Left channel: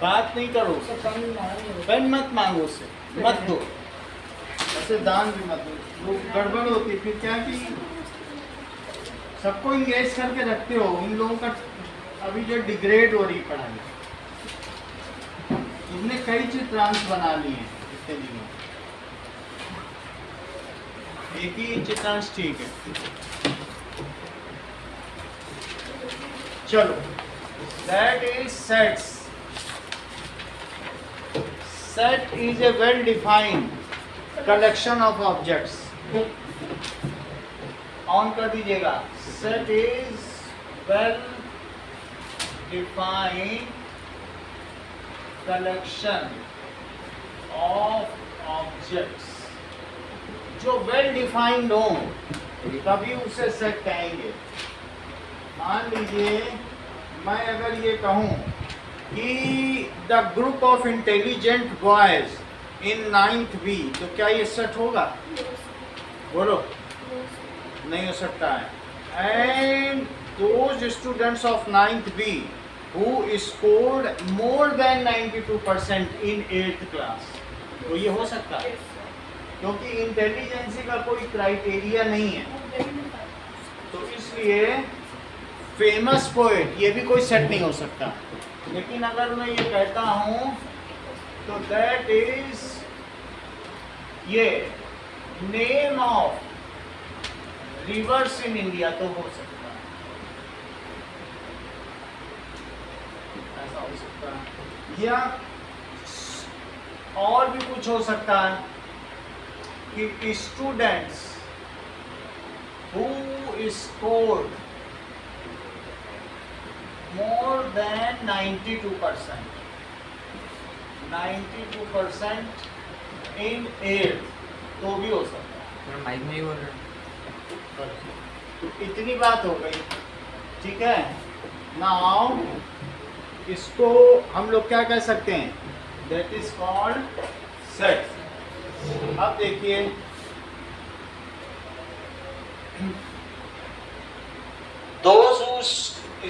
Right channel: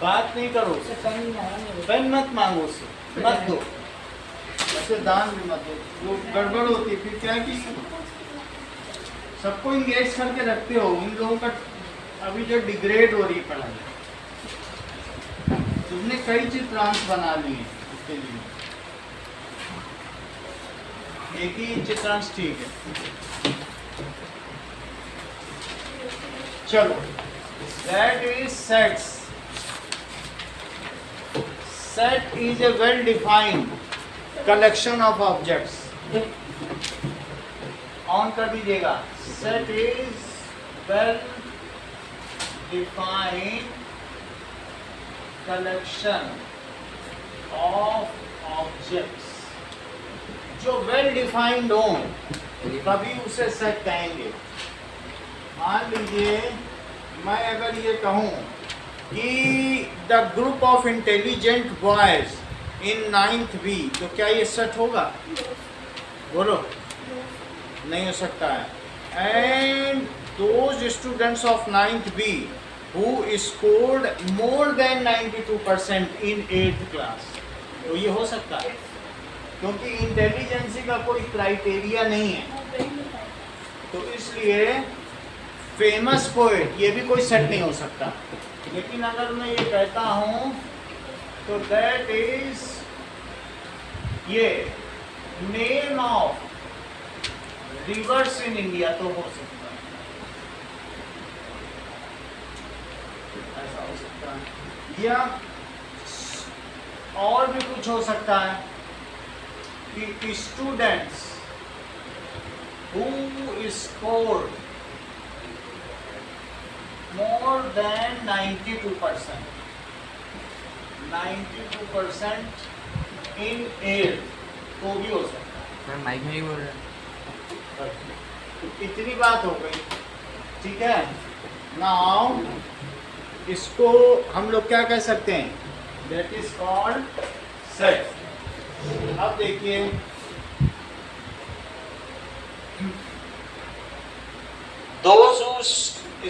बात नहीं करो, पेन मत मांगो उससे, मत दो, ऐसे दान भी मत दो। वो गड़बड़ होती फिर क्या कि सबको इंगेज करके रखते हो, इन लोगों का अभी जो डिग्रेड हो रही पढ़ाई। तुमने कई चीज ट्रांस बना ली है इसके लिए, एक ही चित्रांश ठीक है। चलो, that is sets. Set is a well-defined collection of objects. On कर दीजिएगा। Set is well-defined collection of objects. जो वेल डिफाइंड हो तभी उसे सेट कहेंगे। मान लीजिए मैं अगर ये कहूँ कि the group of intelligent boys in 9th B, तो क्या ये सेट होगा? बोलो, नहीं हो सकता है। And those students of 9th B who scored more than 92% in 8th class, तो ये हो सकता है, क्योंकि इंटेलिजेंसी का कोई क्राइटेरिया नहीं है। तो इसलिए फेमस पोएट ये भी कोई सेट नहीं हो सकता। लेकिन अगर मैं ये कहता हूँ तो दैट इज ये name of reverse in India, तो हो सकता है, ऐसा हो सकता है। या और भी कुछ हो सकता है कि students who scored more than 92% in 8, तो भी हो सकता है। माइक में ही बोल रहे हैं। इतनी बात हो गई, ठीक है। नाउ इसको हम लोग क्या कह सकते हैं? That is called set. अब देखिए, those who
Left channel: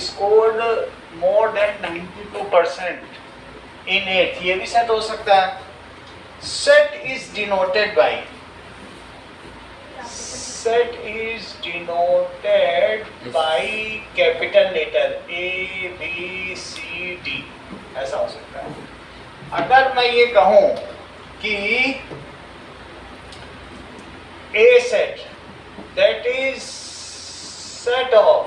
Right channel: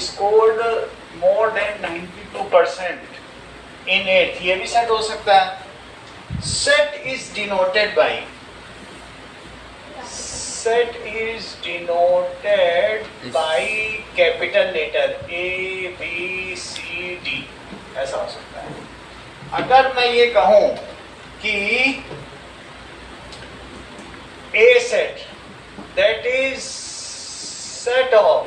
scored more than 92% in 8, ये भी सेट हो सकता है। Set is denoted by, set is denoted by capital letter A B C D, ऐसा हो सकता है। अगर मैं ये कहूं कि A set, that is set of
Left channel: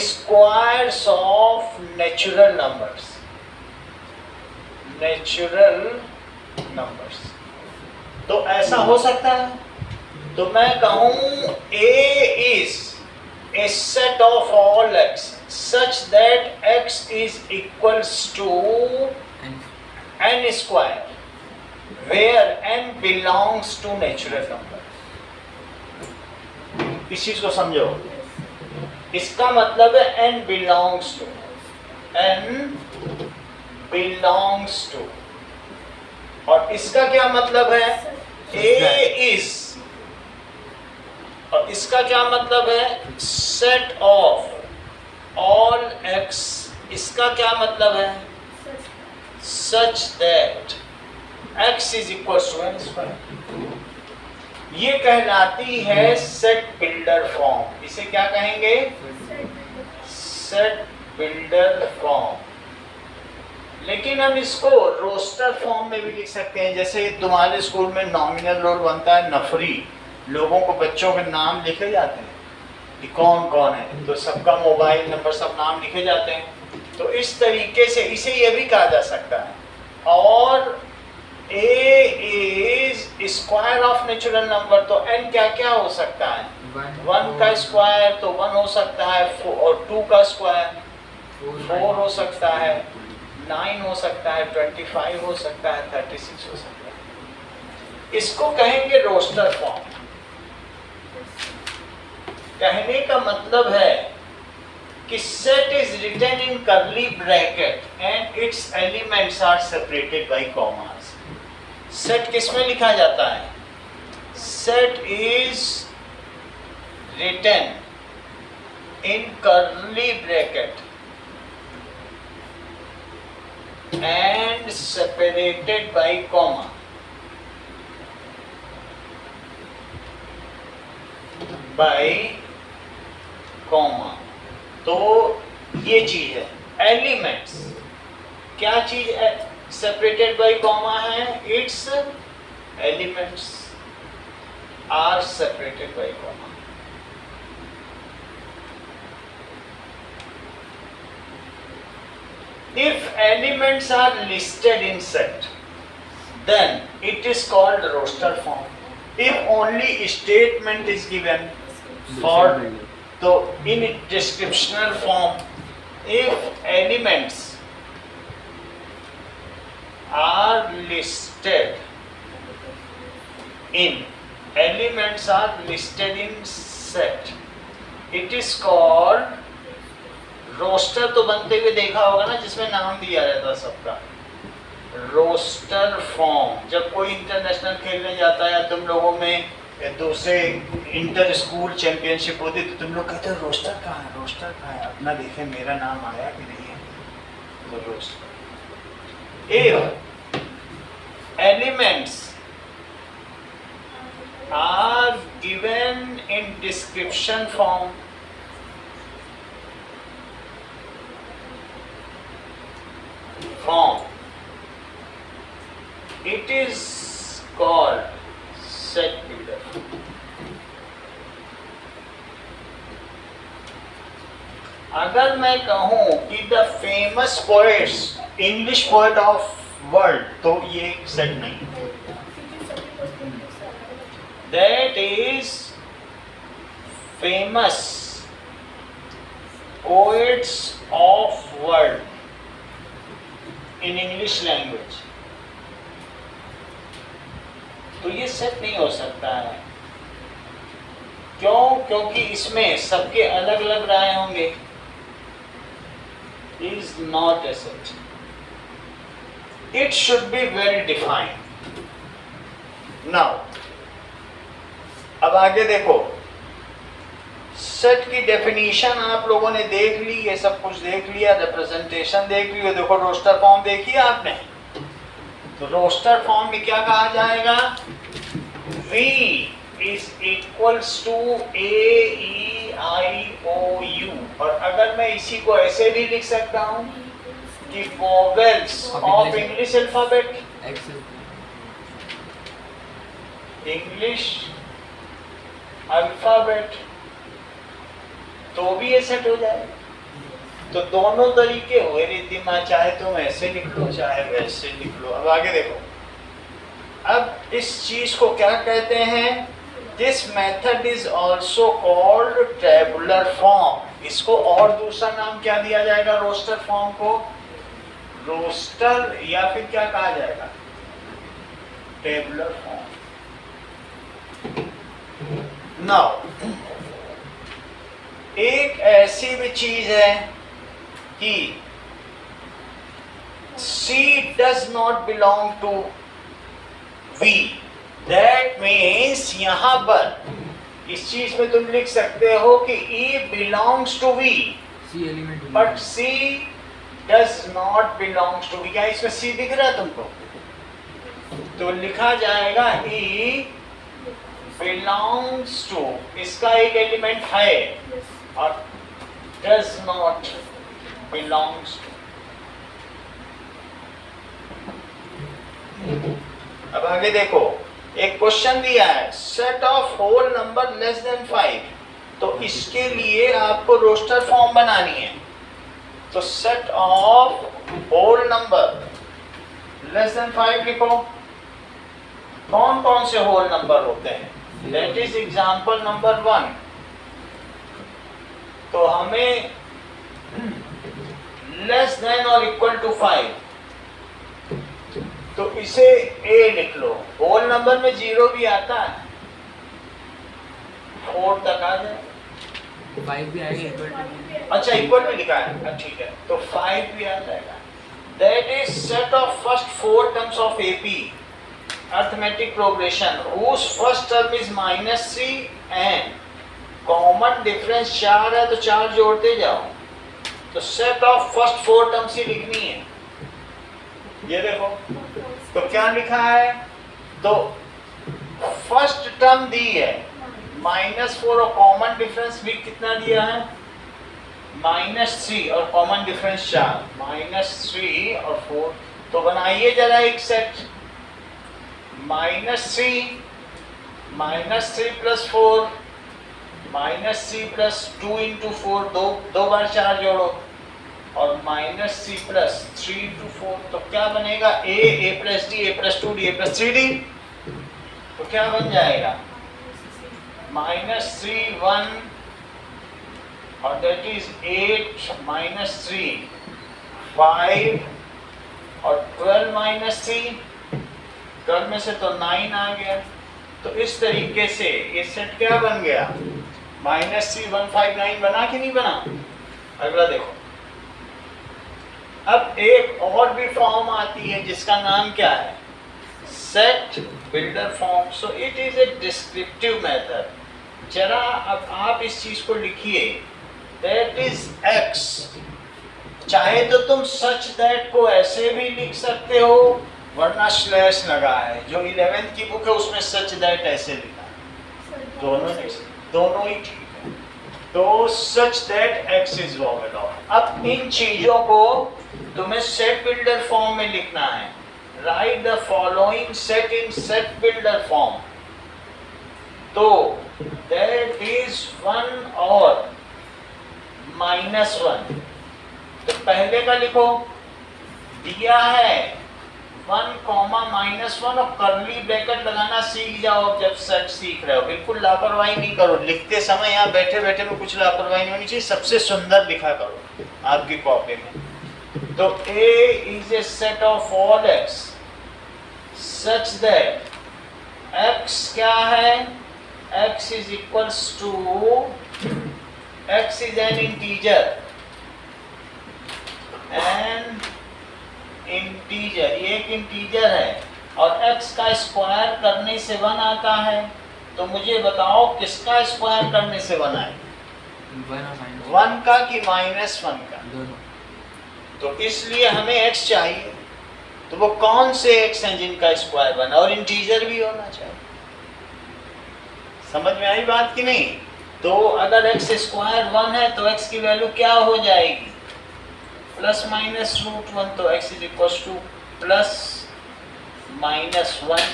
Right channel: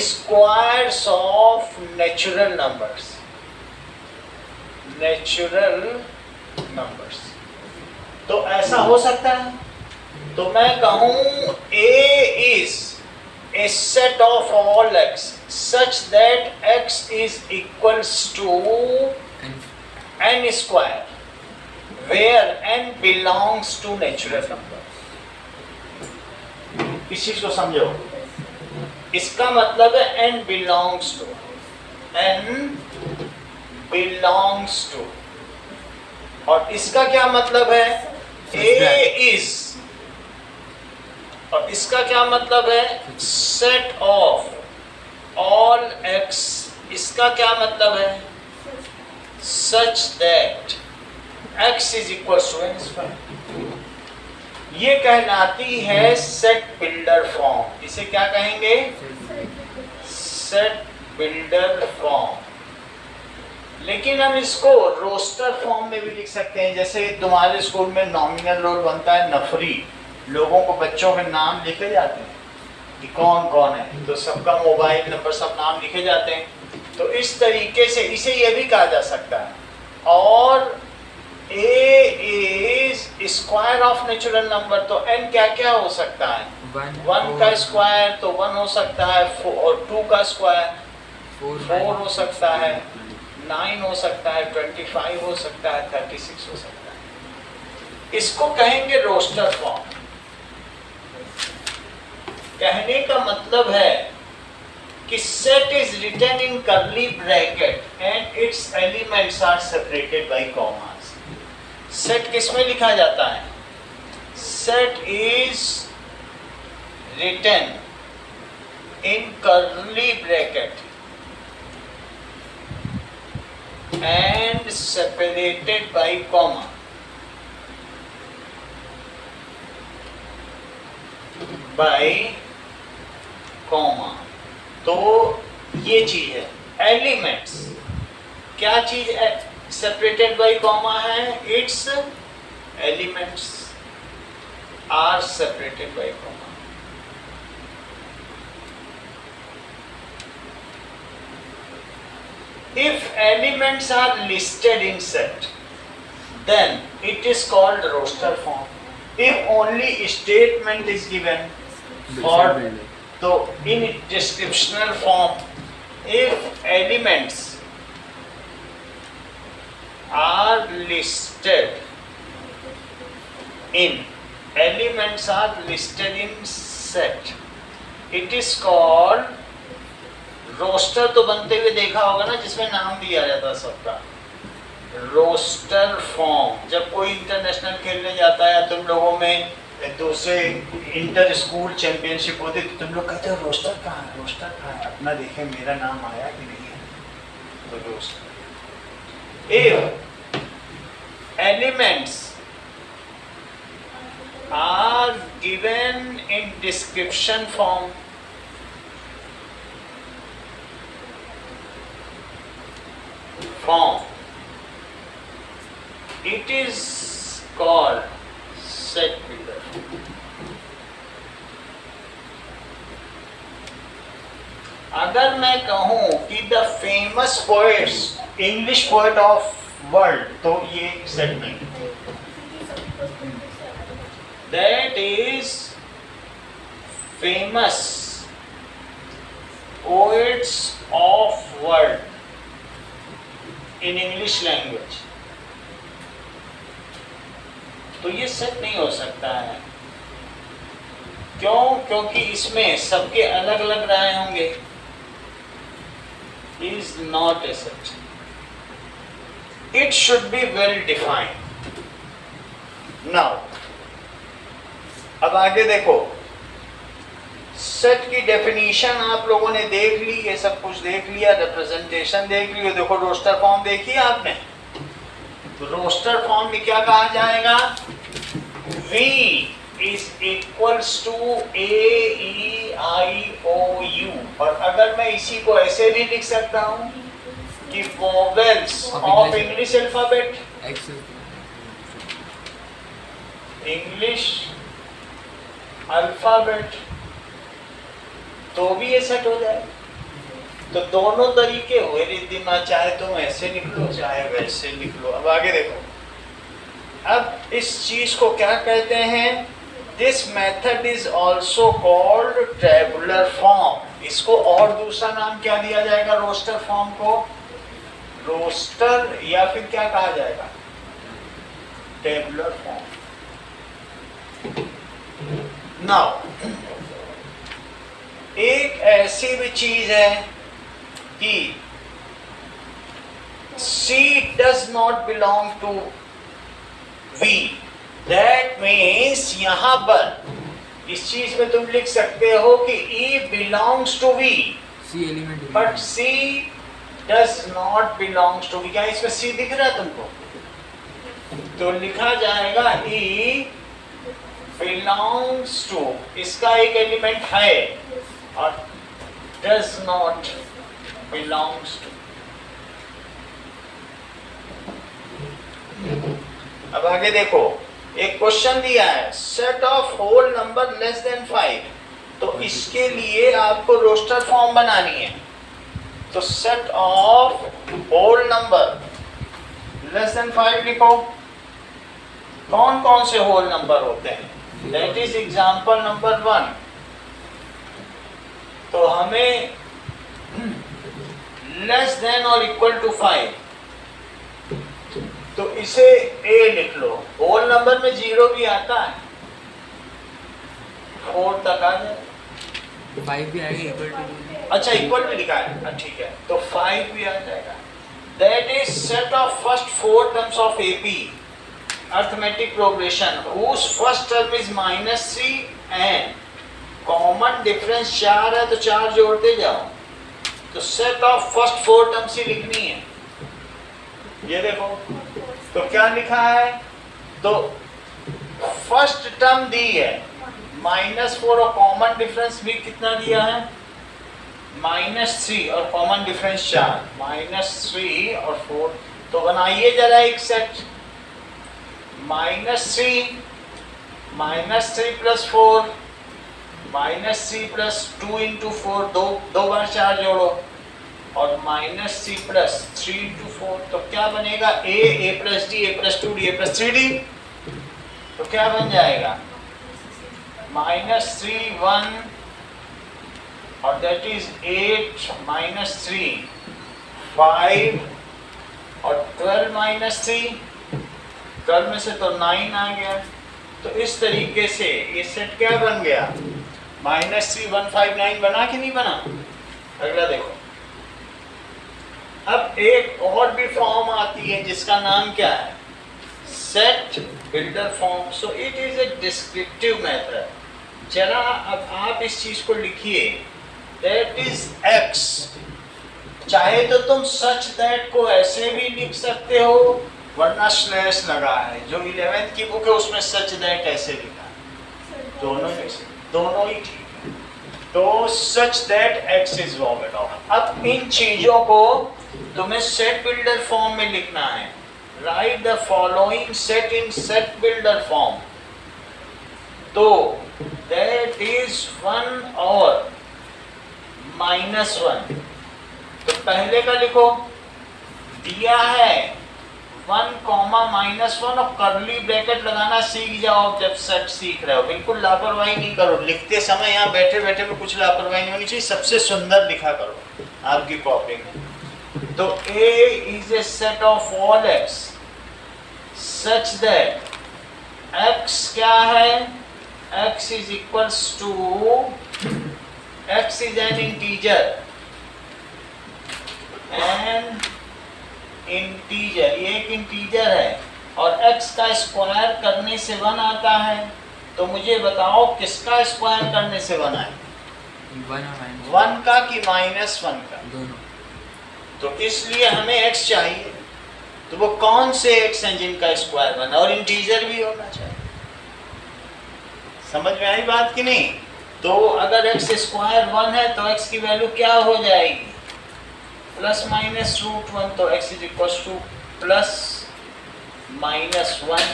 squares of natural numbers, तो ऐसा हो सकता है। तो मैं कहूं A is a set of all x such that x is equals to n square where n belongs to natural numbers। इस चीज को समझो, इसका मतलब है n belongs to, और इसका क्या मतलब है? A is, और इसका क्या मतलब है? set of all x, इसका क्या मतलब है? such that x is equals to n square। ये कहलाती है सेट बिल्डर फॉर्म। इसे क्या कहेंगे? Set builder form. लेकिन हम इसको रोस्टर फॉर्म में भी लिख सकते हैं। जैसे तुम्हारे स्कूल में नॉमिनल रोल बनता है नफरी, लोगों को, बच्चों के नाम लिखे जाते हैं कि कौन कौन है, तो सबका मोबाइल नंबर, सब नाम लिखे जाते हैं। तो इस तरीके से इसे यह भी कहा जा सकता है। और A is square of natural number, तो n क्या क्या हो सकता है? 1 का स्क्वायर तो 1 हो सकता है, और 2 का स्क्वायर 4 हो सकता है, 9 हो सकता है, 25 हो सकता है, 36 हो सकता है। इसको कहेंगे रोस्टर फॉर्म। कहने का मतलब है कि set is written in curly bracket and its elements are separated by commas. Set किस में लिखा जाता है? Set is written in curly bracket and separated by comma. तो ये चीज है एलिमेंट्स। क्या चीज है सेपरेटेड बाय कॉमा है? Its elements are separated by comma. If elements are listed in set, then it is called roster form. If only statement is given for, so in descriptional form, if elements are listed in set, it is called roster. तो बनते हुए देखा होगा ना, जिसमें नाम दिया जाता सबका, रोस्टर फॉर्म। जब कोई इंटरनेशनल खेलने जाता है, तुम लोगों में दूसरे इंटर स्कूल चैंपियनशिप होती, तो तुम लोग कहते हो रोस्टर कहाँ है, रोस्टर कहाँ है, अपना देखें मेरा नाम आया कि नहीं है। तो roster. If elements are given in description form, it is called set builder। अगर मैं कहूं कि the famous poets, English poet of world, तो ये सेट नहीं। That is famous poets of world in English language, तो ये सेट नहीं हो सकता है। क्यों? क्योंकि इसमें सबके अलग अलग राय होंगे। Is not A set. It should be well defined. Now अब आगे देखो, सेट की डेफिनेशन आप लोगों ने देख ली, ये सब कुछ देख लिया, रिप्रेजेंटेशन देख ली। देखो रोस्टर फॉर्म देखी आपने, तो रोस्टर फॉर्म में क्या कहा जाएगा? V is equals to A E I O U। और अगर मैं इसी को ऐसे भी लिख सकता हूँ कि vowels of English alphabet, English alphabet, तो भी ये सेट हो जाएगा। तो दोनों तरीके हुए रिद्धिमा, चाहे तुम ऐसे लिख लो चाहे वैसे लिख लो। अब आगे देखो, अब इस चीज को क्या कहते हैं? This method is also called tabular form. इसको और दूसरा नाम क्या दिया जाएगा? रोस्टर फॉर्म को रोस्टर, या फिर क्या कहा जाएगा? Tabular form. नाउ एक ऐसी भी चीज है कि C does not belong to V। That means यहां पर इस चीज में तुम लिख सकते हो कि E belongs to V, but C does not belongs to V। क्या इसमें C दिख रहा है तुमको? तो लिखा जाएगा E belongs to, इसका एक एलिमेंट है, और does not belongs to। अब आगे देखो, एक क्वेश्चन दिया है, set of whole number less than 5। तो इसके लिए आपको रोस्टर फॉर्म बनानी है। तो set of whole number less than 5 लिखो। कौन कौन से होल नंबर होते हैं? That is example number 1। तो हमें लेस देन और इक्वल टू 5, तो इसे A लिख लो। होल नंबर में 0 भी आता है, 4 तक आ जाए। 5 भी आएगा, इक्वल टू। अच्छा इक्वल भी लिखा है, ठीक है, तो 5 भी आ जाएगा। That is set of first 4 terms of AP arithmetic progression whose first term is -3 and common difference 4 है तो 4 जोड़ते जाओ। तो सेट ऑफ फर्स्ट 4 टर्म्स ही लिखनी है। ये देखो तो क्या लिखा है, तो फर्स्ट टर्म दी है -4 और कॉमन डिफरेंस भी कितना दिया है -3 और कॉमन डिफरेंस 4, -3 और 4। तो बनाइए जरा एक सेट -3 प्लस 4 -3 प्लस 2 इंटू 4, दो बार 4 जोड़ो और -3 प्लस 3 इंटू 4। तो क्या बनेगा a plus d, a plus 2d, a plus 3d। तो क्या बन जाएगा -3 1 और दैट इज 8 -3 5 और 12 -3, 12 में से तो 9 आ गया। तो इस तरीके से ये सेट क्या बन गया -3 1 5 9 बना कि नहीं बना। अगला देखो, अब एक और भी फॉर्म आती है जिसका नाम क्या है set builder form. So it is a descriptive method. जरा अब आप इस चीज को लिखिए, दैट इज x। चाहे तो तुम सच दैट को ऐसे भी लिख सकते हो, वरना स्लैश लगा है, जो 11th की बुक है उसमें सच दैट ऐसे लिखा है, दोनों ही ठीक है। तो such that x is vowed of. अब इन चीजों को तुम्हें सेट बिल्डर फॉर्म में लिखना है। Right the following set in set builder form. तो दैट इज 1 और -1। तो पहले का लिखो, दिया है 1, -1 और कर्ली ब्रैकेट लगाना सीख जाओ जब सेट सीख रहे हो। बिल्कुल लापरवाही नहीं करो, लिखते समय यहाँ बैठे बैठे में कुछ लापरवाही नहीं होनी चाहिए, सबसे सुंदर लिखा करो आपकी कॉपी में। तो A is a set of all x such that x क्या है, x is equals to, x is an integer, ये एक इंटीजर है और x का स्क्वायर करने से 1 आता है। तो मुझे बताओ किसका स्क्वायर करने से 1 आए, 1 का कि -1 का, दोनों। तो इसलिए हमें x चाहिए। तो वो कौन से x हैं जिनका स्क्वायर 1 और इंटीजर भी होना चाहिए। समझ में आई बात कि नहीं। तो अगर x स्क्वायर 1 है तो x की वैल्यू क्या हो जाएगी ±√1। तो x इज इक्वल टू +-1।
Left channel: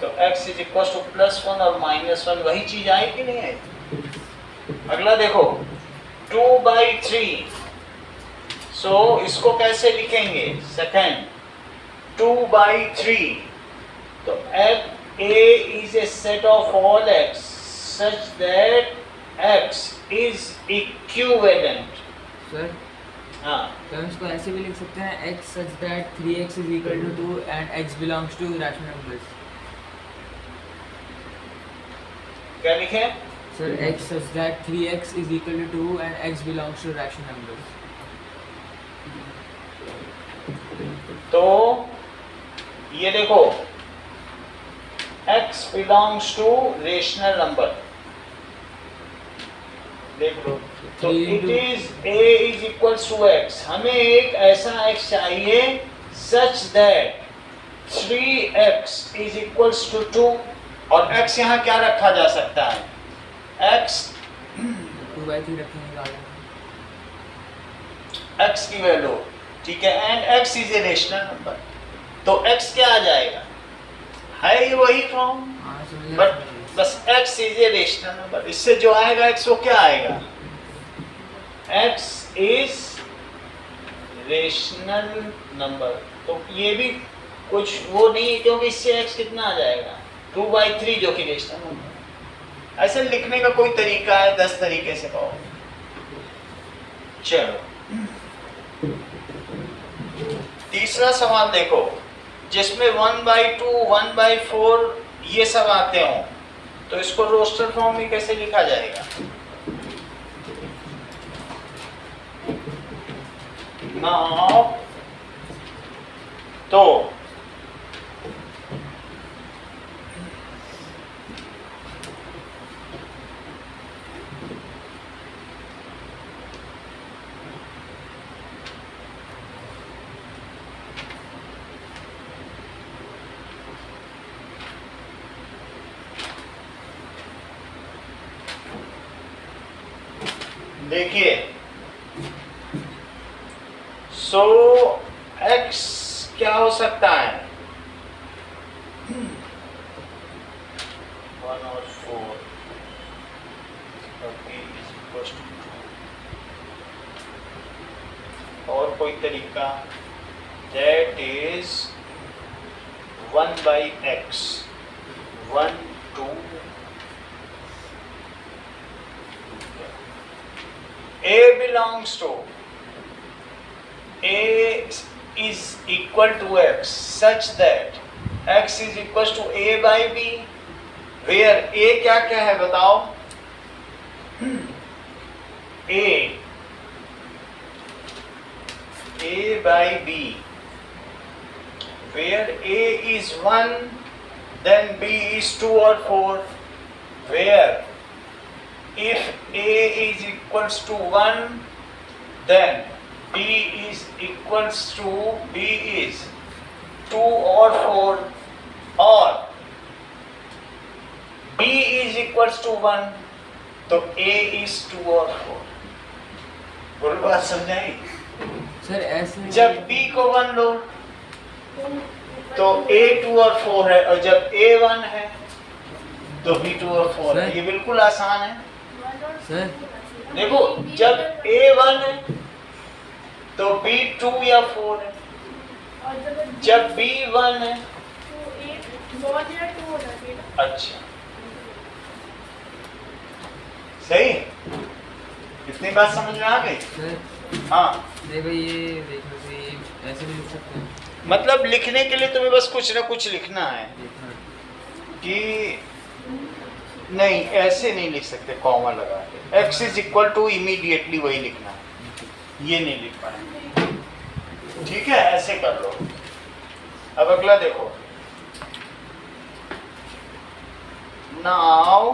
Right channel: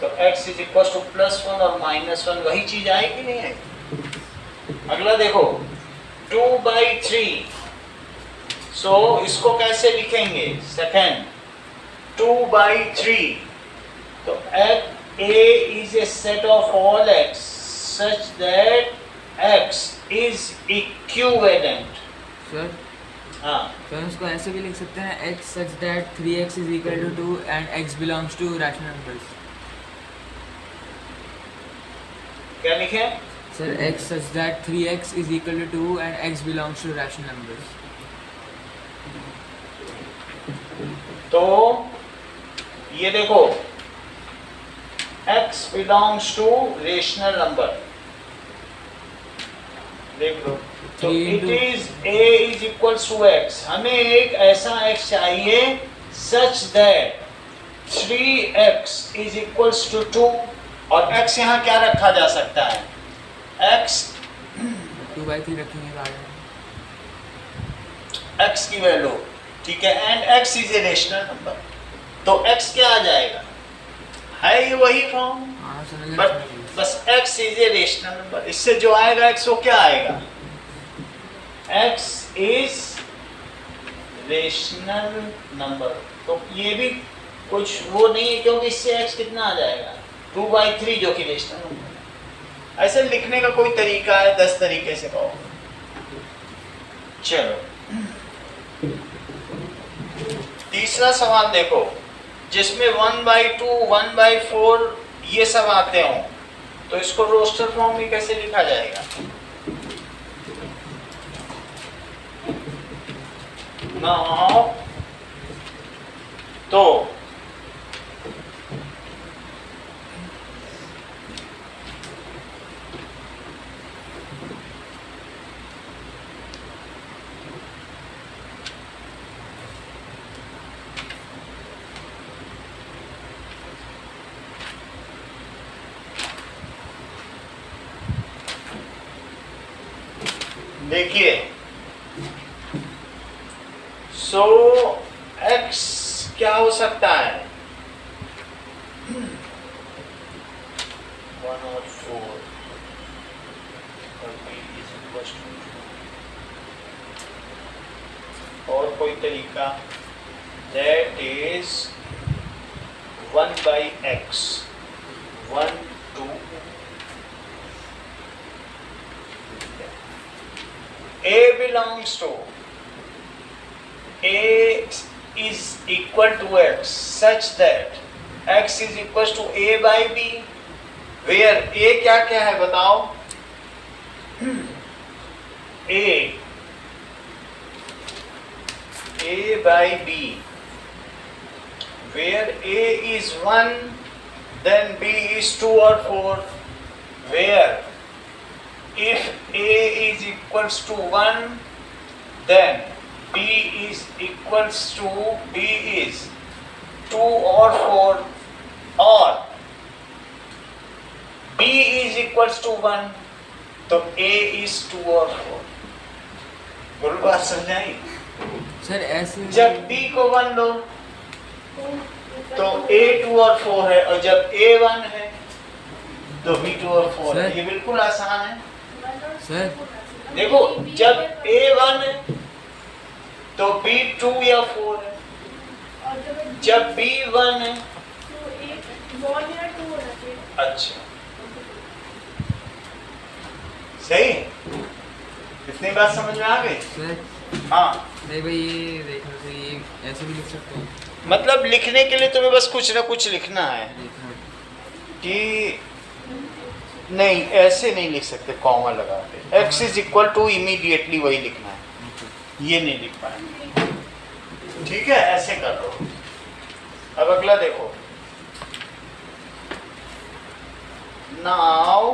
तो x इज इक्वल टू +1 और -1, वही चीज आई कि नहीं आई। अगला देखो 2/3। सो इसको कैसे लिखेंगे, सेकेंड 2/3। तो A is a set of all x such that x is equivalent। Sir हाँ, हम इसको ऐसे भी लिख सकते हैं, x such that 3x is equal to 2 and x belongs to rational numbers। क्या लिखे sir x such that 3x is equal to 2 and x belongs to rational numbers। तो ये देखो x belongs to rational number, देख लो। तो it is a is equals to x। हमें एक ऐसा x चाहिए such that 3x is equals to 2 और x यहाँ क्या रखा जा सकता है, x 2/3 रखेंगे बाद में। x की वैल्यू ठीक है, and x is a rational number. तो x क्या आ जाएगा, है ये वही फॉर्म, हाँ समझ बट गया। बस x is a rational number. इससे जो आएगा x वो क्या आएगा, x इज रेशनल नंबर। तो ये भी कुछ वो नहीं है, क्योंकि इससे x कितना आ जाएगा 2/3 जो कि रेशनल नंबर है। ऐसे लिखने का कोई तरीका है, 10 तरीके से कहो। चलो तीसरा सवाल देखो, जिसमें 1/2 1/4 ये सब आते हो, तो इसको रोस्टर फॉर्म में कैसे लिखा जाएगा। नाउ तो देखिए, सो x क्या हो सकता है? 1 और 4 और b is equals to 2। और कोई तरीका? That is 1 by x, 1 2 a belongs to a is equal to x such that x is equals to a by b, where a क्या क्या है बताओ? a by b, where a is 1, then b is 2 or 4, where if a is equals to 1, then b is equals to b is 2 or 4, or b is equals to 1, तो a is 2 or 4। बोल बात समझाई? Sir ऐसे जब b को 1 लो तो a 2 और 4 है, और जब a 1 है तो b 2 और 4 है। ये बिल्कुल आसान है। सर देखो, जब a 1 है तो b 2 या 4 है, जब b 1 है। अच्छा, सही, इतनी बात समझ में आ गई? सर हाँ, नहीं भाई, ये देखो सर, ये ऐसे भी लिख सकते हैं। मतलब लिखने के लिए तुम्हें बस कुछ ना कुछ लिखना है देखना कि नहीं, ऐसे नहीं लिख सकते कॉमा लगा के। x is equal to immediately वही लिखना है, ये नहीं लिख पाएंगे। ठीक है, ऐसे कर लो। अब अगला देखो। Now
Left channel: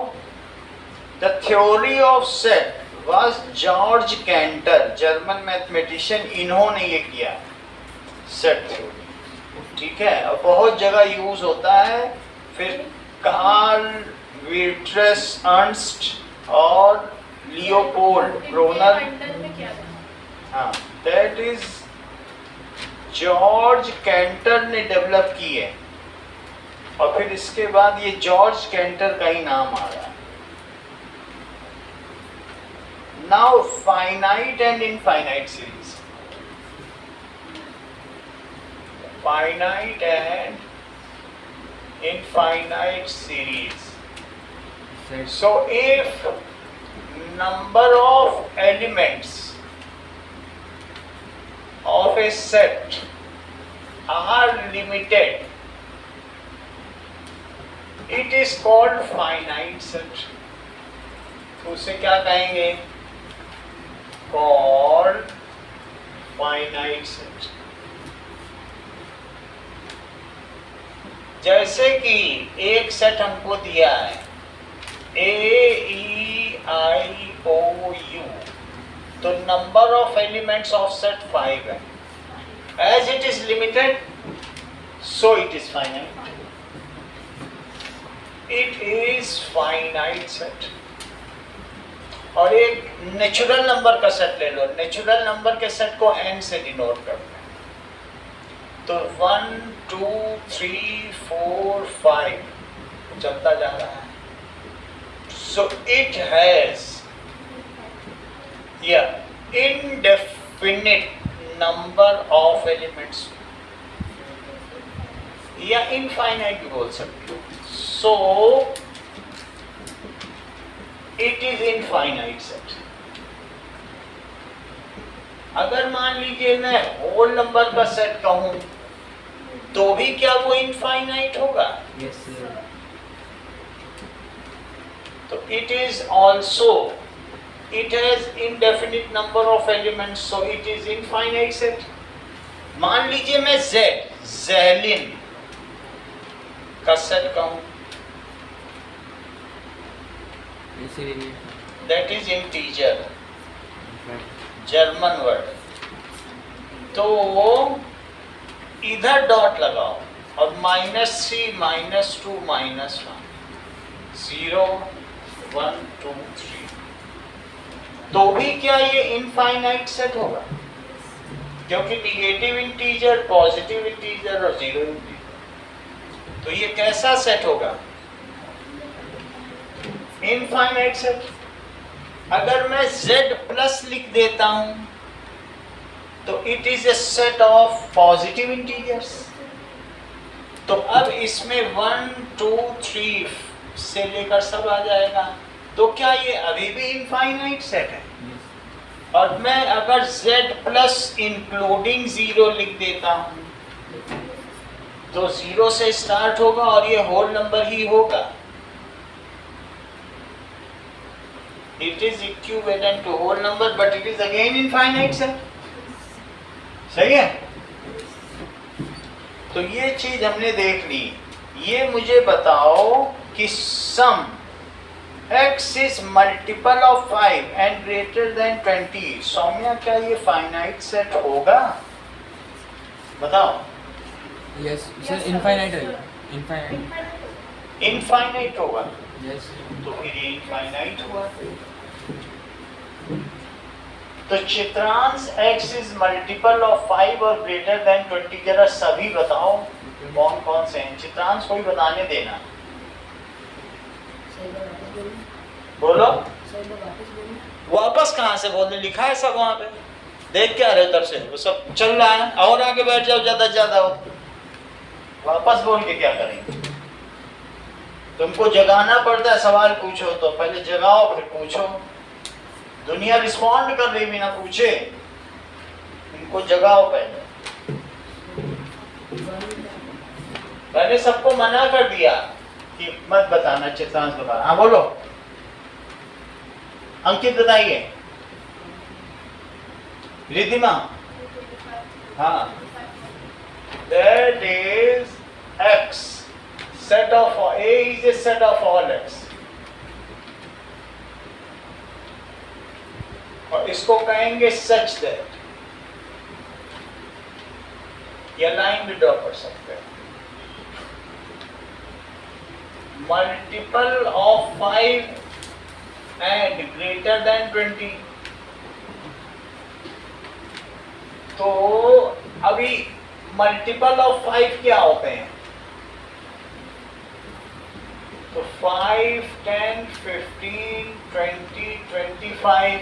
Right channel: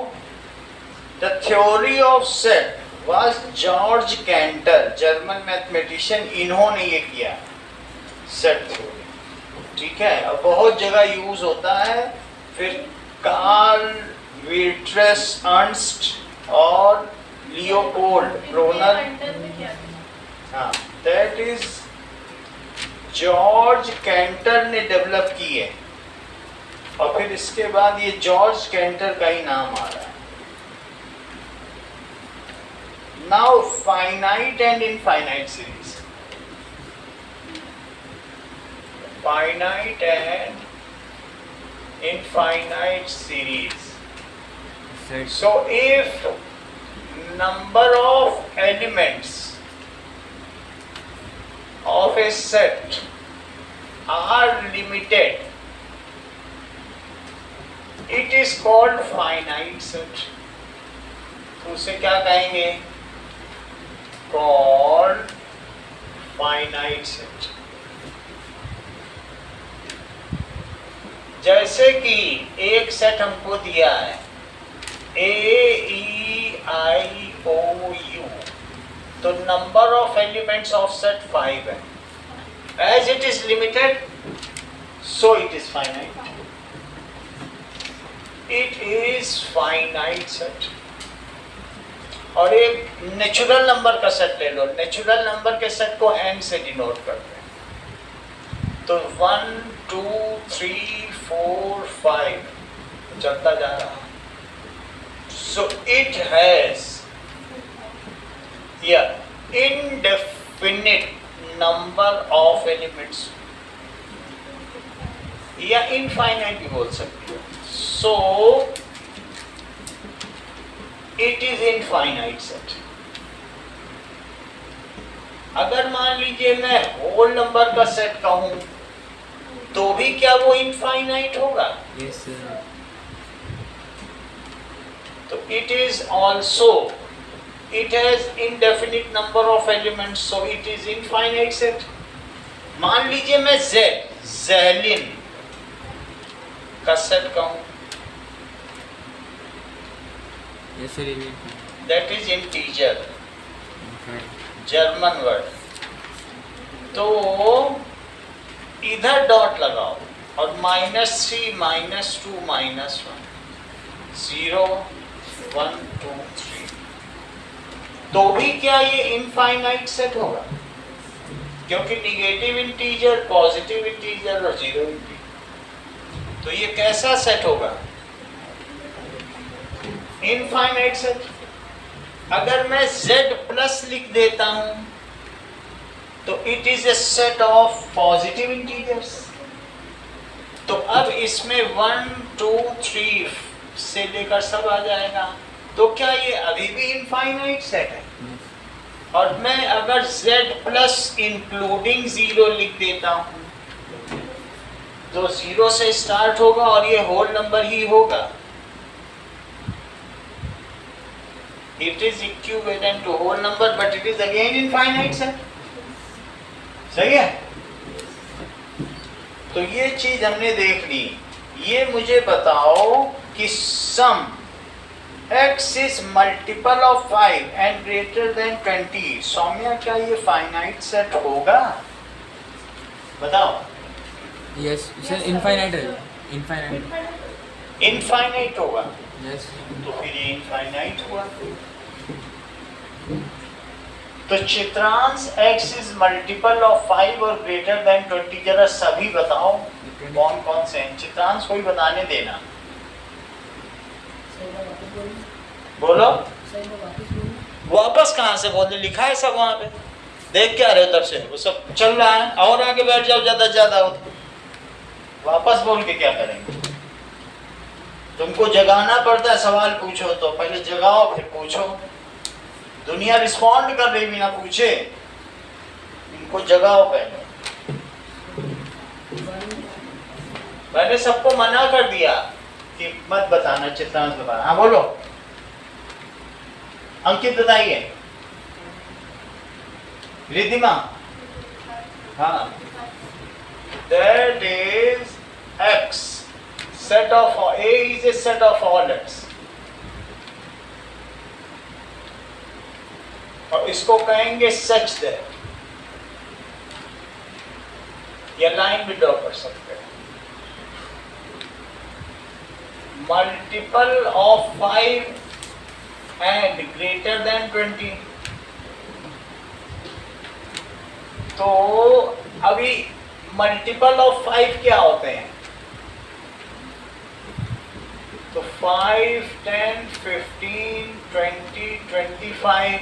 the theory of set was George canter, German mathematician, इन्होंने ये किया सेट थ्योरी। ठीक है, और बहुत जगह यूज होता है। फिर कार्ल विल्ट्रेस अर्नस्ट और लियोपोल्ड ब्रोनर, हाँ, दैट इज जॉर्ज कैंटर ने डेवलप की है, और फिर इसके बाद ये जॉर्ज कैंटर का ही नाम आ रहा है। Now finite and infinite series, finite and infinite series. So if number of elements of a set are limited, it is called finite set. तो उसे क्या कहेंगे? Called finite set. जैसे कि एक सेट हमको दिया है AEIOU, तो number of elements of set 5 है। As it is limited, so it is finite. It is finite set. और एक नेचुरल नंबर का सेट ले लो, नेचुरल नंबर के सेट को n से डिनोट करते हैं। तो 1 2 3 4 5 चलता जा रहा है। सो it has indefinite number of elements, या इनफाइनाइट भी बोल सकते हो। सो इट इज इनफाइनाइट सेट। अगर मान लीजिए मैं होल नंबर का सेट कहूं तो भी क्या वो इनफाइनाइट होगा? Yes sir. तो it is also, it has indefinite number of elements, so it is infinite set. मान लीजिए मैं ज़ेलिन का सेट कहूं, यस सर, ये that is integer, German word. तो इधर डॉट लगाओ और -3 -2 -1 0 1 2 3, तो भी क्या ये इनफाइनाइट सेट होगा? क्योंकि निगेटिव इंटीजर, पॉजिटिव इंटीजर और जीरो इंटीजर, तो ये कैसा सेट होगा? Infinite set. अगर मैं z प्लस लिख देता हूं तो it is a set of positive integers. तो अब इसमें 1 2 3 से लेकर सब आ जाएगा। तो क्या ये अभी भी इनफाइनाइट सेट है? और मैं अगर z प्लस इंक्लूडिंग जीरो लिख देता हूं तो जीरो से स्टार्ट होगा और ये होल नंबर ही होगा। It is equivalent to whole number, but it is again infinite set. सही है? तो ये चीज हमने देख ली। ये मुझे बताओ कि sum x is multiple of 5 and greater than 20. Saumya, क्या ये फाइनाइट सेट होगा? बताओ। Yes, sir, infinite है, infinite. इनफाइनाइट होगा। Yes. तो फिर ये इनफाइनाइट हुआ। तो Chitransh x is multiple of 5 और ग्रेटर देन 20। जरा सभी बताओ कौन कौन से हैं। चित्रांश कोई बताने देना। बोलो। वापस कहाँ से बोलने? लिखा है सब वहां पे, देख क्या रहे हो? उधर से वो सब चल रहा है। और आगे बैठ जाओ, ज्यादा ज्यादा हो। वापस बोल के क्या करेंगे? तुमको जगाना पड़ता है। सवाल पूछो तो पहले जगाओ फिर पूछो। दुनिया रिस्पॉन्ड कर रही बिना पूछे, इनको जगाओ पहले। मैंने सबको मना कर दिया कि मत बताना, चित्रांश बताना। हाँ बोलो। अंकित बताइए। रिधिमा। हाँ, that is x set of A is a set of all x, और इसको कहेंगे सच दैट, या लाइन भी ड्रॉ कर सकते हैं। Multiple of 5 and greater than 20। तो अभी मल्टीपल ऑफ 5 क्या होते हैं? तो 5 10 15 20 25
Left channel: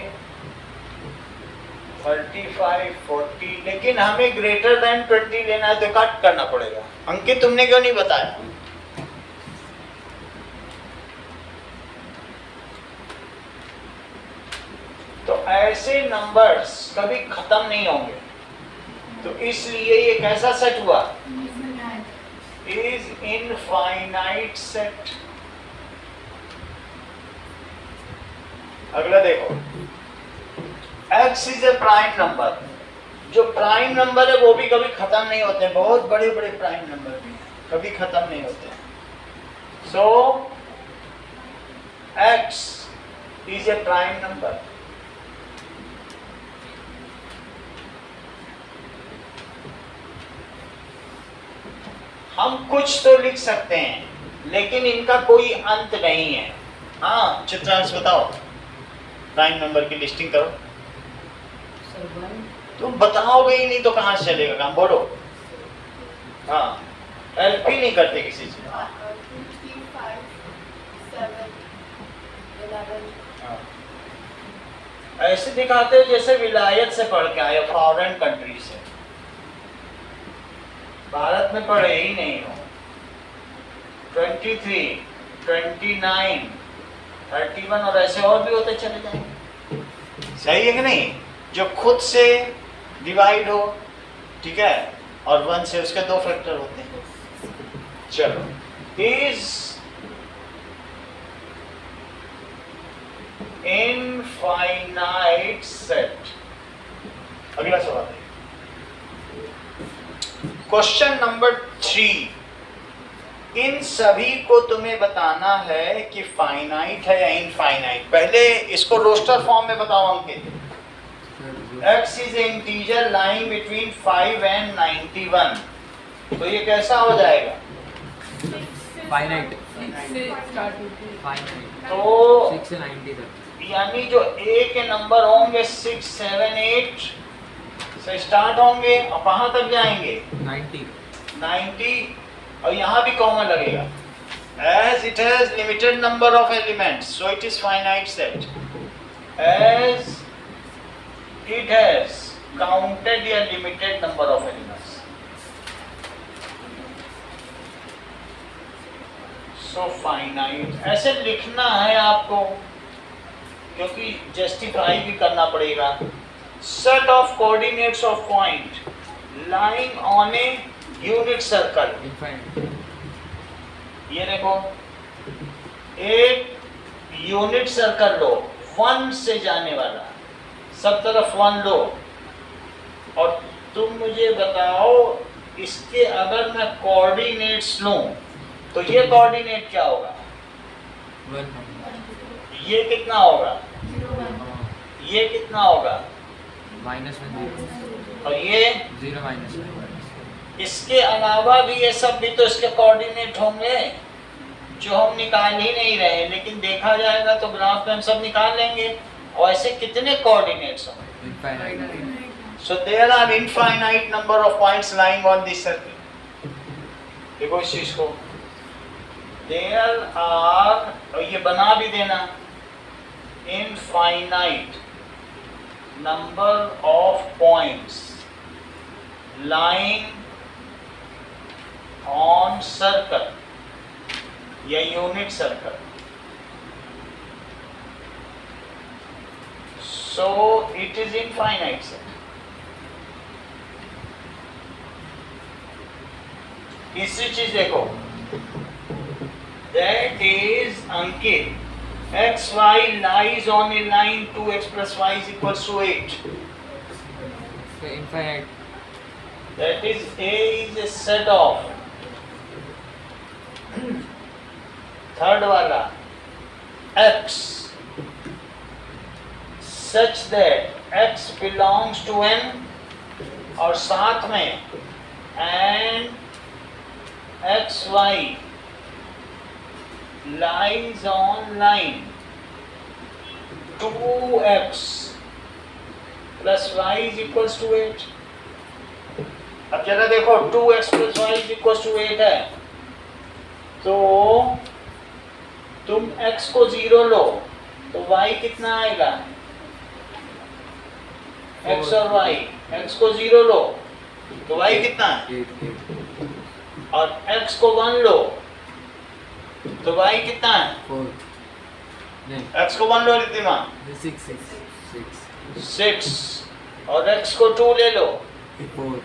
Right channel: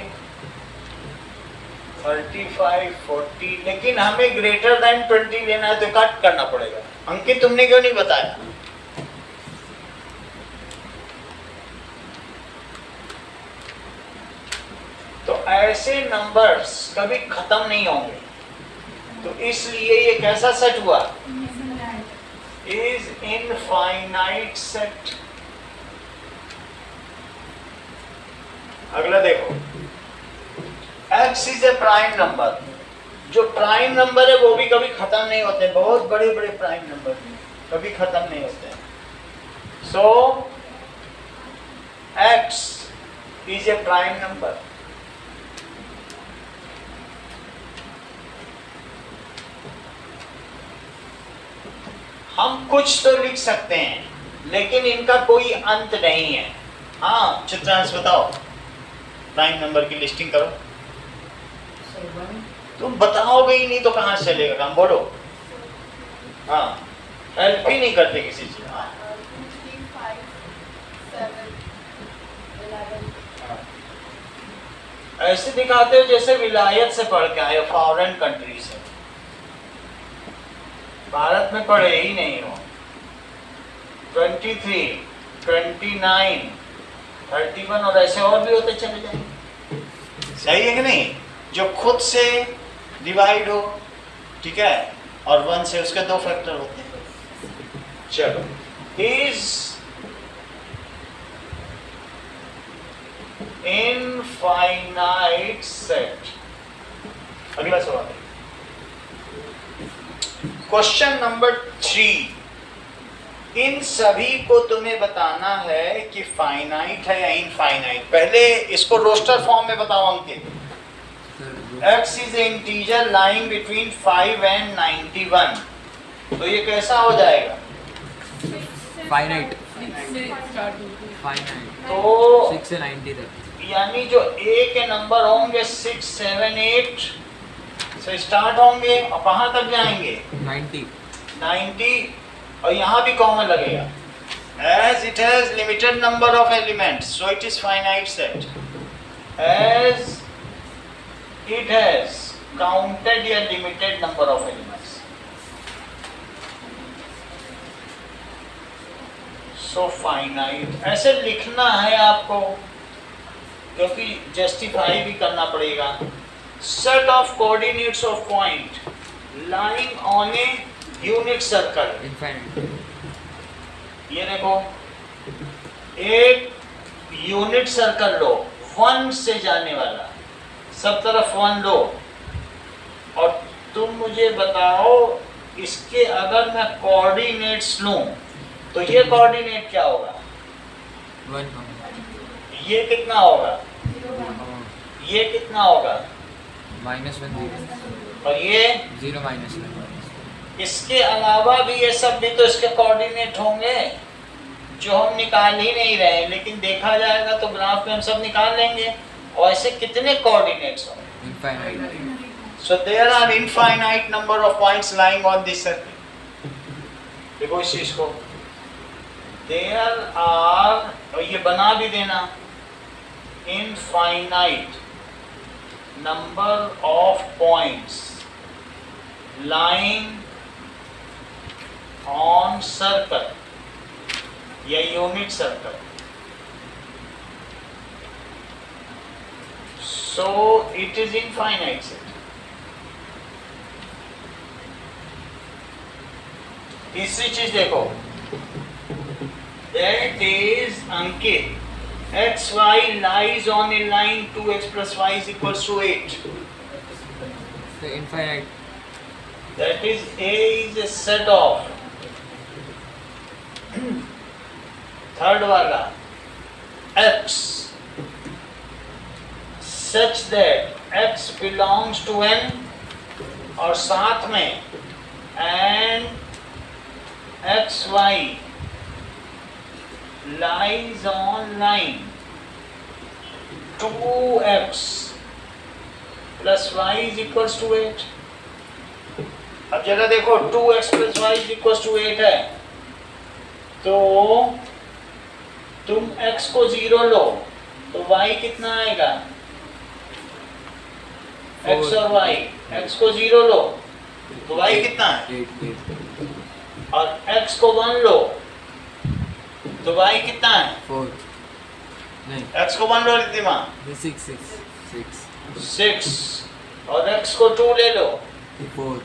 35 40, लेकिन हमें ग्रेटर देन 20 लेना है तो कट करना पड़ेगा। अंकित, तुमने क्यों नहीं बताया? तो ऐसे नंबर्स कभी खत्म नहीं होंगे, तो इसलिए ये कैसा सेट हुआ? Is infinite set. अगला देखो, x is a prime number. जो प्राइम नंबर है वो भी कभी खत्म नहीं होते। बहुत बड़े बड़े प्राइम नंबर भी कभी खत्म नहीं होते। सो x is a prime number. हम कुछ तो लिख सकते हैं लेकिन इनका कोई अंत नहीं है। हाँ चित्रांश बताओ, प्राइम नंबर की लिस्टिंग करो। तुम बताओगे ही नहीं तो कहाँ से चलेगा काम? बोलो। हाँ, हेल्प ही नहीं करते किसी चीज। हाँ, ऐसे दिखाते हो जैसे विलायत से पढ़ के आए, फॉरेन कंट्री से। भारत में पढ़े ही नहीं हो। 23 29 31 और ऐसे और भी होते चले जाएंगे। सही है कि नहीं? जो खुद से डिवाइड हो, ठीक है, और 1 से उसके 2 फैक्टर होते हैं। चलो, इज इनफाइनाइट सेट। अगला सवाल है क्वेश्चन नंबर 3। इन सभी को तुम्हें बताना है कि फाइनाइट है या इनफाइनाइट। पहले इसको रोस्टर फॉर्म में बताओ अंकित। x is an integer lying between 5 and 91, तो ये कैसा हो जाएगा? Finite. तो 6 से 90 तक। यानी जो ए के नंबर होंगे 6, 7, 8 से स्टार्ट होंगे और कहाँ तक जाएंगे 90, और यहाँ भी कॉमन लगेगा। As it has limited number of elements, so it is finite set. As it has counted a limited number of elements. So finite ऐसे लिखना है आपको, क्योंकि जस्टिफाई भी करना पड़ेगा। Set of coordinates of point lying on a unit circle. Infinite. ये देखो, एक यूनिट सर्कल लो 1 से जाने वाला, सब तरफ 1 लो, और तुम मुझे बताओ इसके अगर मैं कोऑर्डिनेट्स लूं तो ये कोऑर्डिनेट क्या होगा? 1 ये कितना होगा? ये कितना होगा? -1 और ये 0 -1। इसके अलावा भी ये सब भी तो इसके कोऑर्डिनेट होंगे जो हम निकाल ही नहीं रहे, लेकिन देखा जाएगा तो ग्राफ में हम सब निकाल लेंगे। और ऐसे कितने कोऑर्डिनेट्स होंगे? Infinite. So there are infinite number of points lying on this circle. देखो इस चीज को, there are, और ये बना भी देना, infinite number of points lying on circle या unit circle. So it is infinite set. तीसरी चीज देखो, that is Ankit, xy lies on a line 2x plus y is equals to 8. So infinite. That is A is a set of third वाला x such that x belongs to n, और साथ में and xy lies on line 2x plus y is equals to 8. अब जरा देखो 2x plus y is equals to 8 है, तो तुम x को 0 लो तो y कितना आएगा? x और y, x को 0 लो तो y कितना है? 8 और x को 1 लो तो y कितना है? 4 नहीं x को 1 लो रिद्धिमा, 6 और x को 2 ले लो 4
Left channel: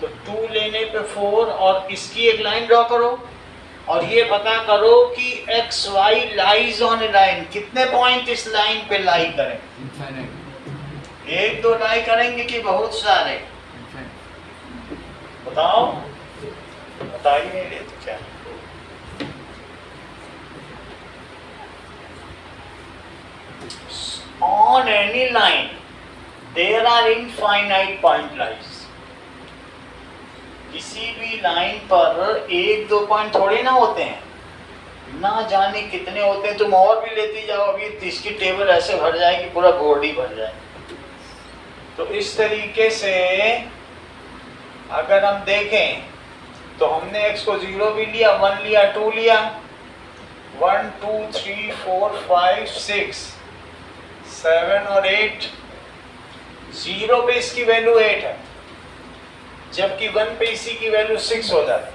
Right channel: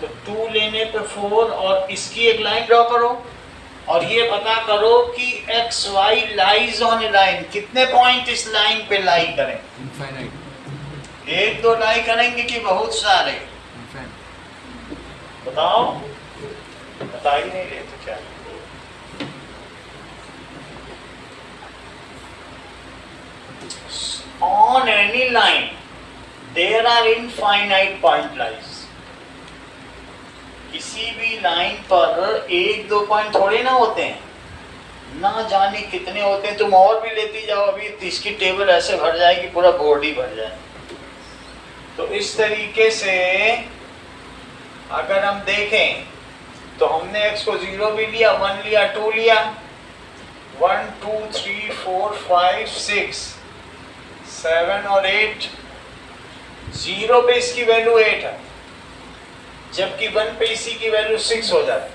तो 2 लेने पे 4, और इसकी एक लाइन ड्रॉ करो और ये पता करो कि x y lies on A line, कितने पॉइंट इस लाइन पे लाई करें? infinite. 1, 2 लाई करेंगे कि बहुत सारे? Infinite. बताओ, बता ही नहीं रहे तो क्या? On any line there are infinite point lies. किसी भी लाइन पर 1-2 पॉइंट थोड़े ना होते हैं, ना जाने कितने होते हैं। तुम और भी लेती जाओ, अभी इसकी टेबल ऐसे भर जाएगी, पूरा बोर्ड ही भर जाए। तो इस तरीके से अगर हम देखें तो हमने x को 0 भी लिया, 1 लिया, 2 लिया, 1 2 3 4 5 6 7 और 8। 0 पे इसकी वैल्यू 8 है, जबकि 1 पे इसी की वैल्यू 6 हो जाती,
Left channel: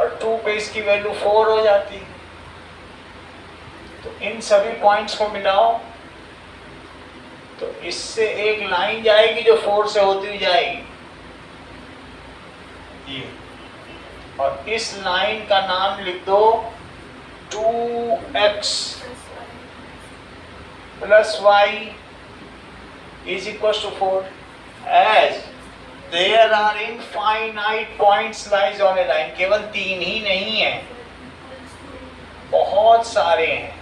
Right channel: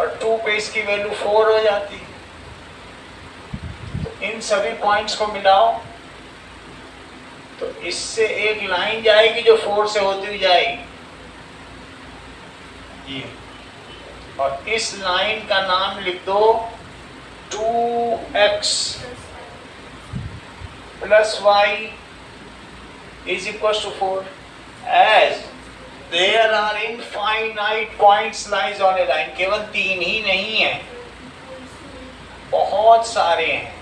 और 2 पे इसकी वैल्यू 4 हो जाती। तो इन सभी पॉइंट्स को मिलाओ तो इससे एक लाइन जाएगी जो 4 से होती हुई जाएगी ये, और इस लाइन का नाम लिख दो 2x plus y is equals to 4. As there are infinite points lies on a line, केवल 3 ही नहीं है, बहुत सारे हैं।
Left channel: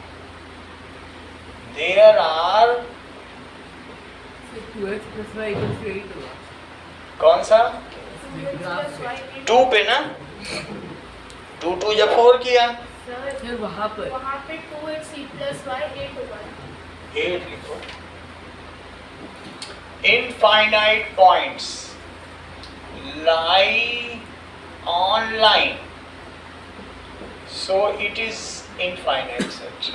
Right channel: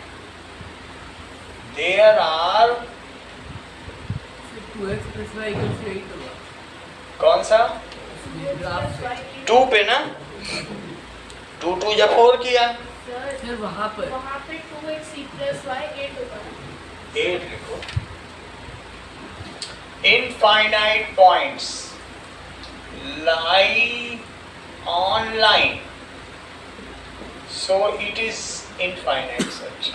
There are 2x plus y equals to 8 होगा। कौन सा? ग्राफ से 2 पे ना, 2 2 जब 4 किया सर वहाँ पर वहाँ पे 2x e plus y 8 होगा ना? 8 लिखो। Infinite points lie on line, so it is infinite such.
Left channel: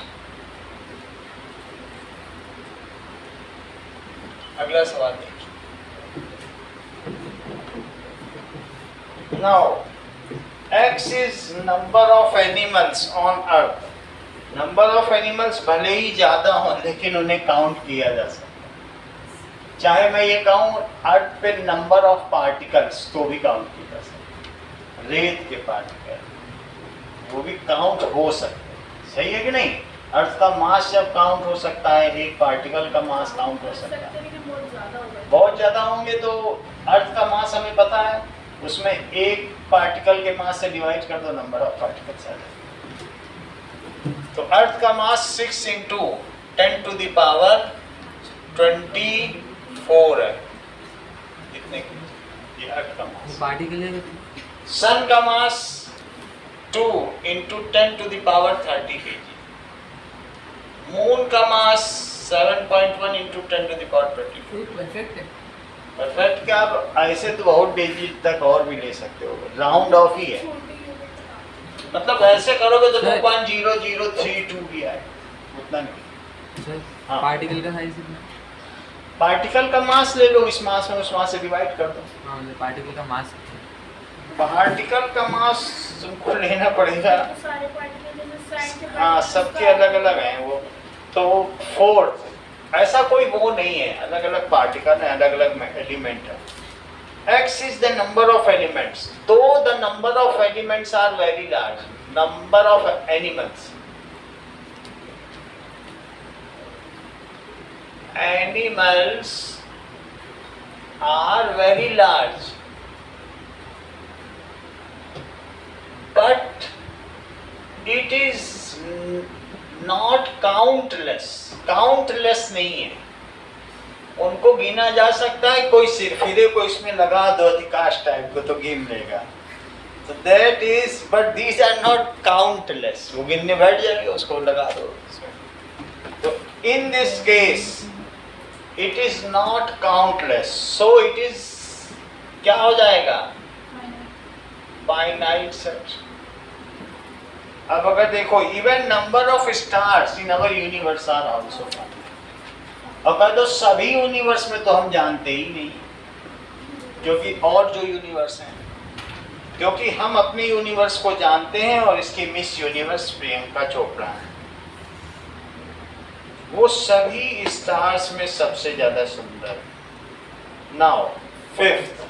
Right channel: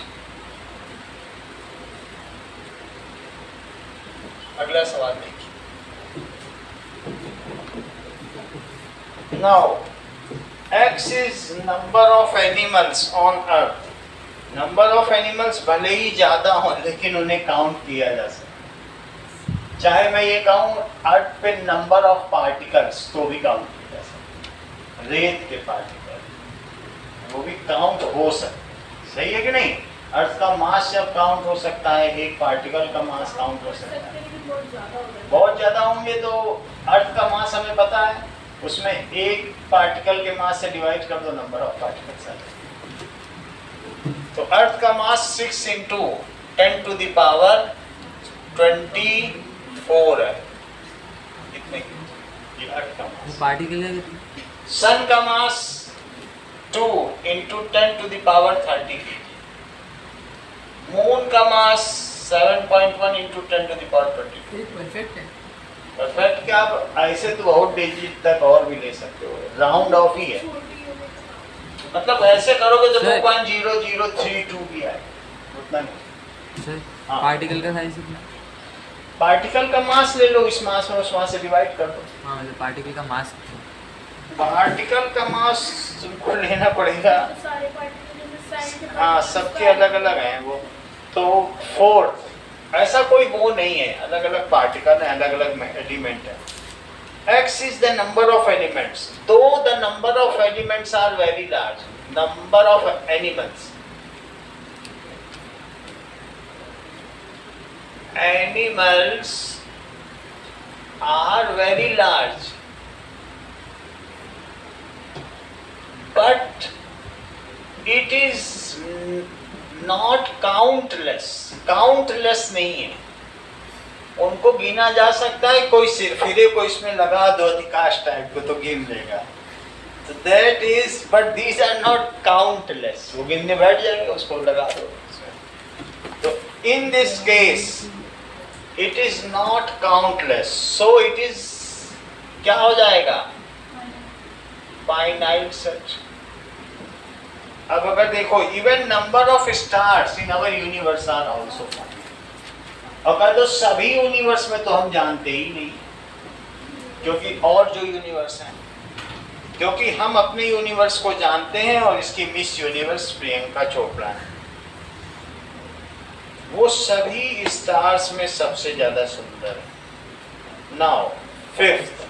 अगला सवाल देखिए। Now, X is number of animals on earth. Number of animals भले ही ज्यादा हो लेकिन उन्हें काउंट किया जा सकता है। चाहे मैं ये कहूँ अर्थ पे नंबर ऑफ पार्टिकल्स तो भी काउंट किया जा सकता है। रेत के पार्टिकल वो भी काउंट हो सकते हैं। सही है कि नहीं? अर्थ का मास जब काउंट हो सकता है, एक पार्टिकल का मास काउंट हो सकता है। लेकिन बहुत ज़्यादा होगा। बहुत ज्यादा होंगे तो अर्थ का मास हमें पता है, उसमें एक पार्टिकल के मास से डिवाइड कर दो, नंबर ऑफ पार्टिकल्स आ जाएगा। तो अर्थ का मास 6 इंटू 10 टू द पावर 24 है। कितने? ये अर्थ का मास। पार्टिकल सन का mass 2 into 10 to the power 30 kg। Moon का mass 7.1 into 10 to the power 24। Perfect है। परफेक्ट क्या? आप ऐसे तो बहुत डिजिट तक और भी ले सकते हो, राउंड ऑफ ही है। छोटी होगी। मतलब ऐसे करोगे तो सर। 2.0032 भी आएगा, उतना नहीं। सर हाँ। पार्टिकल का साइज कितना? पार्टिकल का मास ले लो, इस मास में उस मास से डिवाइड कर दो। हाँ मतलब पार्टिकल का मास पार्टिकल का मास तुमको लेना पड़ेगा। तो सारे पार्टिकल जैसे sand के हाँ, particles सबके का- अलग अलग हैं वो। तो 4 ऐसा कोई वो नहीं है, अलग अलग पार्टिकल है, अलग अलग एलिमेंट है। X is the number of elements. Though the number of elements are very large, number of animals. Animals are very large, but it is not countless. Countless नहीं है, उनको गिना जा सकता है। कोई सिरफिरे को इसमें लगा दो अधिकाश टाइप को तो गिन लेगा। तो that is, but these are not countless. वो गिनने बैठ जाएगा, उसको लगा दो इसमें। तो in this case it is not countless, so it is क्या हो जाएगा? Finite such. अब अगर देखो, even number of stars in our universe are also finite. और कह दो सभी यूनिवर्स में तो हम जानते ही नहीं, क्योंकि और जो यूनिवर्स हैं, क्योंकि हम अपने यूनिवर्स को जानते हैं और इसकी मिस यूनिवर्स प्रियंका चोपड़ा है। वो सभी स्टार्स में सबसे ज्यादा सुंदर है। नाउ 5th,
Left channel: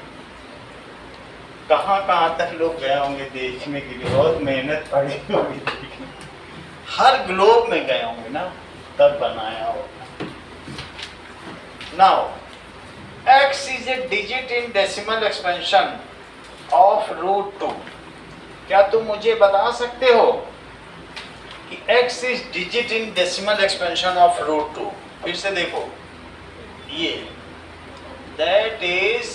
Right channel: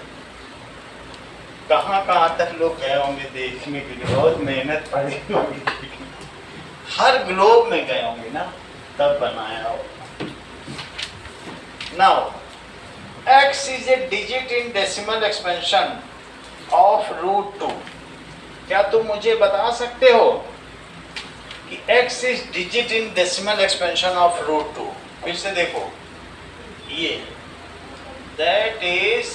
कहाँ कहाँ तक लोग गए होंगे देखने के लिए, बहुत मेहनत पड़ी होगी। हर ग्लोब में गए होंगे ना, तब बनाया होगा। Now, x is a digit in decimal expansion of √2. क्या तुम मुझे बता सकते हो कि x is digit in decimal expansion of √2? फिर से देखो, ये that is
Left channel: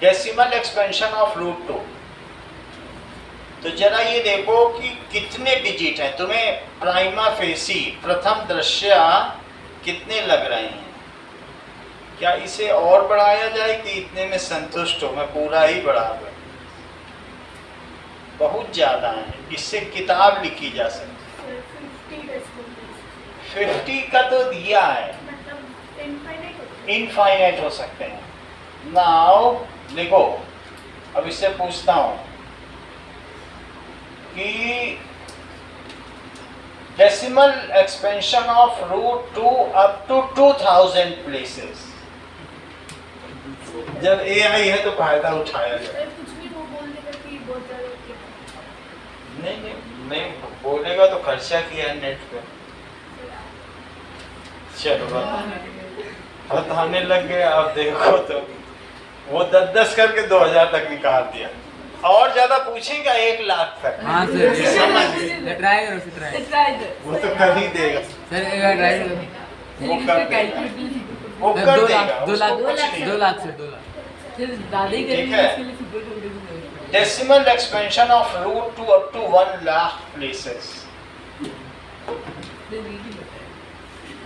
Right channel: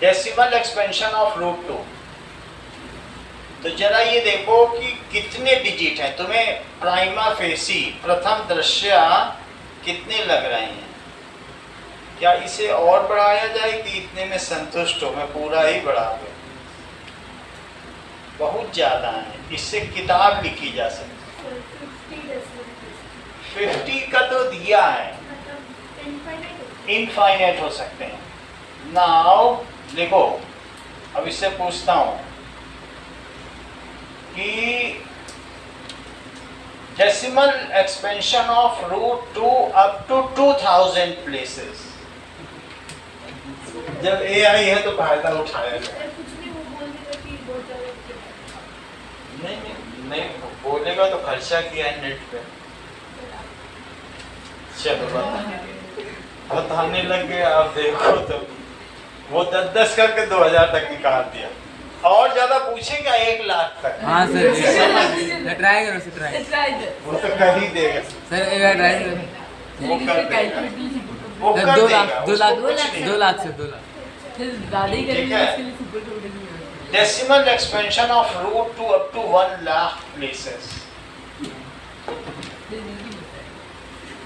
decimal expansion of √2। तो जरा ये देखो कि कितने डिजिट हैं, तुम्हें प्राइमा फेसी प्रथम दृश्या कितने लग रहे हैं। क्या इसे और बढ़ाया जाए कि इतने में संतुष्ट हो? मैं पूरा ही बढ़ा दूं, बहुत ज्यादा है, इससे किताब लिखी जा सकती है। 50 decimal place। 50 का तो दिया है, मतलब infinite होगा। इनफाइनाइट हो सकते हैं। नाउ देखो, अब इससे पूछता हूं कि decimal expansion of √2 up to 2000 places। जब AI है तो फायदा उठाया जाए। अगर कुछ भी वो बोल देगा कि बोतल क्या है। नहीं बोलेगा तो खर्चा किया है नेट पे। चलो बताने लग गए, आप देखो तो वो 10-10 करके 2000 तक निकाल दिया। और ज्यादा पूछेगा 1 लाख तक। हाँ सर ट्राई करो सर, ट्राई वो तो कर ही देगा, सर एक बार ट्राई करो। वो कर देगा, वो कर 2 देगा, लाख उसको कुछ नहीं। 2 लाख से 2 लाख दादा ही ठीक है। करेंगे, इसके लिए सुपर कंप्यूटर की जरूरत decimal expansion of root 2 up to 1 lakh places. नहीं बताया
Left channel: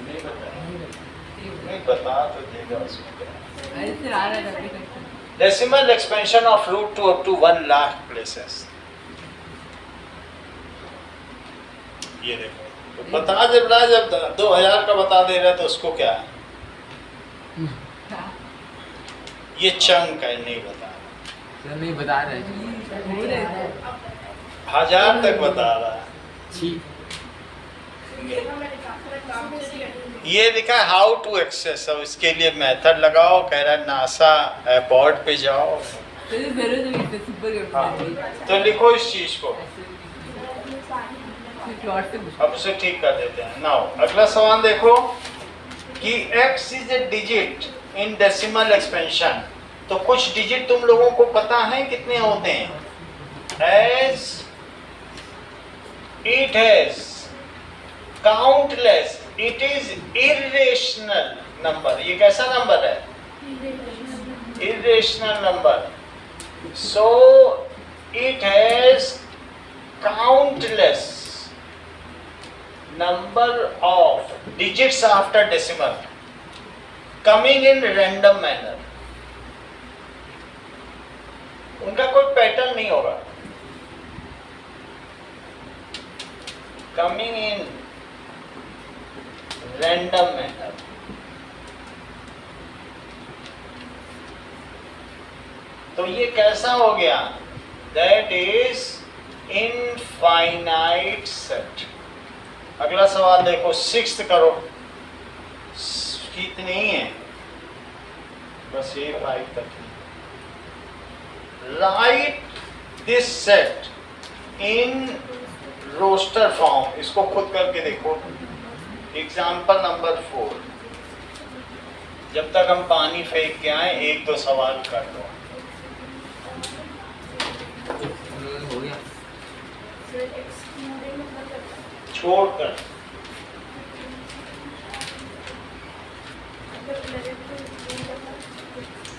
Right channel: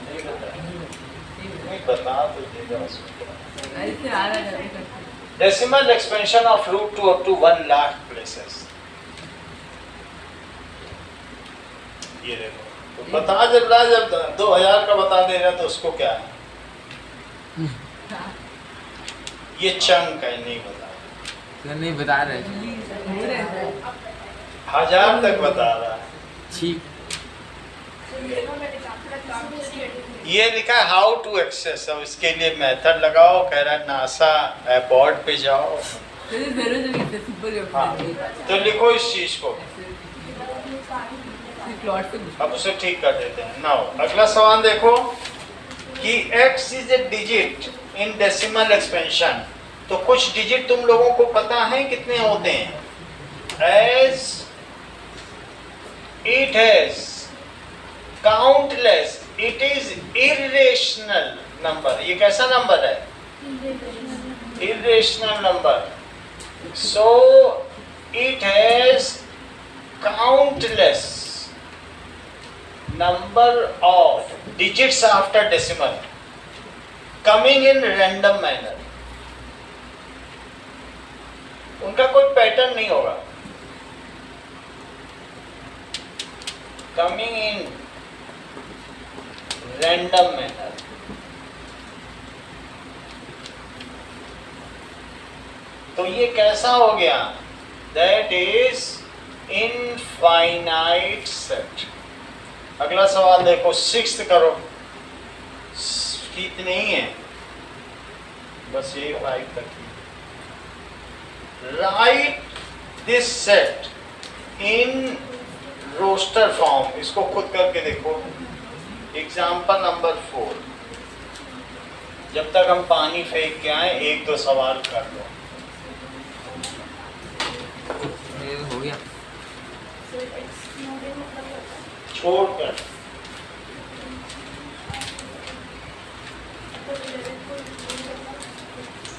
नहीं बताया, नहीं नहीं बता तो देगा उसमें क्या। अरे फिर आ रहा है करते Decimal expansion of root 2 up to 1 lakh places. ये देखो, तो बता जब रहा है, जब 2000 का बता दे रहा है तो उसको क्या है? ये चंक है, नहीं बता रहा। सर नहीं बता रहे हो रहे हैं 1000 तक बता रहा है। ठीक ये लिखा है हाउ टू एक्सेस, अब इसके लिए मेथड लगाओ, कह रहा है नासा बोर्ड पे जाओ। हाँ, तो लिखो इस चीज को, अब उसे ठीक कर देते हैं। नाउ अगला सवाल देखो कि x is a digit in decimal expansion, तो कुछ डिजिट तुम लोगों को पता है कितने होते हैं? As it has countless, it is irrational number. ये कैसा नंबर है? Irrational number. So it has countless number of digits after decimal coming in random manner. उनका कोई पैटर्न नहीं होगा, coming in random manner. तो ये कैसा हो गया? That is infinite set. अगला सवाल देखो, 6th करो, इतनी ही है बस, ये 5 तक ही। Write this set in roster form, इसको खुद करके देखो। एग्जाम्पल नंबर 4, जब तक हम पानी फेंक के आए 1-2 सवाल कर लो। हो गया छोड़कर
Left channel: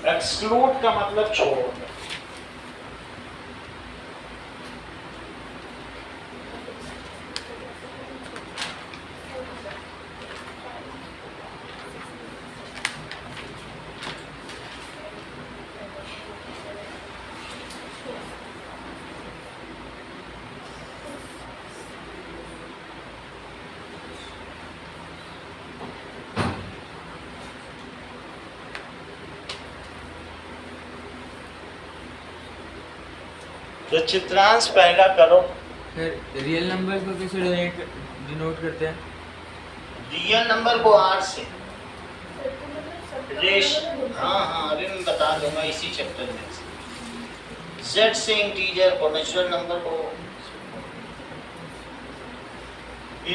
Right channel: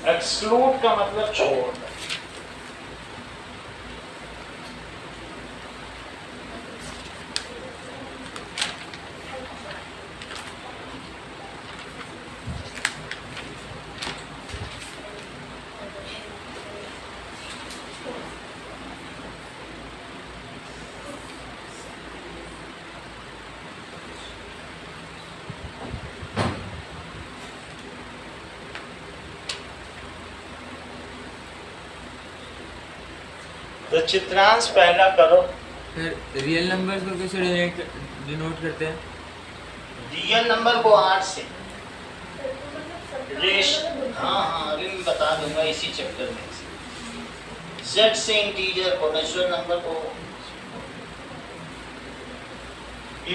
एक्सक्लूड का मतलब छोड़कर। तो चित्रांश पहला करो। फिर रियल नंबर को कैसे डिनोट करते हैं? रियल नंबर को आर से रेश, हाँ अरे मैं बता दूंगा इसी चैप्टर में। जेड से इंटीजर को, नेचुरल नंबर को,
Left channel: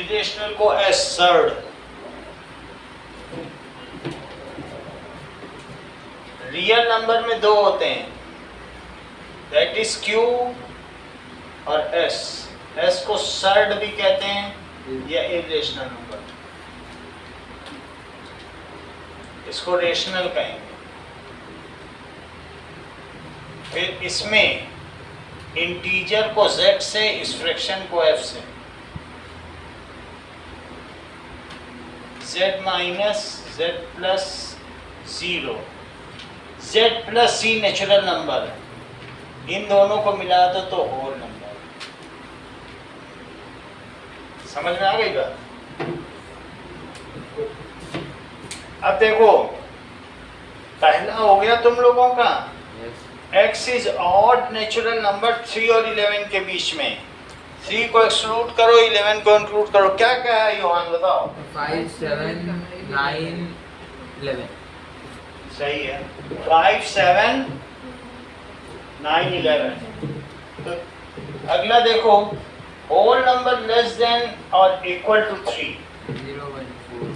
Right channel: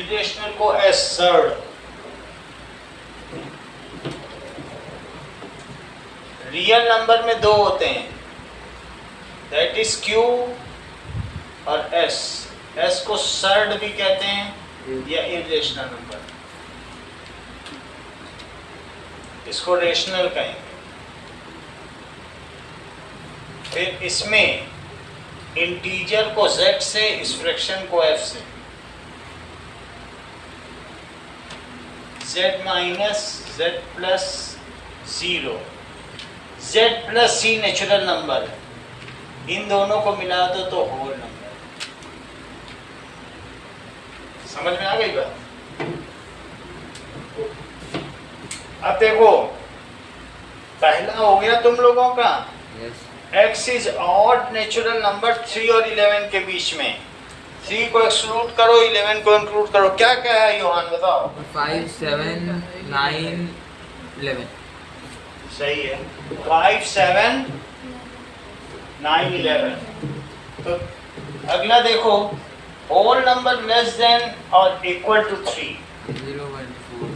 इरेशनल को एसर्ड, रियल नंबर में 2 होते हैं, दैट इज क्यू और एस। एस को सर्ड भी कहते हैं या इरेशनल नंबर, इसको रेशनल कहेंगे। फिर इसमें इंटीजर को z से, इस फ्रैक्शन को f से, z minus z plus 0, z plus c natural number है, इन दोनों को मिला दो तो होल नंबर। समझ में आ गई बात? अब देखो, पहला हो गया तुम लोगों का x is odd natural number 3 और 11 के बीच में। 3 को एक्सक्लूड करो, 11 को इंक्लूड करो। क्या क्या है योहान बताओ? 5, 7, 9, 11। सही है, 5, 7, 9, 11। तो अगला देखो, होल नंबर लेस देन और इक्वल टू 3। 0, 1, 4।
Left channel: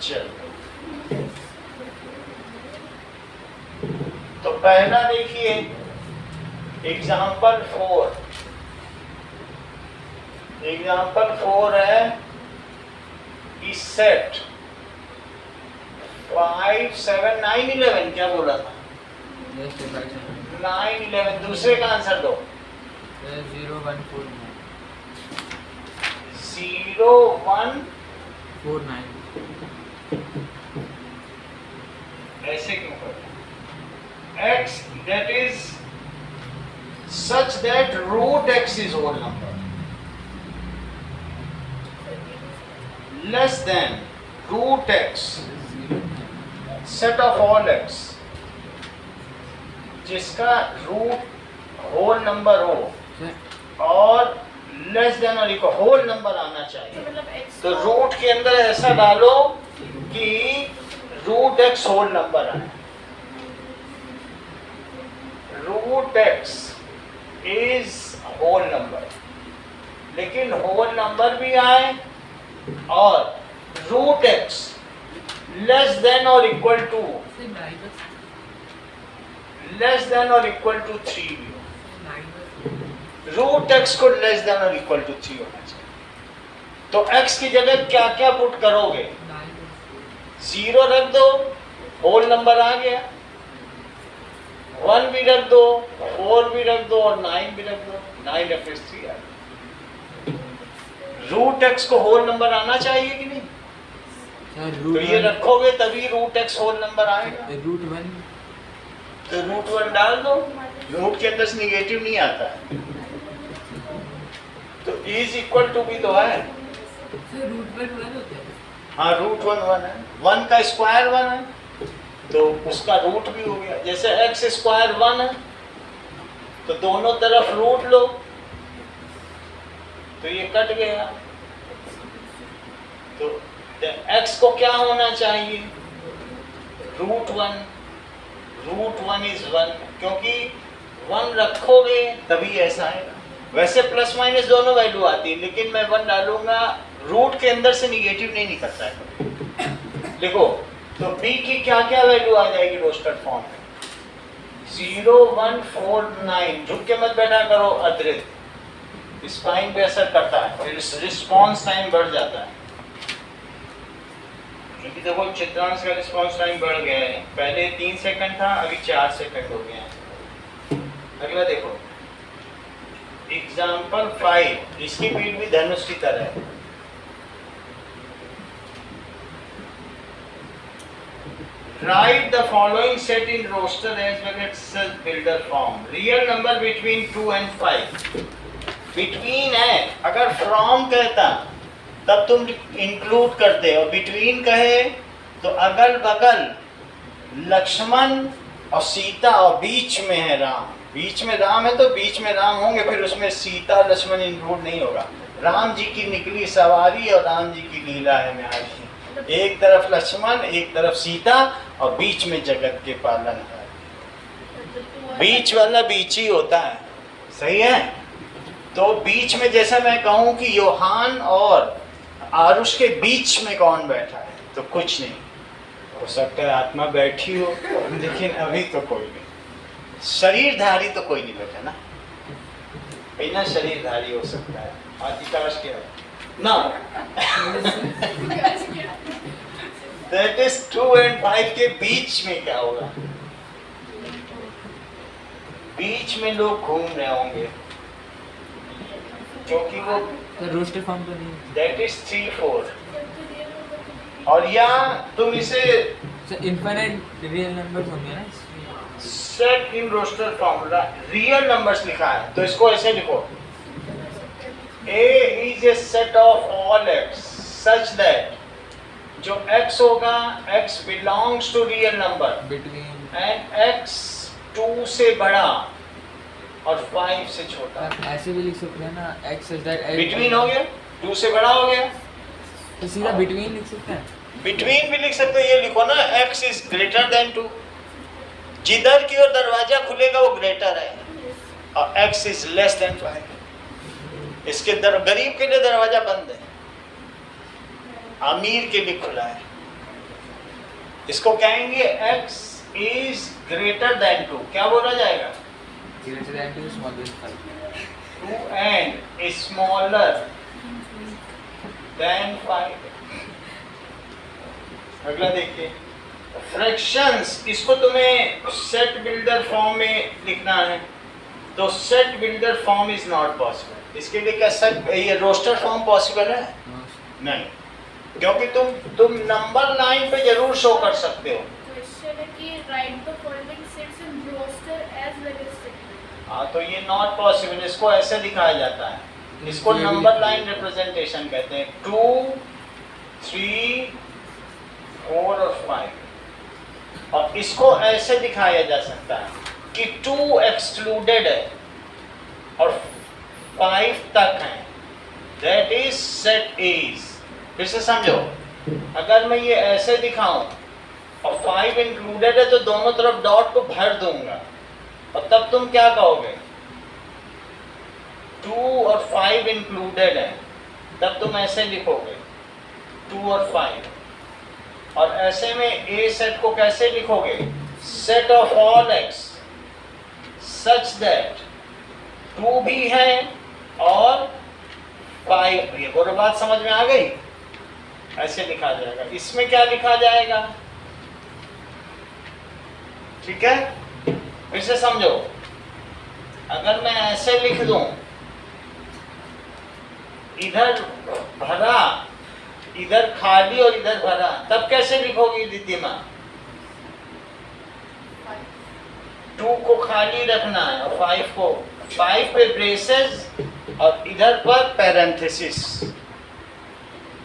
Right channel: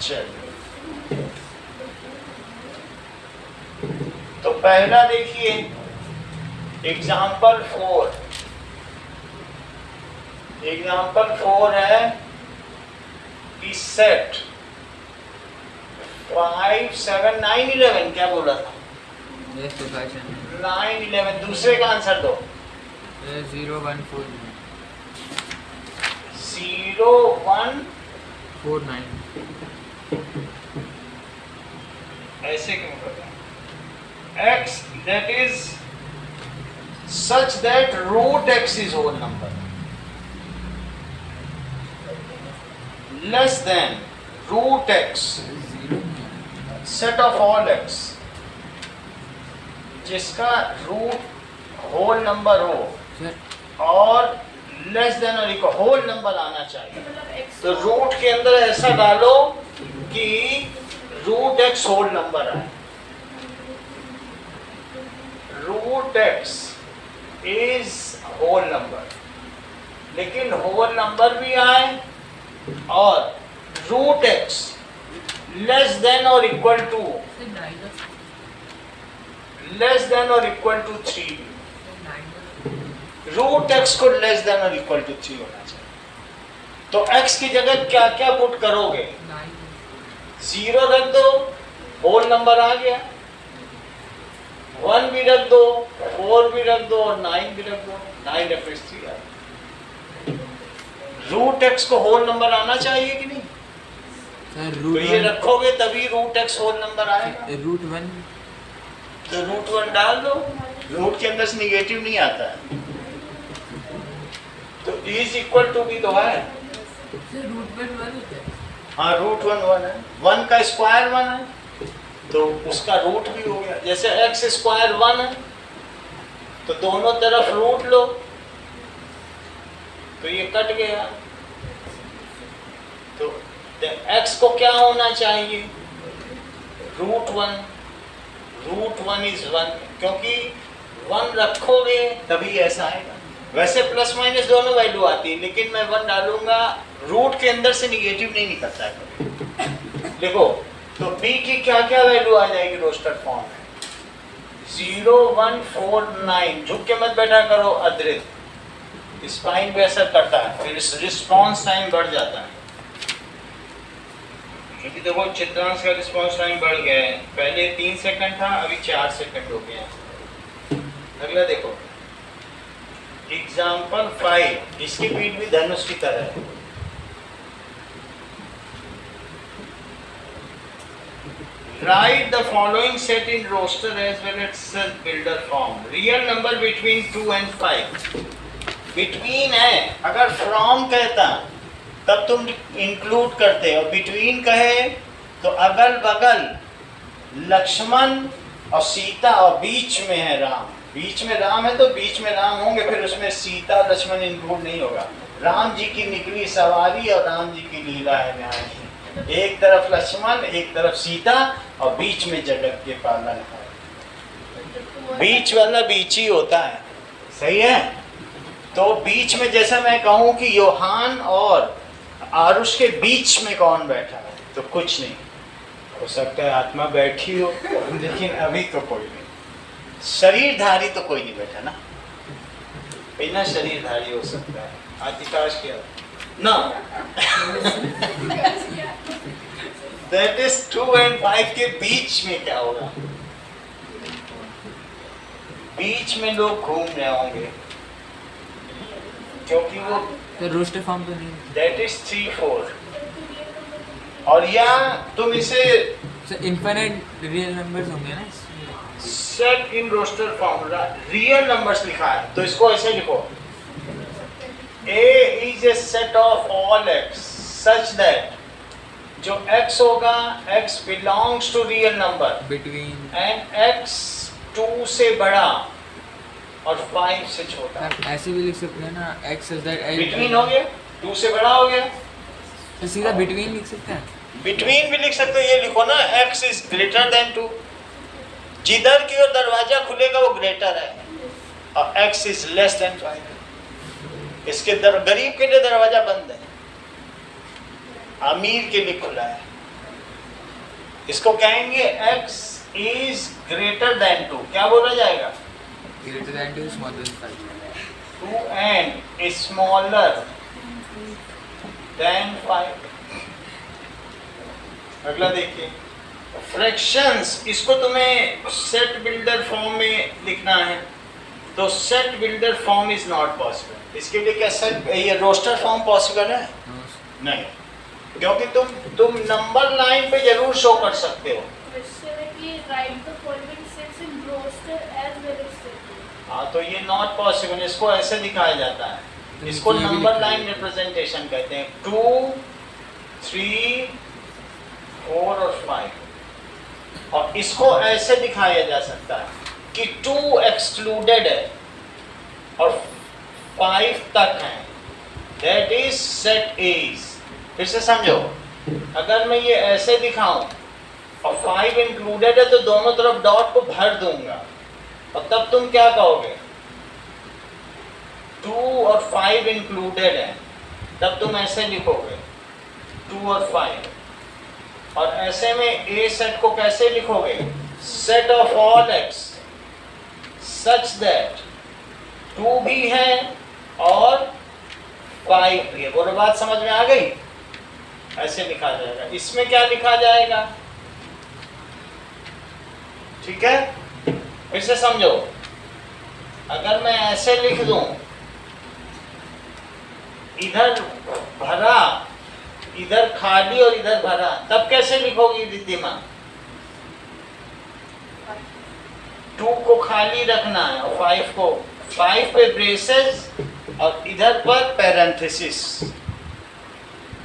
चलो, तो पहला देखिए एग्जाम्पल 4, एग्जाम्पल 4 है कि सेट 5 7 9 11 क्या बोला था? Yes, तो 5 7 9 11 दूसरे का आंसर दो। 0 1 4 9 0 1 4 9 ऐसे क्यों करते हैं? x that is such that root x is whole number less than root x 0 set of all x जिसका रूट होल नंबर हो सर और लेस देन और इक्वल होल नंबर आना चाहिए। मतलब x तो रूट के अंदर ऐसा डालो कि रूट एक्स होल नंबर आए। Root x is whole number, लेकिन होल नंबर भी आए और रूट एक्स लेस देन और इक्वल टू 3 भी हो। रूट एक्स को लेस देन और इक्वल टू 3 होना चाहिए। तो एक्स की जगह क्या क्या पुट करोगे? 0 रख दो, होल नंबर आ गया। 1 भी रख दो, 4 भी रख दो और 9 भी रख दो। 9 रेफरेंस 3 आ गया। रूट एक्स को होल नंबर आना चाहिए कि नहीं? सर तो रूट ये रखोगे तभी रूट एक्स होल नंबर आएगा। रूट 1 तो रूट 1 डाल दो, रूट के अंदर से निगेटिव नहीं आता है। तो इज इक्वल टू भी तो है। रूट 1 1 होता है। हाँ, रूट 1 1 है। 1 का स्क्वायर 1 है तो उसका रूट भी हो गया। जैसे एक्स स्क्वायर 1 है तो दोनों तरफ रूट लो तो ये कट गया। तो एक्स को क्या होना चाहिए? रूट 1। रूट 1 इज 1 क्योंकि 1 रखोगे तभी ऐसा आएगा। वैसे प्लस माइनस दोनों वैल्यू आती है, लेकिन मैं 1 डालूंगा, रूट के अंदर से निगेटिव नहीं निकलता है। देखो तो b की क्या क्या वैल्यू आ जाएगी रोस्टर फॉर्म में? 0 1 4 9। झुक के मत बैठा करो अद्रित, स्पाइन पे असर करता है, फिर रिस्पॉन्स टाइम बढ़ जाता है। क्योंकि देखो चित्रांश का रिस्पॉन्स टाइम बढ़ गया है। पहले 3 सेकंड था, अभी 4 सेकंड हो गया है। अगला देखो एग्जाम्पल 5, इसकी बीट भी धनुष की तरह है। Write the following set in roster as well as self builder form. Real number between 2 and 5. Between है, अगर from कहता तब तुम इंक्लूड करते हो, between कहे तो अगल बगल लक्ष्मण और सीता और बीच में है राम। बीच में राम है तो बीच में राम होंगे, फिर उसमें सीता लक्ष्मण इंक्लूड नहीं होगा। राम जी की निकली सवारी और राम जी की लीला है न्यारी। एक तरफ लक्ष्मण, एक तरफ सीता और बीच में जगत के पालन है। बीच वाला बीच ही होता है, सही है। तो बीच में जैसा मैं कहूँ कि योहान और आरुष के बीच में कौन बैठा है, तो कुछ नहीं हो सकता है, आत्मा बैठी हो, लेकिन अभी तो कोई नहीं। शरीरधारी तो कोई नहीं बैठा ना, बिना शरीरधारी हो सकता है। आदिकाश क्या ना दैट इज 2 and 5 के बीच में क्या होगा? बीच में लोग घूम रहे होंगे क्योंकि वो रोस्टर फॉर्म तो नहीं। That is 3 4। और या तुम इसे सर इनफाइनाइट रियल नंबर्स होंगे ना। Set in roster form, real numbers लिखा है तो इसको ऐसे लिखो, A is a set of all x such that जो x होगा x belongs to real number between and x 2 से बड़ा और 5 से छोटा। ऐसे भी लिख सकते हैं ना, x इज दैट बिटवीन हो गया, 2 से बड़ा हो गया, तो सीधा बिटवीन लिख सकते हैं। बिटवीन भी लिख सकते हो। ये लिखो ना x is greater than 2, जिधर की ओर दरवाजा खुलेगा वो ग्रेटर है, और x is less than 5। इसके गरीब के लिए दरवाजा बंद है, अमीर के लिए खुला है। इसको कहेंगे x is greater than 2, क्या बोला जाएगा? Greater than 2 smaller than 5। 2 and smaller than 5। अगला देखिए फ्रैक्शंस, इसको तुम्हें सेट बिल्डर फॉर्म में लिखना है, तो set builder form is not possible. इसके लिए क्या सेट ये रोस्टर फॉर्म पॉसिबल है? नहीं, क्योंकि तुम नंबर लाइन पे जरूर शो कर सकते हो। क्वेश्चन है कि write the following sets in roster as well as set. हाँ, तो ये नॉट पॉसिबल, इसको ऐसे दिखाया जाता है, इसको ये भी नंबर लिख लाइन दीजिए। रिप्रेजेंटेशन कहते हैं। 2 3 4 और 5, और इसको ऐसे दिखाया जा सकता है कि 2 एक्सक्लूडेड है और 5 तक है, दैट इज सेट इज। फिर से समझो, अगर मैं ये ऐसे दिखाऊं और 5 इंक्लूडेड है तो दोनों तरफ डॉट को भर दूंगा, और तब तुम क्या कहोगे? 2 और 5 इंक्लूडेड है, तब तुम ऐसे लिखोगे 2 और 5। और ऐसे में ए सेट को कैसे लिखोगे? Set of all x such that 2 भी है और 5 भी है। बोलो, बात समझ में आ गई? ऐसे लिखा जाएगा। इसमें क्या लिखा जाएगा? ठीक है, फिर से समझो, अगर मैं ऐसे लिख दूं, इधर भरा, इधर खाली और इधर भरा, तब कैसे लिखोगी रिद्धिमा? 2 को खाली रखना है और 5 पे ब्रेसेस और इधर पर पैरेंथेसिस।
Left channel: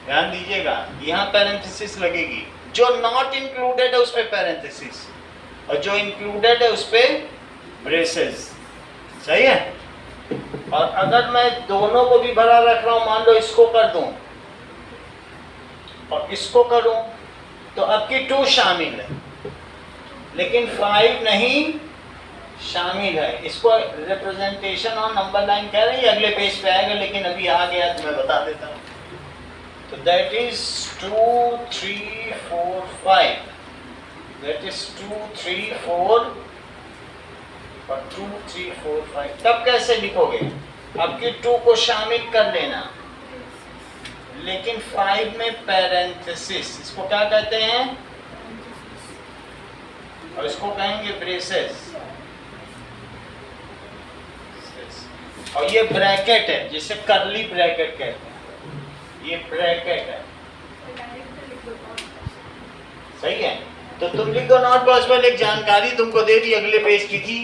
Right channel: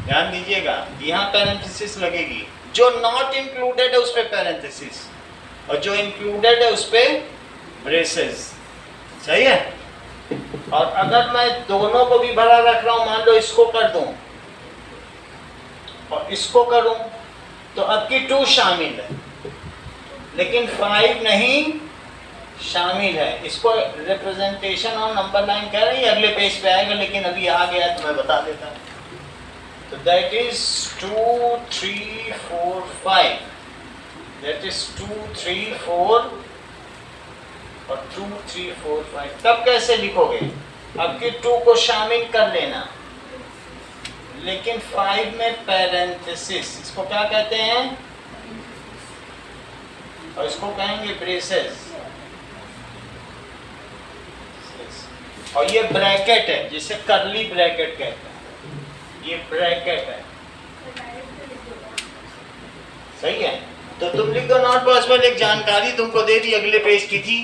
ध्यान दीजिएगा, यहाँ पैरेंथेसिस लगेगी, जो नॉट इंक्लूडेड है उस पे पैरेंथेसिस और जो इंक्लूडेड है उस पे ब्रेसेस। सही है? और अगर मैं दोनों को भी भरा रख रहा हूं, मान लो इसको कर दूं और इसको करूं, तो अब की 2 शामिल है लेकिन 5 नहीं शामिल है। इसको रिप्रेजेंटेशन और नंबर लाइन कह रहे हैं, अगले पेज पे आएगा, लेकिन अभी आ गया तो मैं बता देता हूं। तो दैट इज 2 3 4 5, दैट इज 2 3 4 और 2 3 4 5। तब कैसे लिखोगे? अब की 2 को शामिल कर लेना, लेकिन 5 में पैरेंथेसिस, इसको क्या कहते हैं? और इसको कहेंगे ब्रेसेस। और ये ब्रैकेट है, जिसे करली ब्रैकेट कहते हैं, ये ब्रैकेट है। सही है? तो तुम लिख दो नॉट पॉसिबल। एक जानकारी तुमको दे दी, अगले पेज की थी,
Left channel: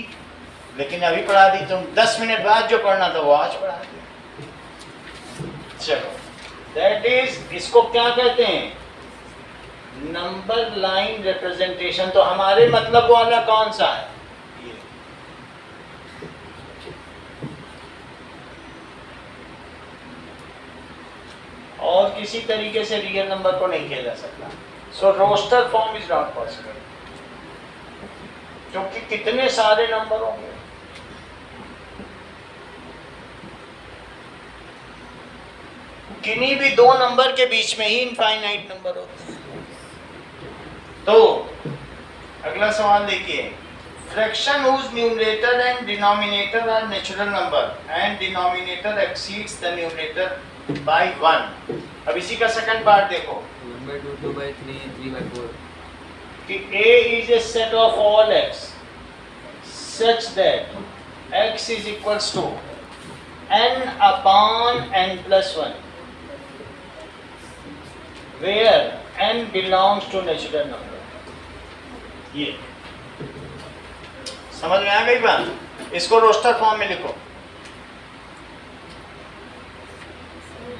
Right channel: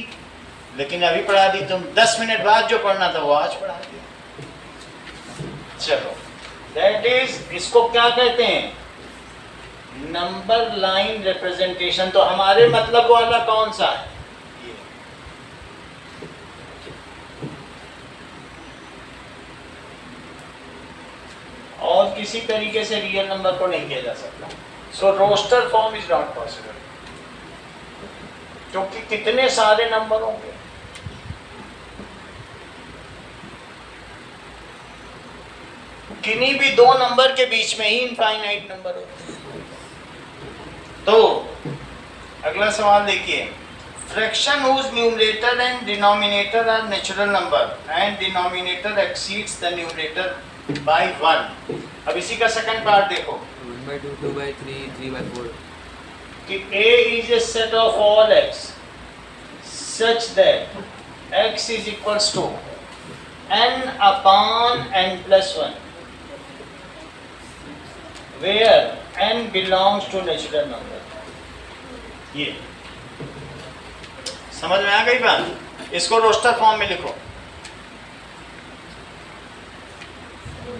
लेकिन अभी पढ़ा दी। तुम 10 मिनट बाद जो पढ़ना था वो आज पढ़ा दिया। चलो, दैट इज, इसको क्या कहते हैं? Number line representation. तो हमारे मतलब वाला कौन सा है? ये। और किसी तरीके से रियल नंबर को नहीं किया जा सकता। So roster form is not possible, क्योंकि कितने सारे नंबर होंगे। किन्हीं भी 2 नंबर के बीच में ही इनफाइनाइट नंबर होते हैं। तो अगला सवाल देखिए, fraction whose numerator and denominator are natural number and denominator exceeds the numerator by 1। अब इसी का सेकंड पार्ट देखो 1/2, 2/3, 3/4 कि A is a set of all x such that x is equals to n upon n plus 1 where n belongs to natural number। ये समझ में आ गई बात? इसको रोस्टर फॉर्म में लिखो।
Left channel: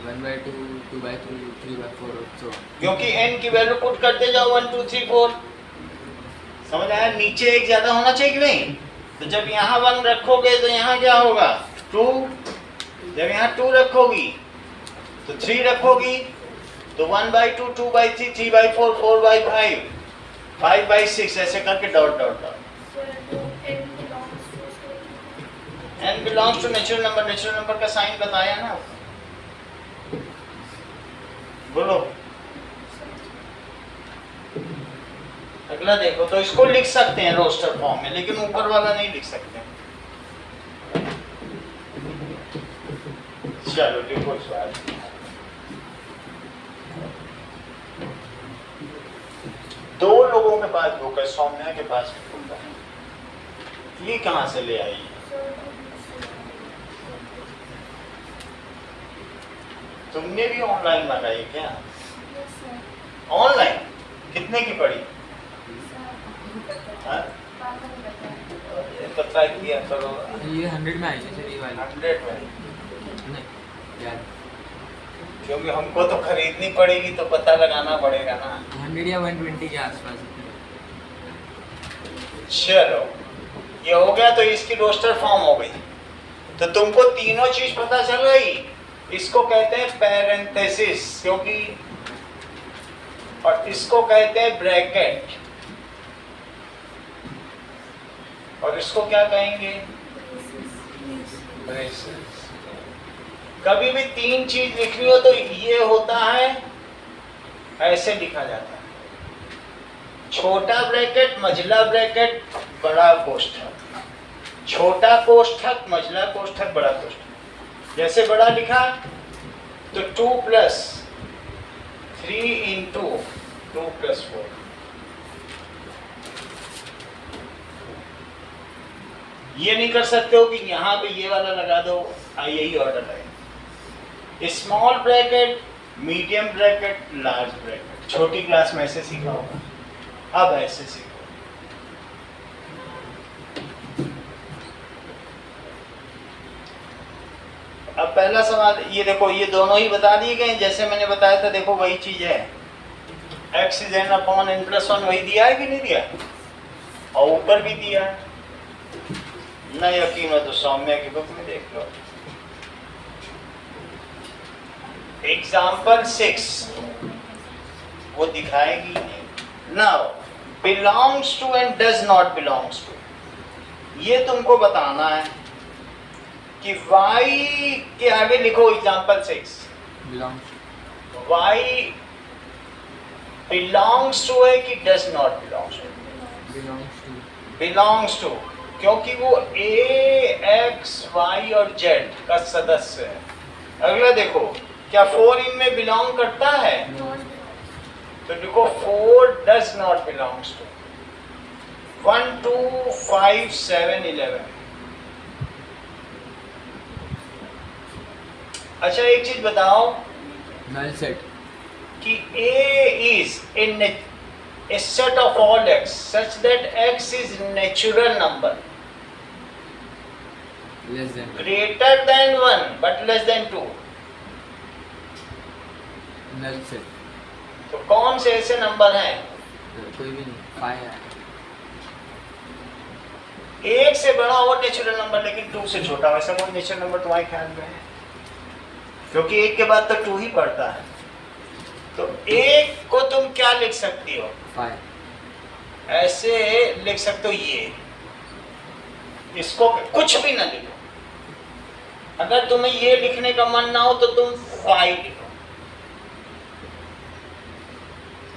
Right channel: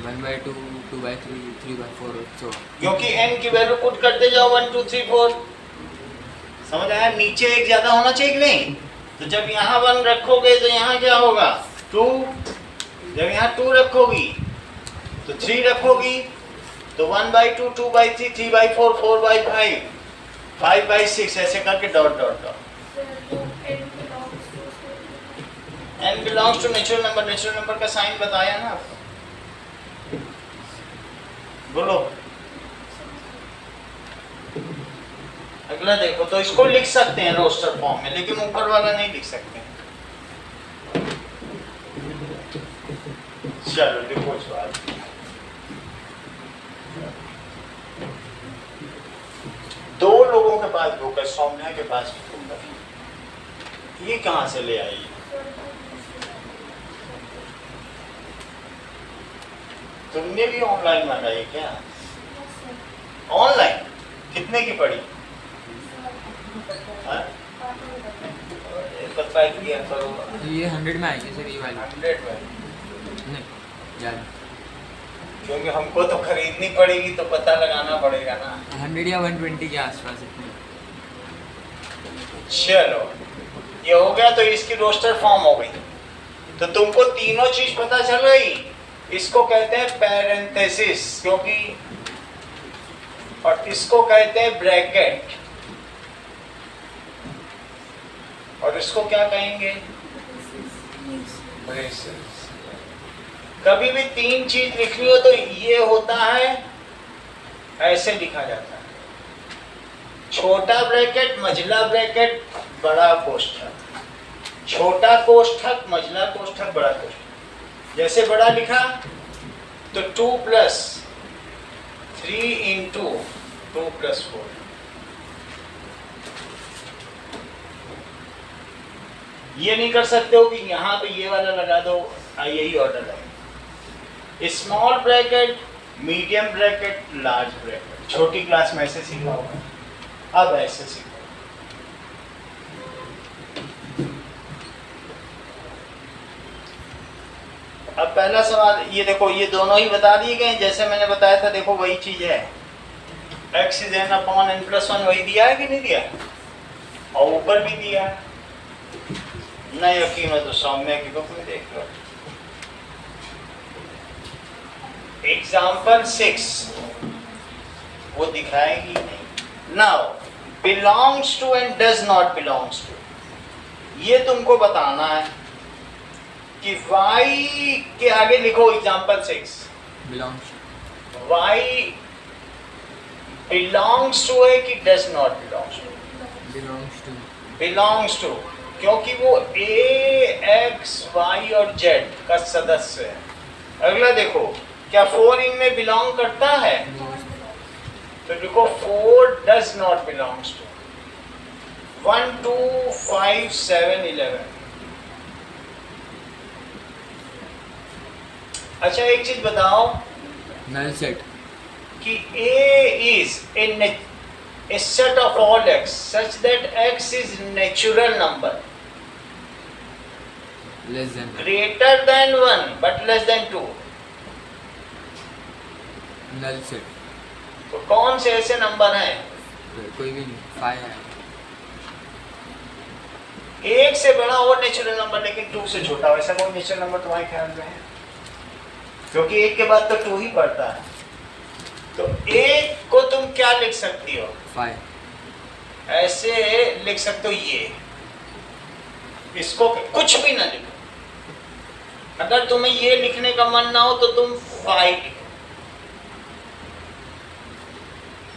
1/2, 2/3, 3/4 और so on। क्योंकि n की वैल्यू पुट करते जाओ 1 2 3 4। समझ आया? नीचे एक ज्यादा होना चाहिए कि नहीं? तो जब यहाँ 1 रखोगे तो यहाँ क्या होगा? 2। जब यहाँ 2 रखोगी तो 3 रखोगी तो 1/2, 2/3, 3/4, 4/5, 5/6, ऐसे करके dot dot dot. n belongs to natural number. Natural number का साइन बताया ना आपको। बोलो, अगला देखो। तो इसको लिख सकते हैं रोस्टर फॉर्म में, लेकिन ऊपर वाला नहीं लिख सकते। चलो लिखो सवाल। के पास बुक है, सौम्या के पास बुक है। ये कहाँ से ले आई? तुमने भी ऑनलाइन मंगाई क्या? ऑनलाइन कितने की पड़ी? हाँ? ये पता किया करो। ये 100 में आई है सर, ये वाली 100 में, नहीं यार, क्योंकि हमको तो खरीदनी पड़ेगी तो पता लगाना पड़ेगा ना। 100 या 120 के आसपास इतनी। चलो ये हो गया, तो इसकी रोस्टर फॉर्म हो गई। तो तुमको तीनों चीज पता चल गई। इसको कहते हैं पैरेंथेसिस, क्योंकि, और इसको कहते हैं ब्रैकेट, और इसको क्या कहेंगे? ब्रेसेस। कभी भी तीन चीज लिखनी हो तो ये होता है, ऐसे लिखा जाता है, छोटा ब्रैकेट, मझला ब्रैकेट, बड़ा कोष्ठक, छोटा कोष्ठक, मझला कोष्ठक, बड़ा कोष्ठक। जैसे बड़ा लिखा तो 2 + 3 × 2 + 4। ये नहीं कर सकते हो कि यहाँ पे ये वाला लगा दो, यही ऑर्डर है। Small bracket, medium bracket, large bracket. छोटी क्लास में ऐसे सीखा होगा, अब ऐसे सीखो। अब पहला सवाल ये देखो, ये दोनों ही बता दिए गए जैसे मैंने बताया था। देखो वही चीज है, x = n+1 वही दिया है कि नहीं दिया? और ऊपर भी दिया है। नहीं यकीन है तो सौम्या की बुक में देख लो। एग्जाम्पल 6 वो दिखाएगी नहीं। Now belongs to and does not belongs to, ये तुमको बताना है कि y के आगे लिखो example 6, belongs y belongs to है कि does not belongs to? Belongs to, belongs to, क्योंकि वो a, x, y और z का सदस्य है। अगला देखो, क्या 4 इनमें बिलोंग करता है? तो देखो 4 डज नॉट बिलोंग्स टू। 1, 2, 5, 7, 11। अच्छा एक चीज बताओ नल सेट, कि A is a set of all x such that x is natural number less than, greater than 1 but less than 2। Null set, तो कौन से ऐसे नंबर हैं? कोई भी नहीं, 5 है। एक से बड़ा और नेचुरल नंबर लेकिन 2 से छोटा, वैसा कोई नेचुरल नंबर तुम्हारे ख्याल में है? क्योंकि 1 के बाद तो 2 ही पड़ता है। तो 1 को तुम क्या लिख सकती हो? 5, ऐसे लिख सकते हो, ये इसको कुछ भी ना लिखो। अगर तुम्हें ये लिखने का मन ना हो तो तुम 5 लिखो।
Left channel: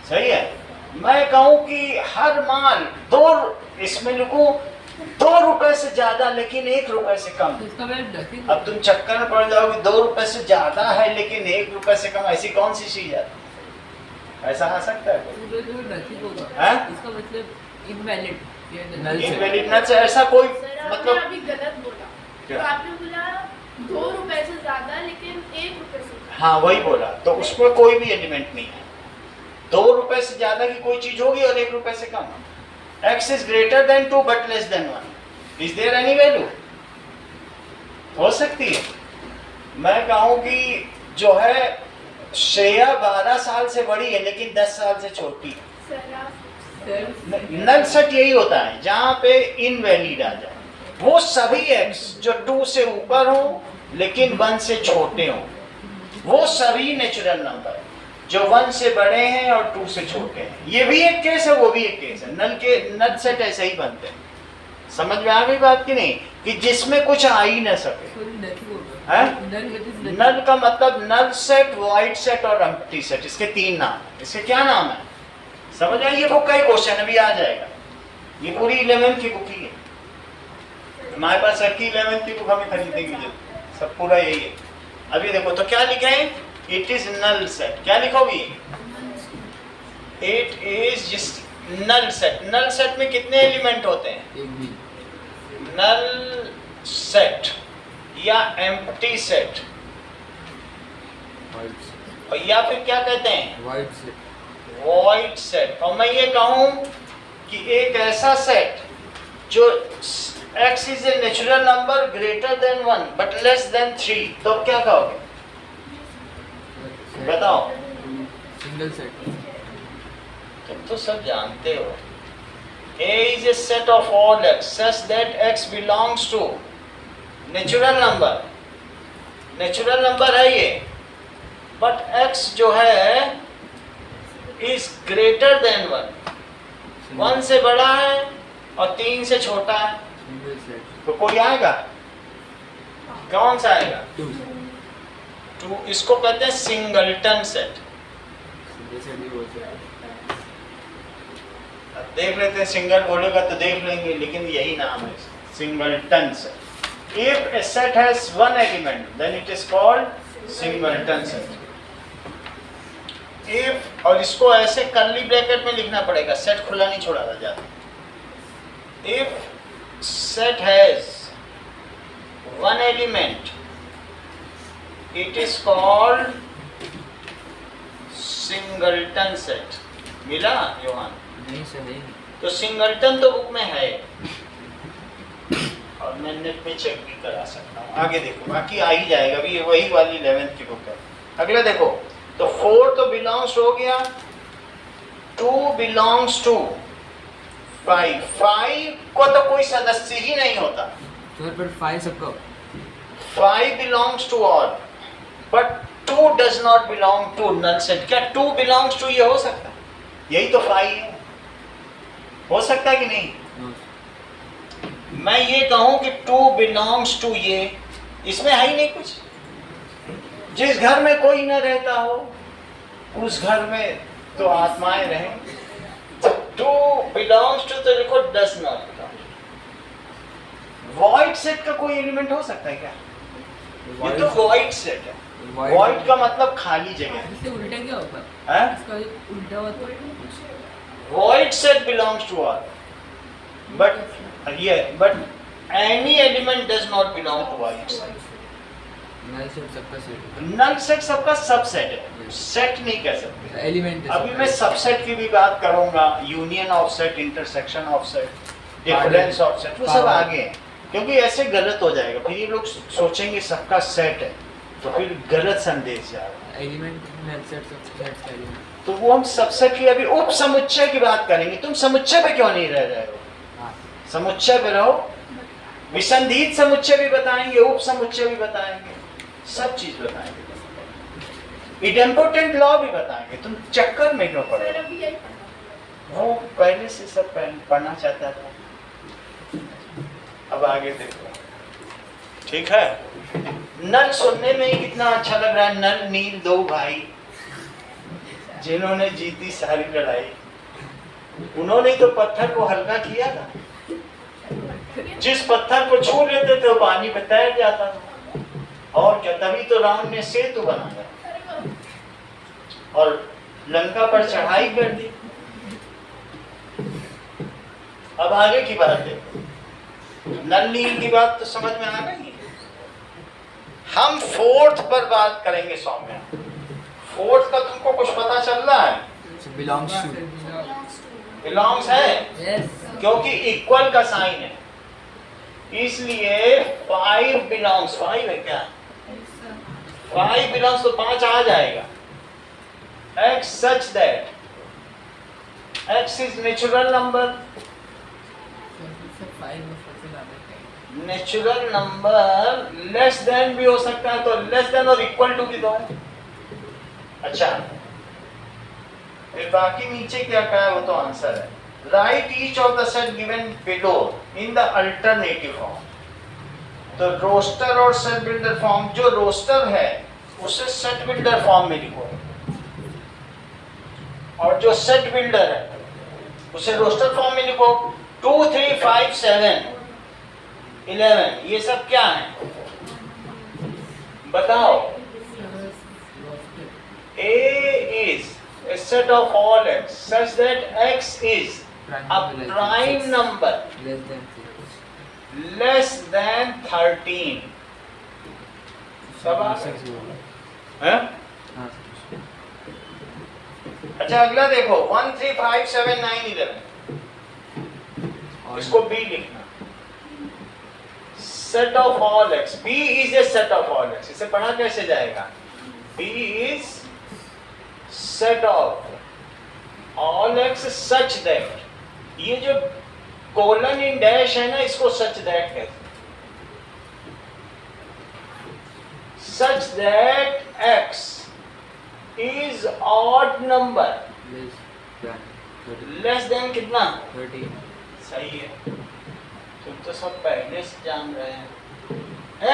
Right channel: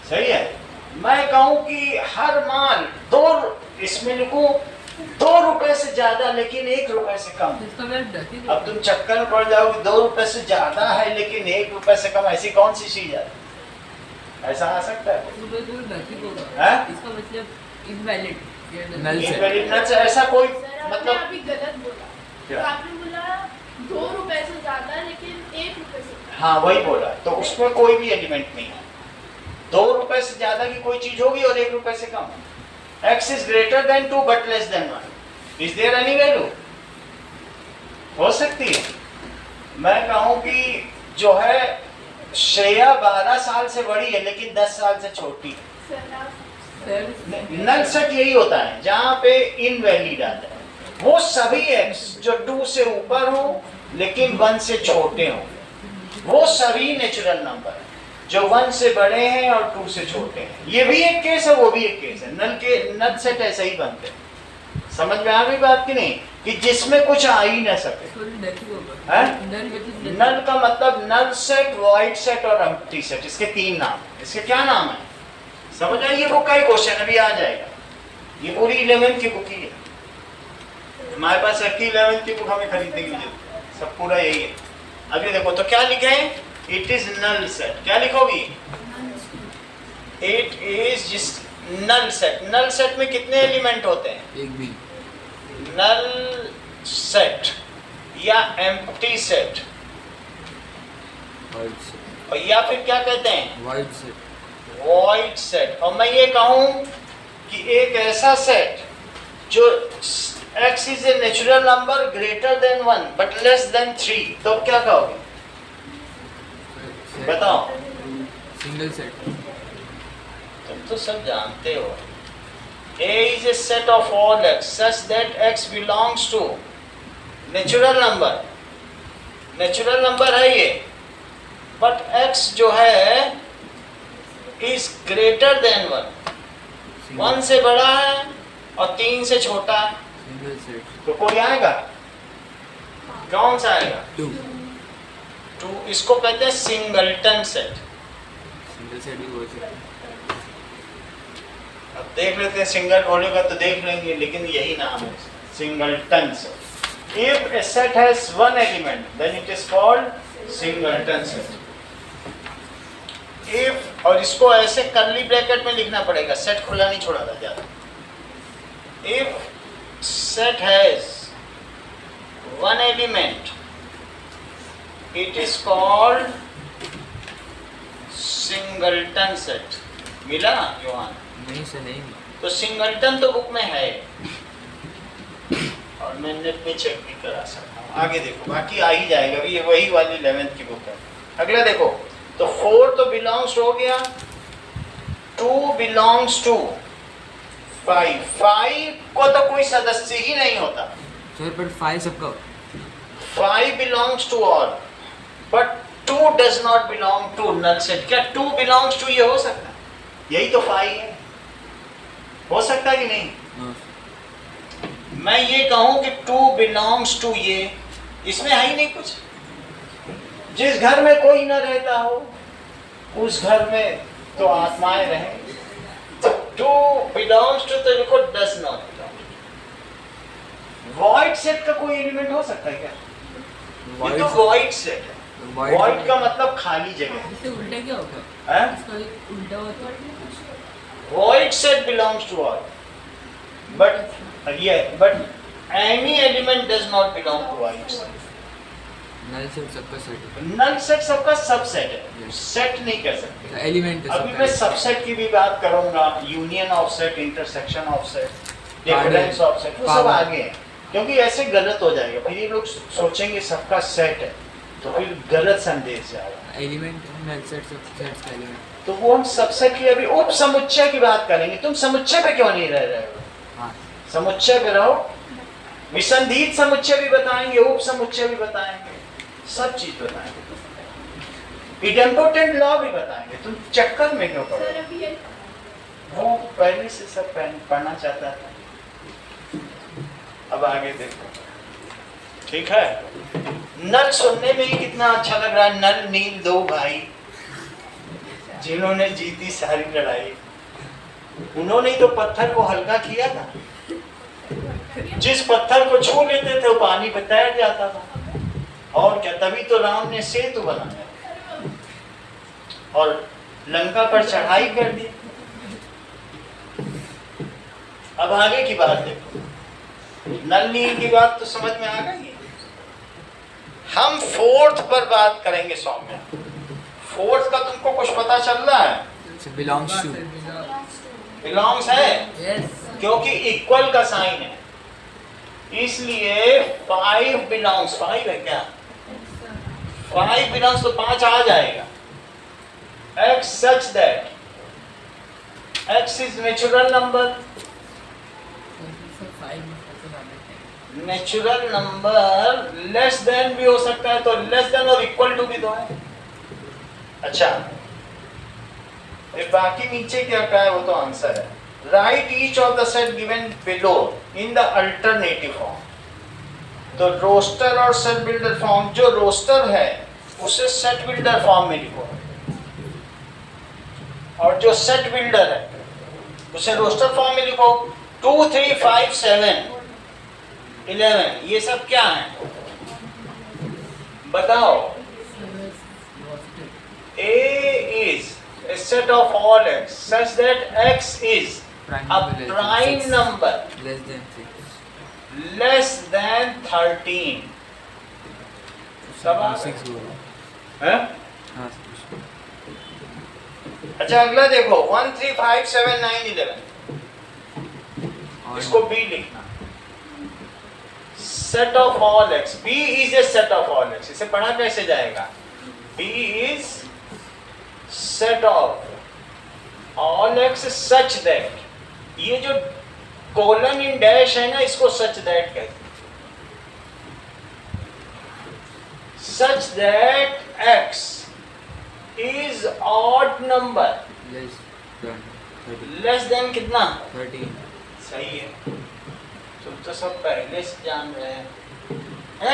सही है। मैं कहूं कि हर माल 2, इसमें लिखूं 2 रुपए से ज्यादा लेकिन 1 रुपए से कम। अब तुम चक्कर में पड़ जाओगे, 2 रुपए से ज्यादा है लेकिन 1 रुपए से कम, ऐसी कौन सी चीज है? ऐसा आ सकता है? इसका मतलब इनवैलिड, नल सेट, इनवैलिड से ऐसा कोई सर आपने मतलब अभी गलत बोला। क्या? तो आपने बोला 2 रुपए से ज्यादा लेकिन 1 रुपए से कम। हाँ वही बोला, तो उसमें कोई भी एलिमेंट नहीं है। 2 रुपए से ज्यादा की कोई चीज होगी और 1 रुपए से कम। x is greater than 2 but less than 1. Is there any value? हो सकती है। मैं कहूँ कि जो है श्रेया 12 साल से बड़ी है लेकिन 10 साल से छोटी है। सर आप नल सेट यही होता है जहाँ पे इनवैलिड आ जाए। वो सभी x जो 2 से ऊपर हो लेकिन 1 से छोटे हो, वो सभी नेचुरल नंबर है। जो 1 से बड़े हैं और 2 से छोटे हैं, ये भी एक केस है, वो भी एक केस है। नल सेट ऐसे ही बनते हैं। समझ में आ गई बात कि नहीं? कि जिसमें कुछ आ ही ना सके। है? नल का मतलब नल सेट, वाइड सेट और एम्प्टी सेट, इसके 3 नाम। इसके क्या नाम है समझ आए? ये बुक का ही क्वेश्चन अभी आ जाएगा। ये पूरी 11th की बुक ही है। हमारे पास रखी 11th की बुक, हमें खरीदने की जरूरत है। सब पूरा यही है। अभी देखो तो क्या लिखे हैं? It is null set. क्या लिखोगी? इट इज नल सेट में कितने एलिमेंट होते हैं? एक भी नल सेट या एम्प्टी सेट, वाइड सेट, और या फिर क्या कहते हैं? Void set, void set. और मैं ये कहूं कि एक ऐसा सेट जो x is a natural number greater than 1 but less than 3, तो अब क्या कहोगे? बताओ। सिंगल सेट, तुम तो सब जानते हो। A is a set of all x such that x belongs to natural number है ये, बट x जो है इज ग्रेटर देन 1, 1 से बड़ा है और 3 से छोटा है, सिंगल सेट, तो कोई आएगा? कौन सा आएगा? 2 इसको कहते हैं सिंगलटन सेट। सिंगल सेट ही बोल सकते हैं। अब देख लेते हैं, सिंगल बोलेगा तो देख लेंगे, लेकिन यही नाम है singleton set. If a set has one element then it is called singleton set. If, और इसको ऐसे कर्ली ब्रैकेट में लिखना पड़ेगा, सेट खुला नहीं छोड़ा था ज्यादा। If set has one element it is called singleton set. मिला योहान? नहीं सर, नहीं तो सिंगलटन तो बुक में है और मैं नेट में चेक भी करा सकता हूँ। आगे देखो, बाकी आ ही जाएगा, अभी ये वही वाली 11th की बुक है। अगला देखो, तो 4 तो बिलोंग्स हो गया, 2 बिलोंग्स टू 5 को तो कोई सदस्य ही नहीं होता। सर पर 5 सबका 5 belongs to all but 2 does not belong to null set. क्या 2 बिलोंग्स टू ये हो सकता है? यही तो 5 है, हो सकता है कि नहीं? मैं ये कहूं कि 2 बिलोंग्स टू ये, इसमें है ही नहीं कुछ। जिस घर में कोई ना रहता हो उस घर में तो आत्माएं रहें। 2 बिलोंग्स टू तो लिखो, does not belong. Void set का कोई एलिमेंट हो सकता है क्या? ये तो वॉइड सेट है। वॉइड का मतलब खाली जगह। इससे उल्टा क्या होगा? हैं? इसका एक उल्टा हुआ तो Void set belongs to all, but any element does not belong to void set. Null set सबका सेट है, Null set सबका सबसेट है, सेट नहीं कह सकते। एलिमेंट है अभी सबका। मैं सबसेट की भी बात करूंगा, union of set, intersection of set, difference of set, वो सब आगे है, क्योंकि ऐसे गलत हो जाएगा, फिर ये लोग सोचेंगे सबका सेट है, तो फिर गलत संदेश जाएगा। एलिमेंट नल सेट सब सेट्स का एलिमेंट। तो वो हम सबसेट की अभी उप समुच्चय की बात करेंगे। तुम समुच्चय पे क्यों नहीं रह रहे हो? हाँ, समुच्चय पे रहो। विसंधित समुच्चय भी बताएंगे, उप समुच्चय भी बताएंगे, सब चीज बताएंगे, इडेम्पोटेंट लॉ भी बताएंगे। तुम चक्कर में क्यों पड़े? सर अभी ये वो पहले से सब पढ़ना चाहता था। अब आगे देखो, ठीक है। नल सुनने में ही कितना अच्छा लग रहा है। नल नील, 2 भाई जिन्होंने जीती सारी लड़ाई, उन्होंने तो पत्थर को हल्का किया था। जिस पत्थर को छू लेते थे वो पानी पे तैर जाता था। और क्या, तभी तो राम ने सेतु बनाया और लंका पर चढ़ाई कर दी। अब आगे की बात देखो, नल नील की बात तो समझ में आ गई। हम 4th पर बात करेंगे सौम्या। 4th का तुमको कुछ पता चल रहा है? बिलोंग्स टू, बिलोंग्स है, यस क्योंकि इक्वल का साइन है, इसलिए 5 बिलोंग्स। 5 है क्या? 5 बिलोंग्स तो 5 आ जाएगा। x such that x is natural number, सब 5 में फसल आना चाहिए। नेचुरल नंबर लेस देन भी हो सकता है, तो लेस देन और इक्वल टू भी तो है। अच्छा, फिर बाकी नीचे क्या है वो तो आंसर है। Right each of the set given below in the alternative form. तो रोस्टर और सेट बिल्डर फॉर्म, जो रोस्टर है उसे सेट बिल्डर फॉर्म में लिखो, और जो सेट बिल्डर है उसे रोस्टर फॉर्म में लिखो। 2 3 5 7 11 ये सब क्या है बताओ? A is a set of all x such that x is a prime number less than 6. less than 13. सब आ गए? 6 होगा। हैं? हाँ, अच्छा अगला देखो 1 3 5 7 9 11. और इसको B लिखना. Set of all x. B is a set of all x. इसे पढ़ा कैसे जाएगा? B is set of all x such that. ये जो कोलन इन डैश है ना, इसको such that कहते हैं. Such that x is odd number less than 13. less than कितना? 13. सही है. तुम तो सब पहले से जान रहे हैं.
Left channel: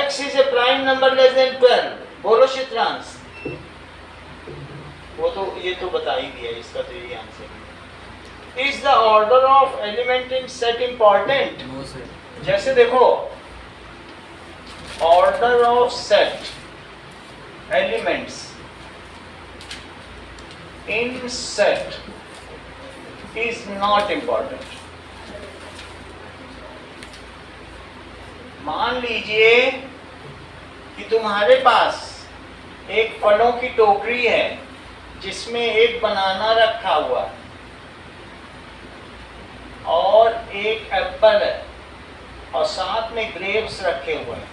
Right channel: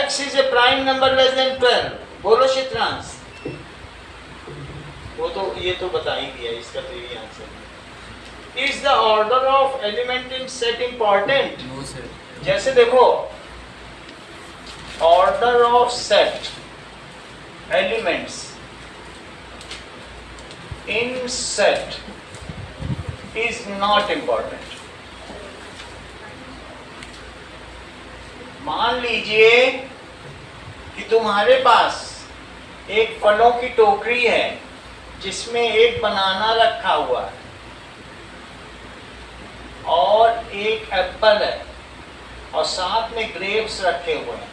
x is a prime number less than 12. बोलो शित्रांश. वो तो ये तो बता ही दिया, इसका तो यही आंसर है. Is the order of element in set important? No sir. जैसे देखो order of set elements in set is not important. मान लीजिए कि तुम्हारे पास एक फलों की टोकरी है जिसमें एक बनाना रखा हुआ है और एक एप्पल है और साथ में ग्रेप्स रखे हुए हैं.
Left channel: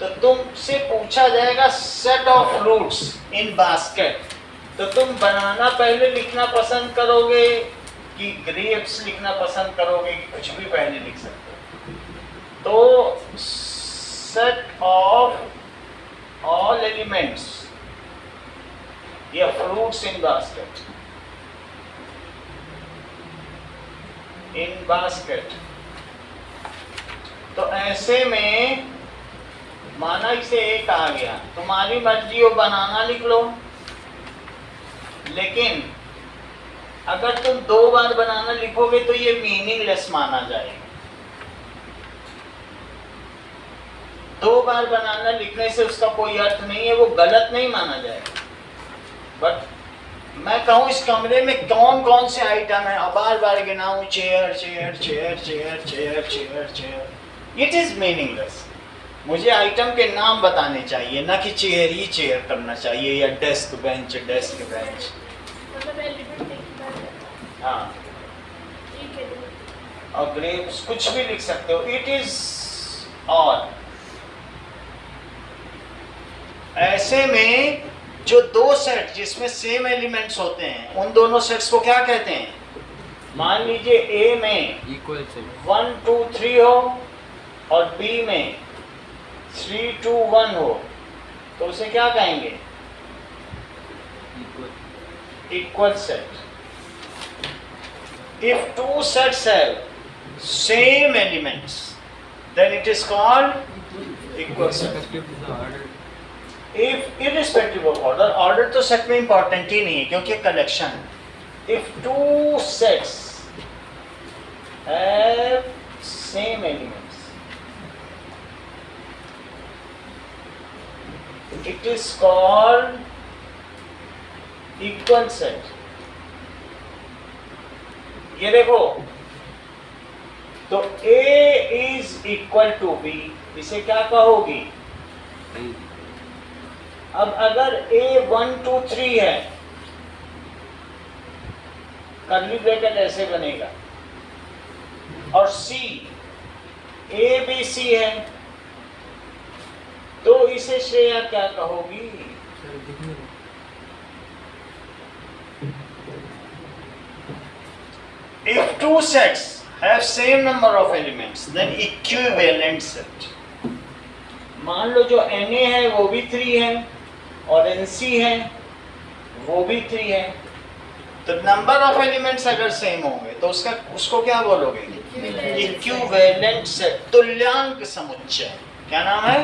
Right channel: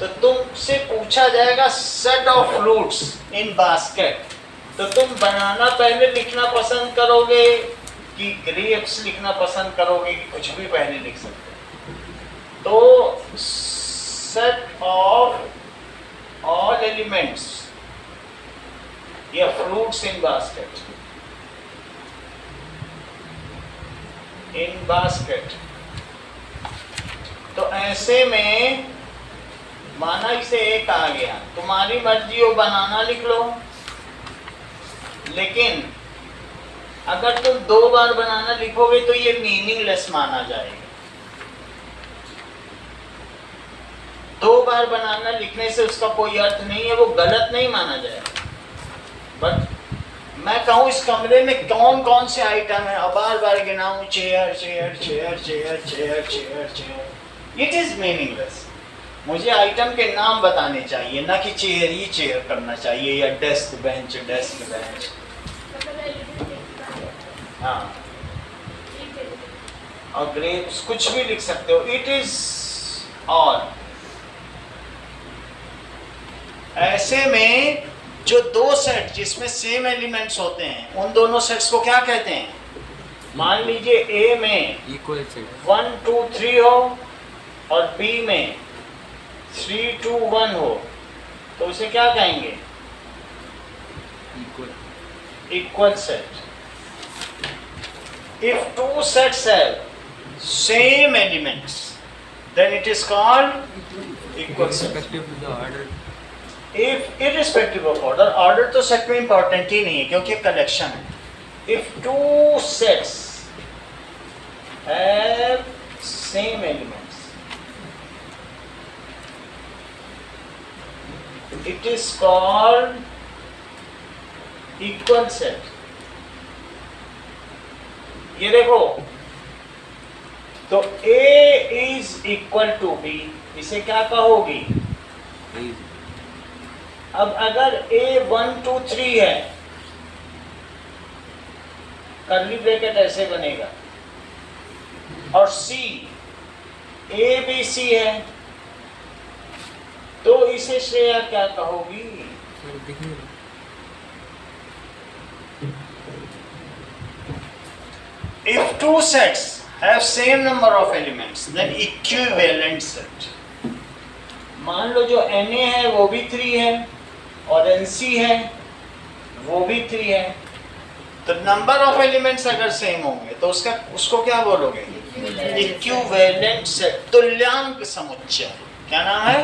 तो तुमसे पूछा जाएगा set of fruits in basket. तो तुम बनाना पहले लिखना पसंद करोगे कि ग्रेप्स लिखना पसंद करोगे कि कुछ भी पहले लिख सकते हो. तो सेट ऑफ ऑल एलिमेंट्स या फ्रूट्स इन बास्केट तो ऐसे में माना इसे एक आ गया, तुम्हारी मर्जी हो बनाना लिख लो, लेकिन अगर तुम 2 बार बनाना लिखोगे तो ये मीनिंगलेस माना जाएगा. 2 बार बनाना लिखने से उसका कोई अर्थ नहीं है, वो गलत नहीं माना जाएगा. बट मैं कहूँ इस कमरे में कौन कौन से आइटम है, अब बार बार गिनाऊं chair chair chair chair chair chair chair, it is meaningless. मुझे आइटम के नाम बताने चाहिए, ना कि चेयर ही चेयर करना चाहिए या डेस्क बेंच डेस्क बेंच. मतलब एलिमेंट लिखना है. हाँ, एक एलिमेंट. और ग्रेप्स कुछ भी लिख सकते हो. It is all. ऐसे में जो 2 सेट जिसमें सेम एलिमेंट्स होते हैं उन दोनों सेट्स को क्या कहते हैं? मान लीजिए A में इक्वल सेट 1 2 3 हो और B में 3 2 1 हो, तो उसे क्या कहेंगे? Equal set. If 2 sets have same elements, then it is called equal set. Respective to the order. If irrespective of order, order तो सेट में इंपॉर्टेंट ही नहीं है क्योंकि कलेक्शन है. If 2 sets have same elements, it is called equal set. ये देखो, तो A is equal to B, इसे क्या कहोगी? अब अगर A 1 2 3 है, कर्ली ब्रैकेट ऐसे बनेगा, और C A B C है, तो इसे श्रेया क्या कहोगी? If 2 sets have same number of elements, then equivalent set. मान लो जो Na है वो भी 3 है और Nc है वो भी 3 है, तो नंबर ऑफ एलिमेंट्स अगर सेम होंगे तो उसको क्या बोलोगे? इक्विवेलेंट सेट, तुल्यांक समुच्चय. क्या नाम है?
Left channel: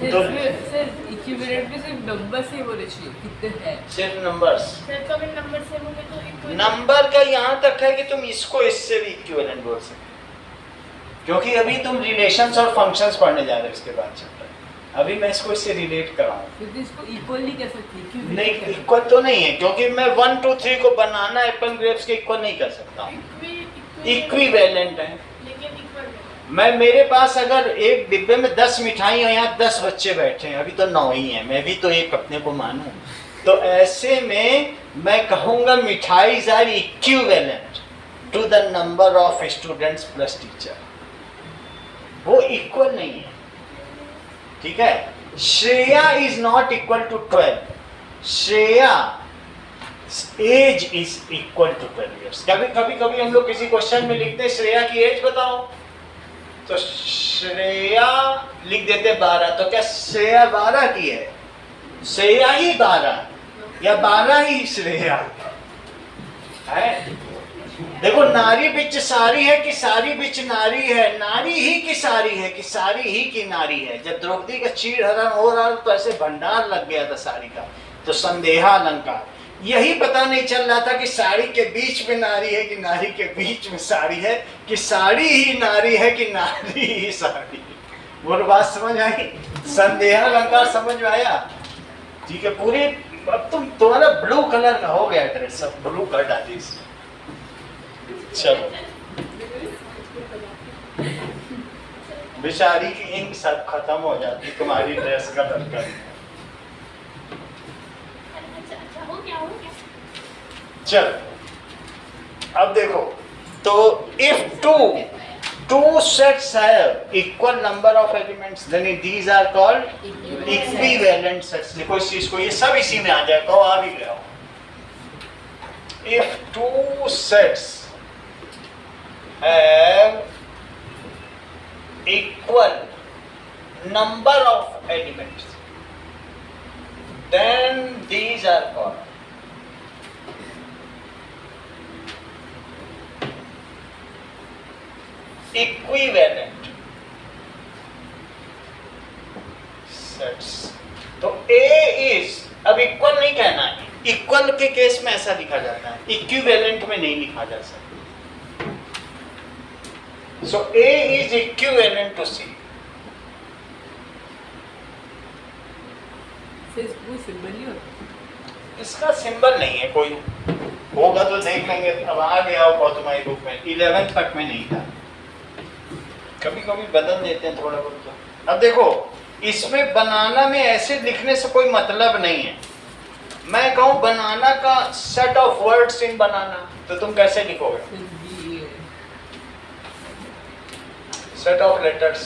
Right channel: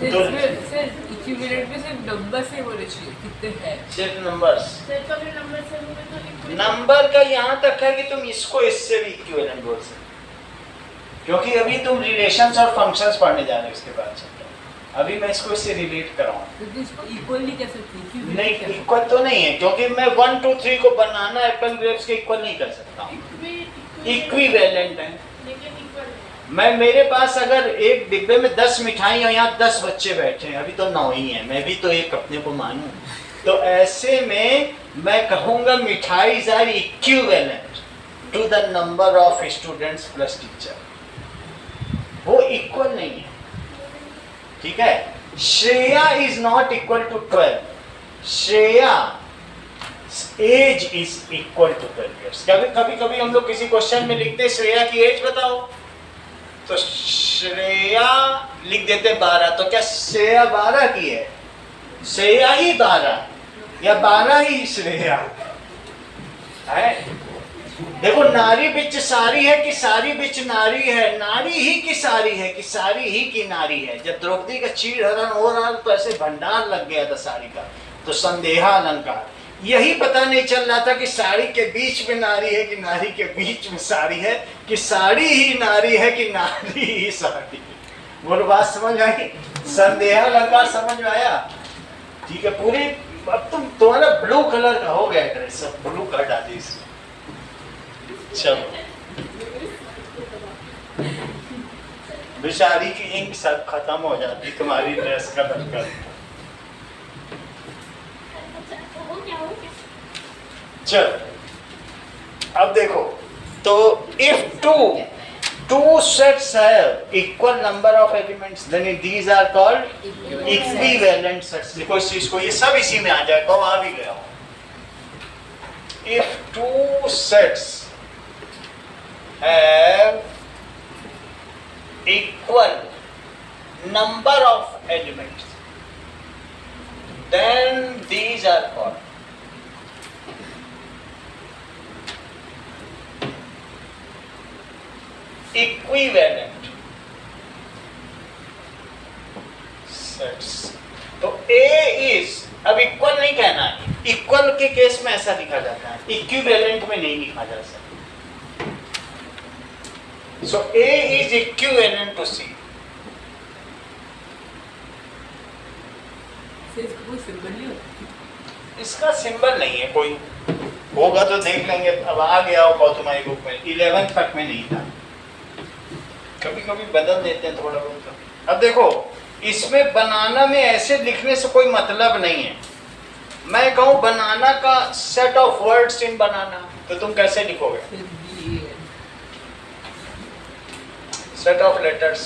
सिर्फ इक्विवेलेंट में सिर्फ नंबर से बोले चाहिए कितने हैं. सिर्फ नंबर्स. फिर तो मैं नंबर से बोले तो equivalent. नंबर का यहाँ तक है कि तुम इसको इससे भी इक्विवेलेंट बोल सकते हो, क्योंकि अभी तुम रिलेशंस और फंक्शंस पढ़ने जा रहे हो इसके बाद चैप्टर. अभी मैं इसको इससे रिलेट कराऊं। क्योंकि इसको इक्वली कैसे नहीं, इक्वल तो नहीं है, क्योंकि मैं 1 2 3 को बनाना एप्पल ग्रेप्स के इक्वल नहीं कर सकता हूँ, इक्विवेलेंट है। लेकिन इक्वल मैं, मेरे पास अगर एक डिब्बे में 10 मिठाई और यहाँ 10 बच्चे बैठे हैं, अभी तो 9 ही हैं, मैं भी तो एक अपने को मानूं, तो ऐसे में मैं कहूँगा मिठाई are equivalent to the number of students plus teacher, वो इक्वल नहीं है, ठीक है। Shreya is not equal to 12, Shreya age is equal to 12 years। कभी कभी हम लोग किसी क्वेश्चन में लिखते हैं श्रेया की एज बताओ, तो श्रेया लिख देते 12, तो क्या श्रेया 12 की है? श्रेया ही 12 या 12 ही श्रेया है? देखो, नारी बिच सारी है कि सारी बिच नारी है, नारी ही की सारी है कि सारी ही की नारी है। जब द्रौपदी का चीर हरण हो रहा तो ऐसे भंडार लग गया था साड़ी का, तो संदेहा अलंकार, यही पता नहीं चल रहा था कि साड़ी के बीच में नारी है कि नारी के बीच में साड़ी है, कि साड़ी ही नारी है कि नारी ही साड़ी है। वो बात समझ आई? संदेहा अलंकार समझ में आया? ठीक है, पूरी अब तुम्हारा ब्लू कलर का हो गया ड्रेस, सब ब्लू कर डाली इसमें। चलो, बेचारी की इंक सब खत्म हो जाती तुम्हारी ड्रेस का लड़का। चलो, अब देखो, तो if two sets have equal number of elements, then these are called equivalent sets। देखो इस चीज को, ये सब इसी में आ जाएगा, आ भी गया हो। If two sets have equal number of elements, then these are called equivalent sets. तो A इज, अब इक्वल नहीं कहना है, इक्वल के केस में ऐसा लिखा जाता है, इक्विवेलेंट में नहीं लिखा जा सकता। So A is equivalent to C। कोई सिंबल नहीं होता, इसका सिंबल नहीं है कोई, होगा तो देख लेंगे। अब आ गया हो गौतमाई बुक में, 11 तक में नहीं था, कभी कभी बदल देते हैं थोड़ा बहुत। अब देखो, इसमें बनाना में ऐसे लिखने से कोई मतलब नहीं है। मैं कहूँ बनाना का सेट ऑफ वर्ड्स इन बनाना, तो तुम कैसे लिखोगे? फिर भी सेट ऑफ लेटर्स।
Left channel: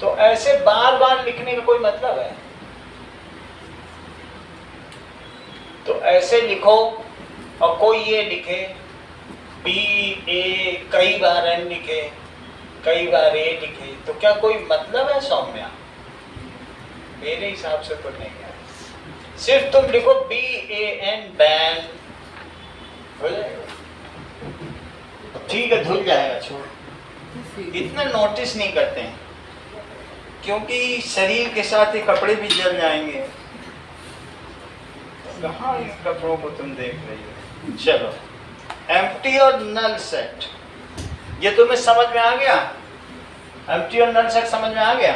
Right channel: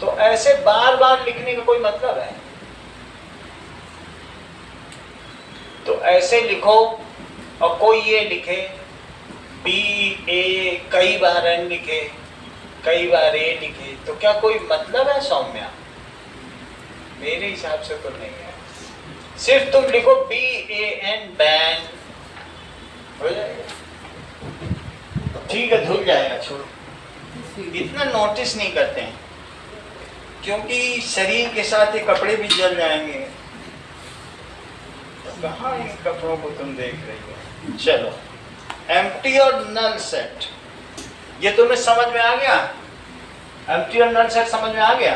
तो ऐसे बार बार लिखने का कोई मतलब है? तो ऐसे लिखो, और कोई ये लिखे B A, कई बार N लिखे, कई बार A लिखे, तो क्या कोई मतलब है सौम्या? मेरे हिसाब से तो नहीं है। सिर्फ तुम लिखो BAN, बैन, हो जाएगा, ठीक है, धुल जाएगा, छोड़। इतना नोटिस नहीं करते हैं, क्योंकि शरीर के साथ ये कपड़े भी जल जाएंगे। कहाँ इन कपड़ों को तुम देख रही हो? चलो, एम्प्टी और नल सेट, ये तुम्हें समझ में आ गया? एम्प्टी और नल सेट समझ में आ गया?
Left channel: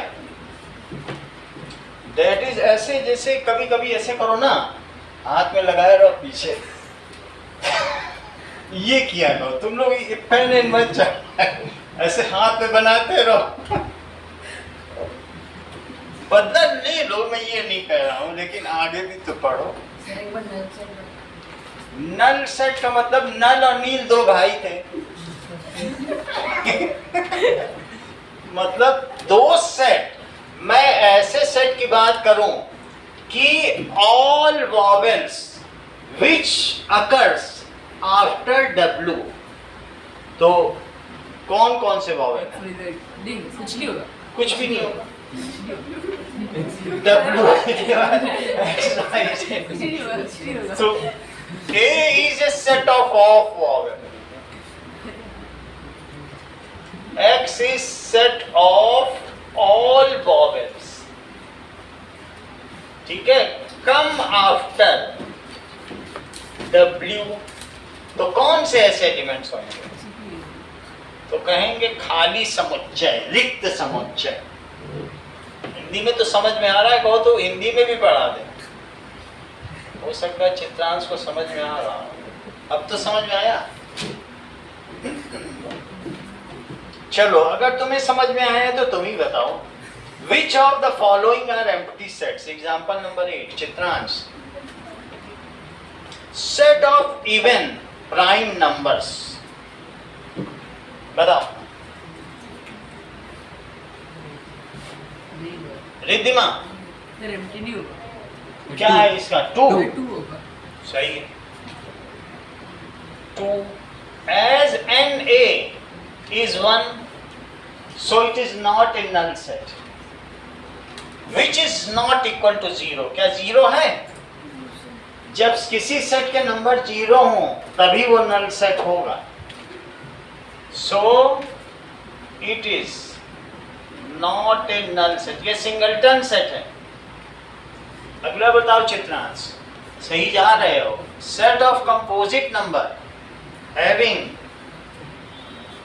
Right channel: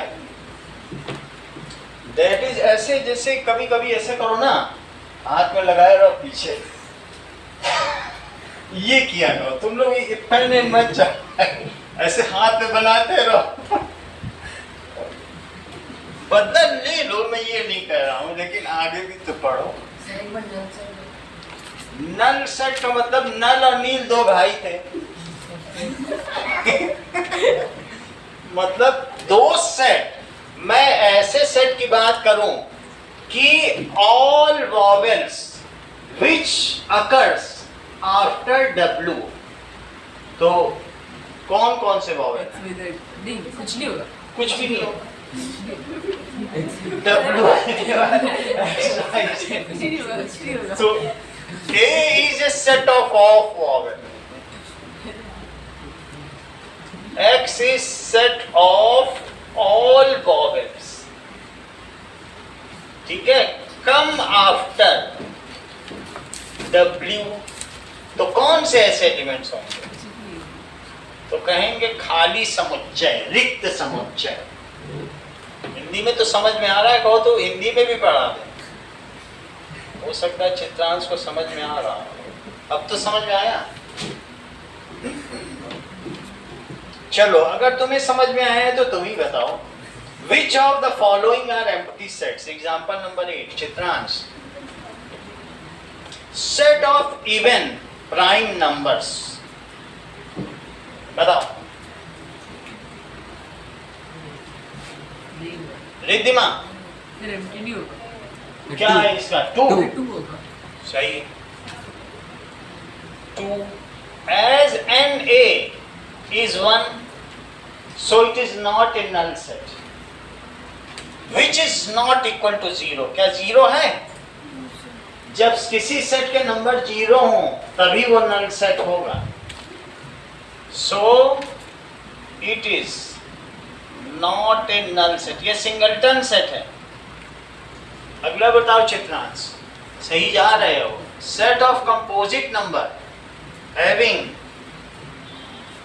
दैट इज ऐसे, जैसे कभी कभी ऐसे करो ना, हाथ में लगाए रहो पीछे, ये किया करो तुम लोग, पहले मत ऐसे हाथ में बनाते रहो। बदल ले लो, मैं ये नहीं कह रहा हूँ, लेकिन आगे भी तो पढ़ो। नल सेट का मतलब नल और नील दो भाई थे। मतलब दो सेट, मैं ऐसे सेट की बात करूं कि all vowels which occurs after W, तो कौन कौन से वॉवेल? नहीं, कुछ नहीं होगा, कुछ भी नहीं होगा। So A is a set of vowel, X is set of all vowels, ठीक है। come after W, तो कौन से ऐसे एलिमेंट्स होंगे? तो कहेंगे खाली समुच्चय, रिक्त समुच्चय। हिंदी में तो समझ में आ रहा है, कहो तो हिंदी में भी पढ़ा दे, हो सकता है चित्रांश को समझ में आ रहा हो। अब तो समझ में आया। चलो अगर तुम्हें समझ में आया है तो तुम ही बताओ, which of the following are empty sets. Example number 8 Chitransh, set of even prime numbers, बताओ। रिद्धिमा फिर एम्प्टी नहीं होगा, क्या है इसका? 2 फिर 2 होगा। सही है। 2 as n a is 1, so it is not a null set which is not equal to 0। क्या 0 है? जब किसी सेट के नंबर 0 हो तभी वो नल सेट होगा। So it is not a null set, ये सिंगलटन सेट है। अगला बताओ चित्रांश, सही जा रहे हो। Set of composite number having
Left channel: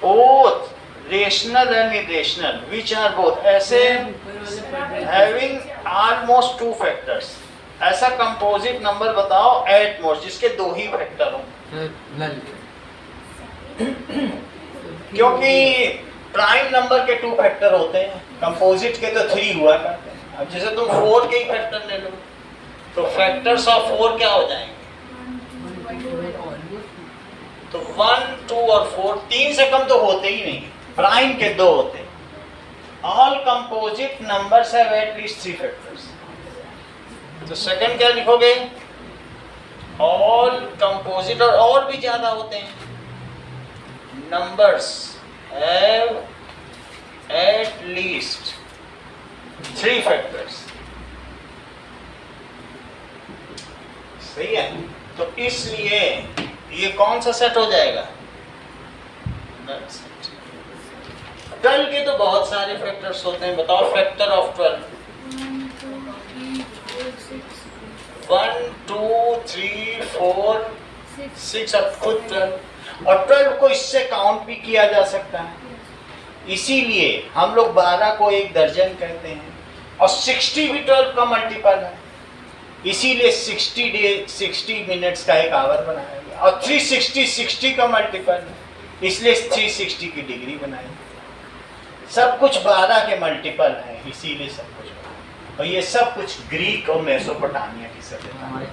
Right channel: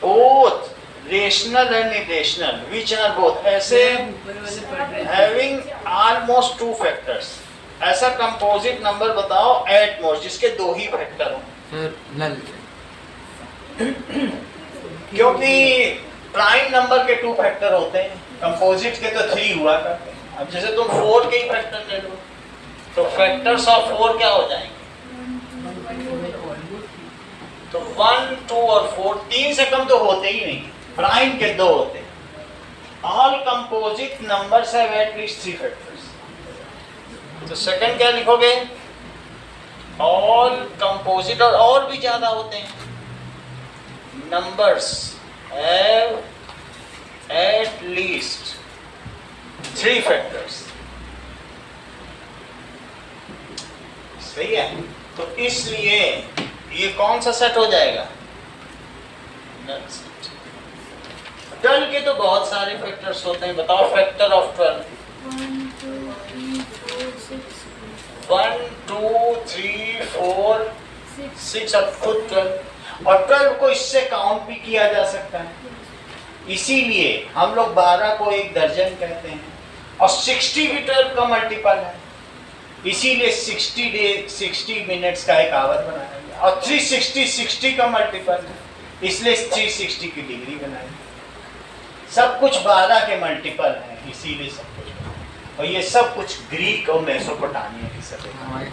both rational and irrational which are both, ऐसे ऊपर वाले पढ़ रहे थे। Having almost 2 factors. ऐसा कंपोजिट नंबर बताओ एट मोस्ट जिसके 2 ही फैक्टर हो। सर नल। क्योंकि प्राइम नंबर के 2 फैक्टर होते हैं, कंपोजिट के तो 3 हुआ करते हैं। अब जैसे तुम 4 के ही फैक्टर ले लो तो फैक्टर्स ऑफ 4 क्या हो जाएंगे? तो 1, 2 और 4, 3 से कम तो होते ही नहीं, प्राइम के 2 होते हैं। All composite numbers have at least 3 factors. तो सेकंड क्या लिखोगे? ऑल कंपोजिट, और भी ज्यादा होते हैं, numbers have at least 3 factors. सही है। तो इसलिए ये कौन सा सेट हो जाएगा? Null set. 12 के तो बहुत सारे फैक्टर्स होते हैं, बताओ फैक्टर ऑफ 12। 1, 2, 3, 4, 6 और खुद 12, और 12 को इससे काउंट भी किया जा सकता है। इसीलिए हम लोग 12 को 1 दर्जन कहते हैं, और 60 भी 12 का मल्टीपल है। इसीलिए 60 मिनट्स का एक आवर बनाया गया, और 360 60 का मल्टीपल है, इसलिए 360 की डिग्री बनाई। सब कुछ 12 के मल्टीपल है, इसीलिए सब कुछ। और ये सब कुछ ग्रीक और मेसोपोटामिया की सभ्यता है।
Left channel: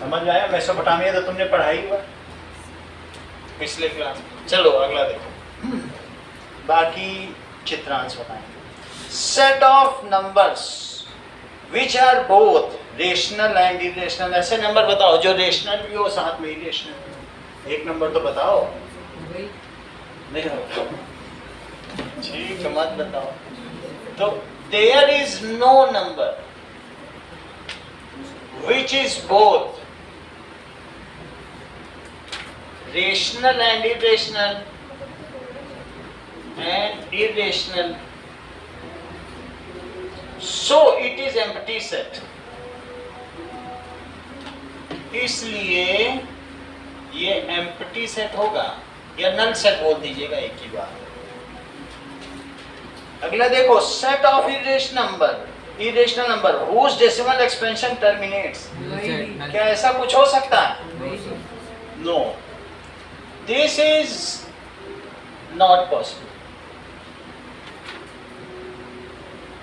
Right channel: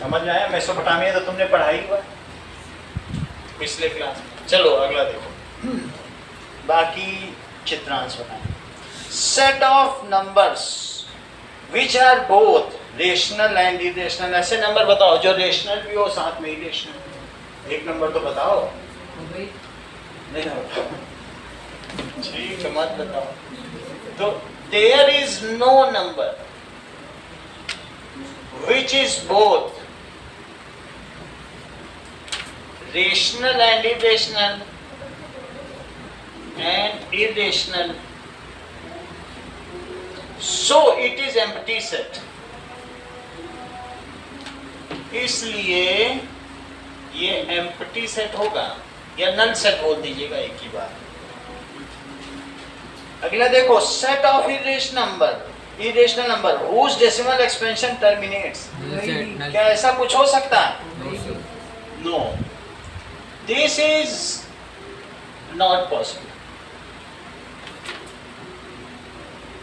समझ में आया? मेसोपोटामिया तो तुमने पढ़ाई हुआ पिछले क्लास में। चलो अगला देखो, बाकी चित्रांश बताएं। Set of numbers which are both rational and irrational. ऐसे नंबर बताओ जो रेशनल भी हो साथ में इरेशनल भी हो। एक नंबर तो बताओ। हो गई। नहीं हो ठीक है, मत बताओ। तो there is no number which is both rational and irrational so it is empty set। इसलिए ये empty set होगा, या null set बोल दीजिएगा, एक ही बात। अगला देखो, set of irrational number whose decimal expansion terminates। क्या ऐसा कुछ हो सकता है? No, this is not possible.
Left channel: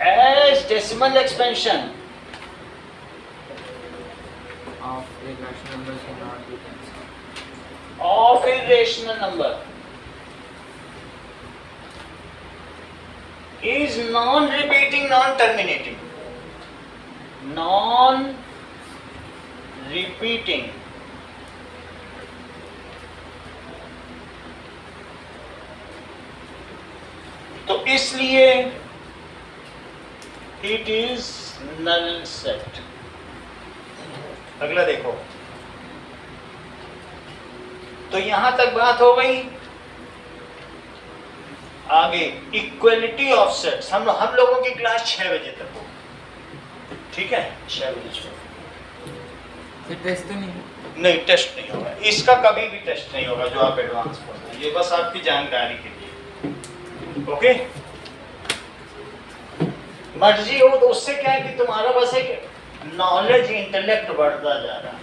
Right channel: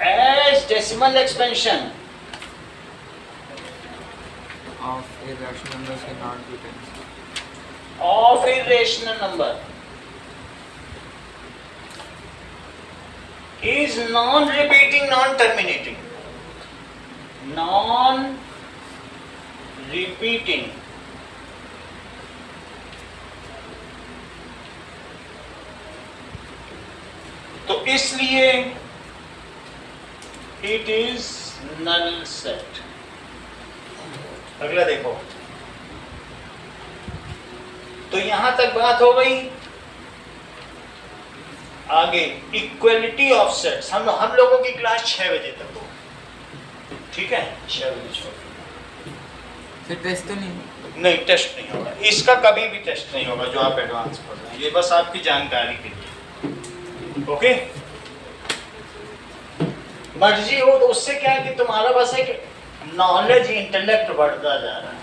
As decimal expansion of irrational numbers cannot be cancelled. of irrational number is non-repeating, non-terminating, non-repeating, तो इसलिए it is null set। अगला देखो, तो यहां तक बात हो गई। आगे इक्वलिटी ऑफ सेट्स, हम लोगों की क्लास 6 बजे तक हो, ठीक है? 6 बजे छोड़। फिर टेस्ट तो नहीं? नहीं, टेस्ट नहीं होगा, इसका कभी भी टेस्ट नहीं होगा जो आप एडवांस पढ़ रहे हैं, ये बस आपकी जानकारी के लिए। ओके, मर्जी हो तो उससे क्या है कि तुम्हारा बस एक नॉलेज इंटेलेक्ट बढ़ता जा रहा है।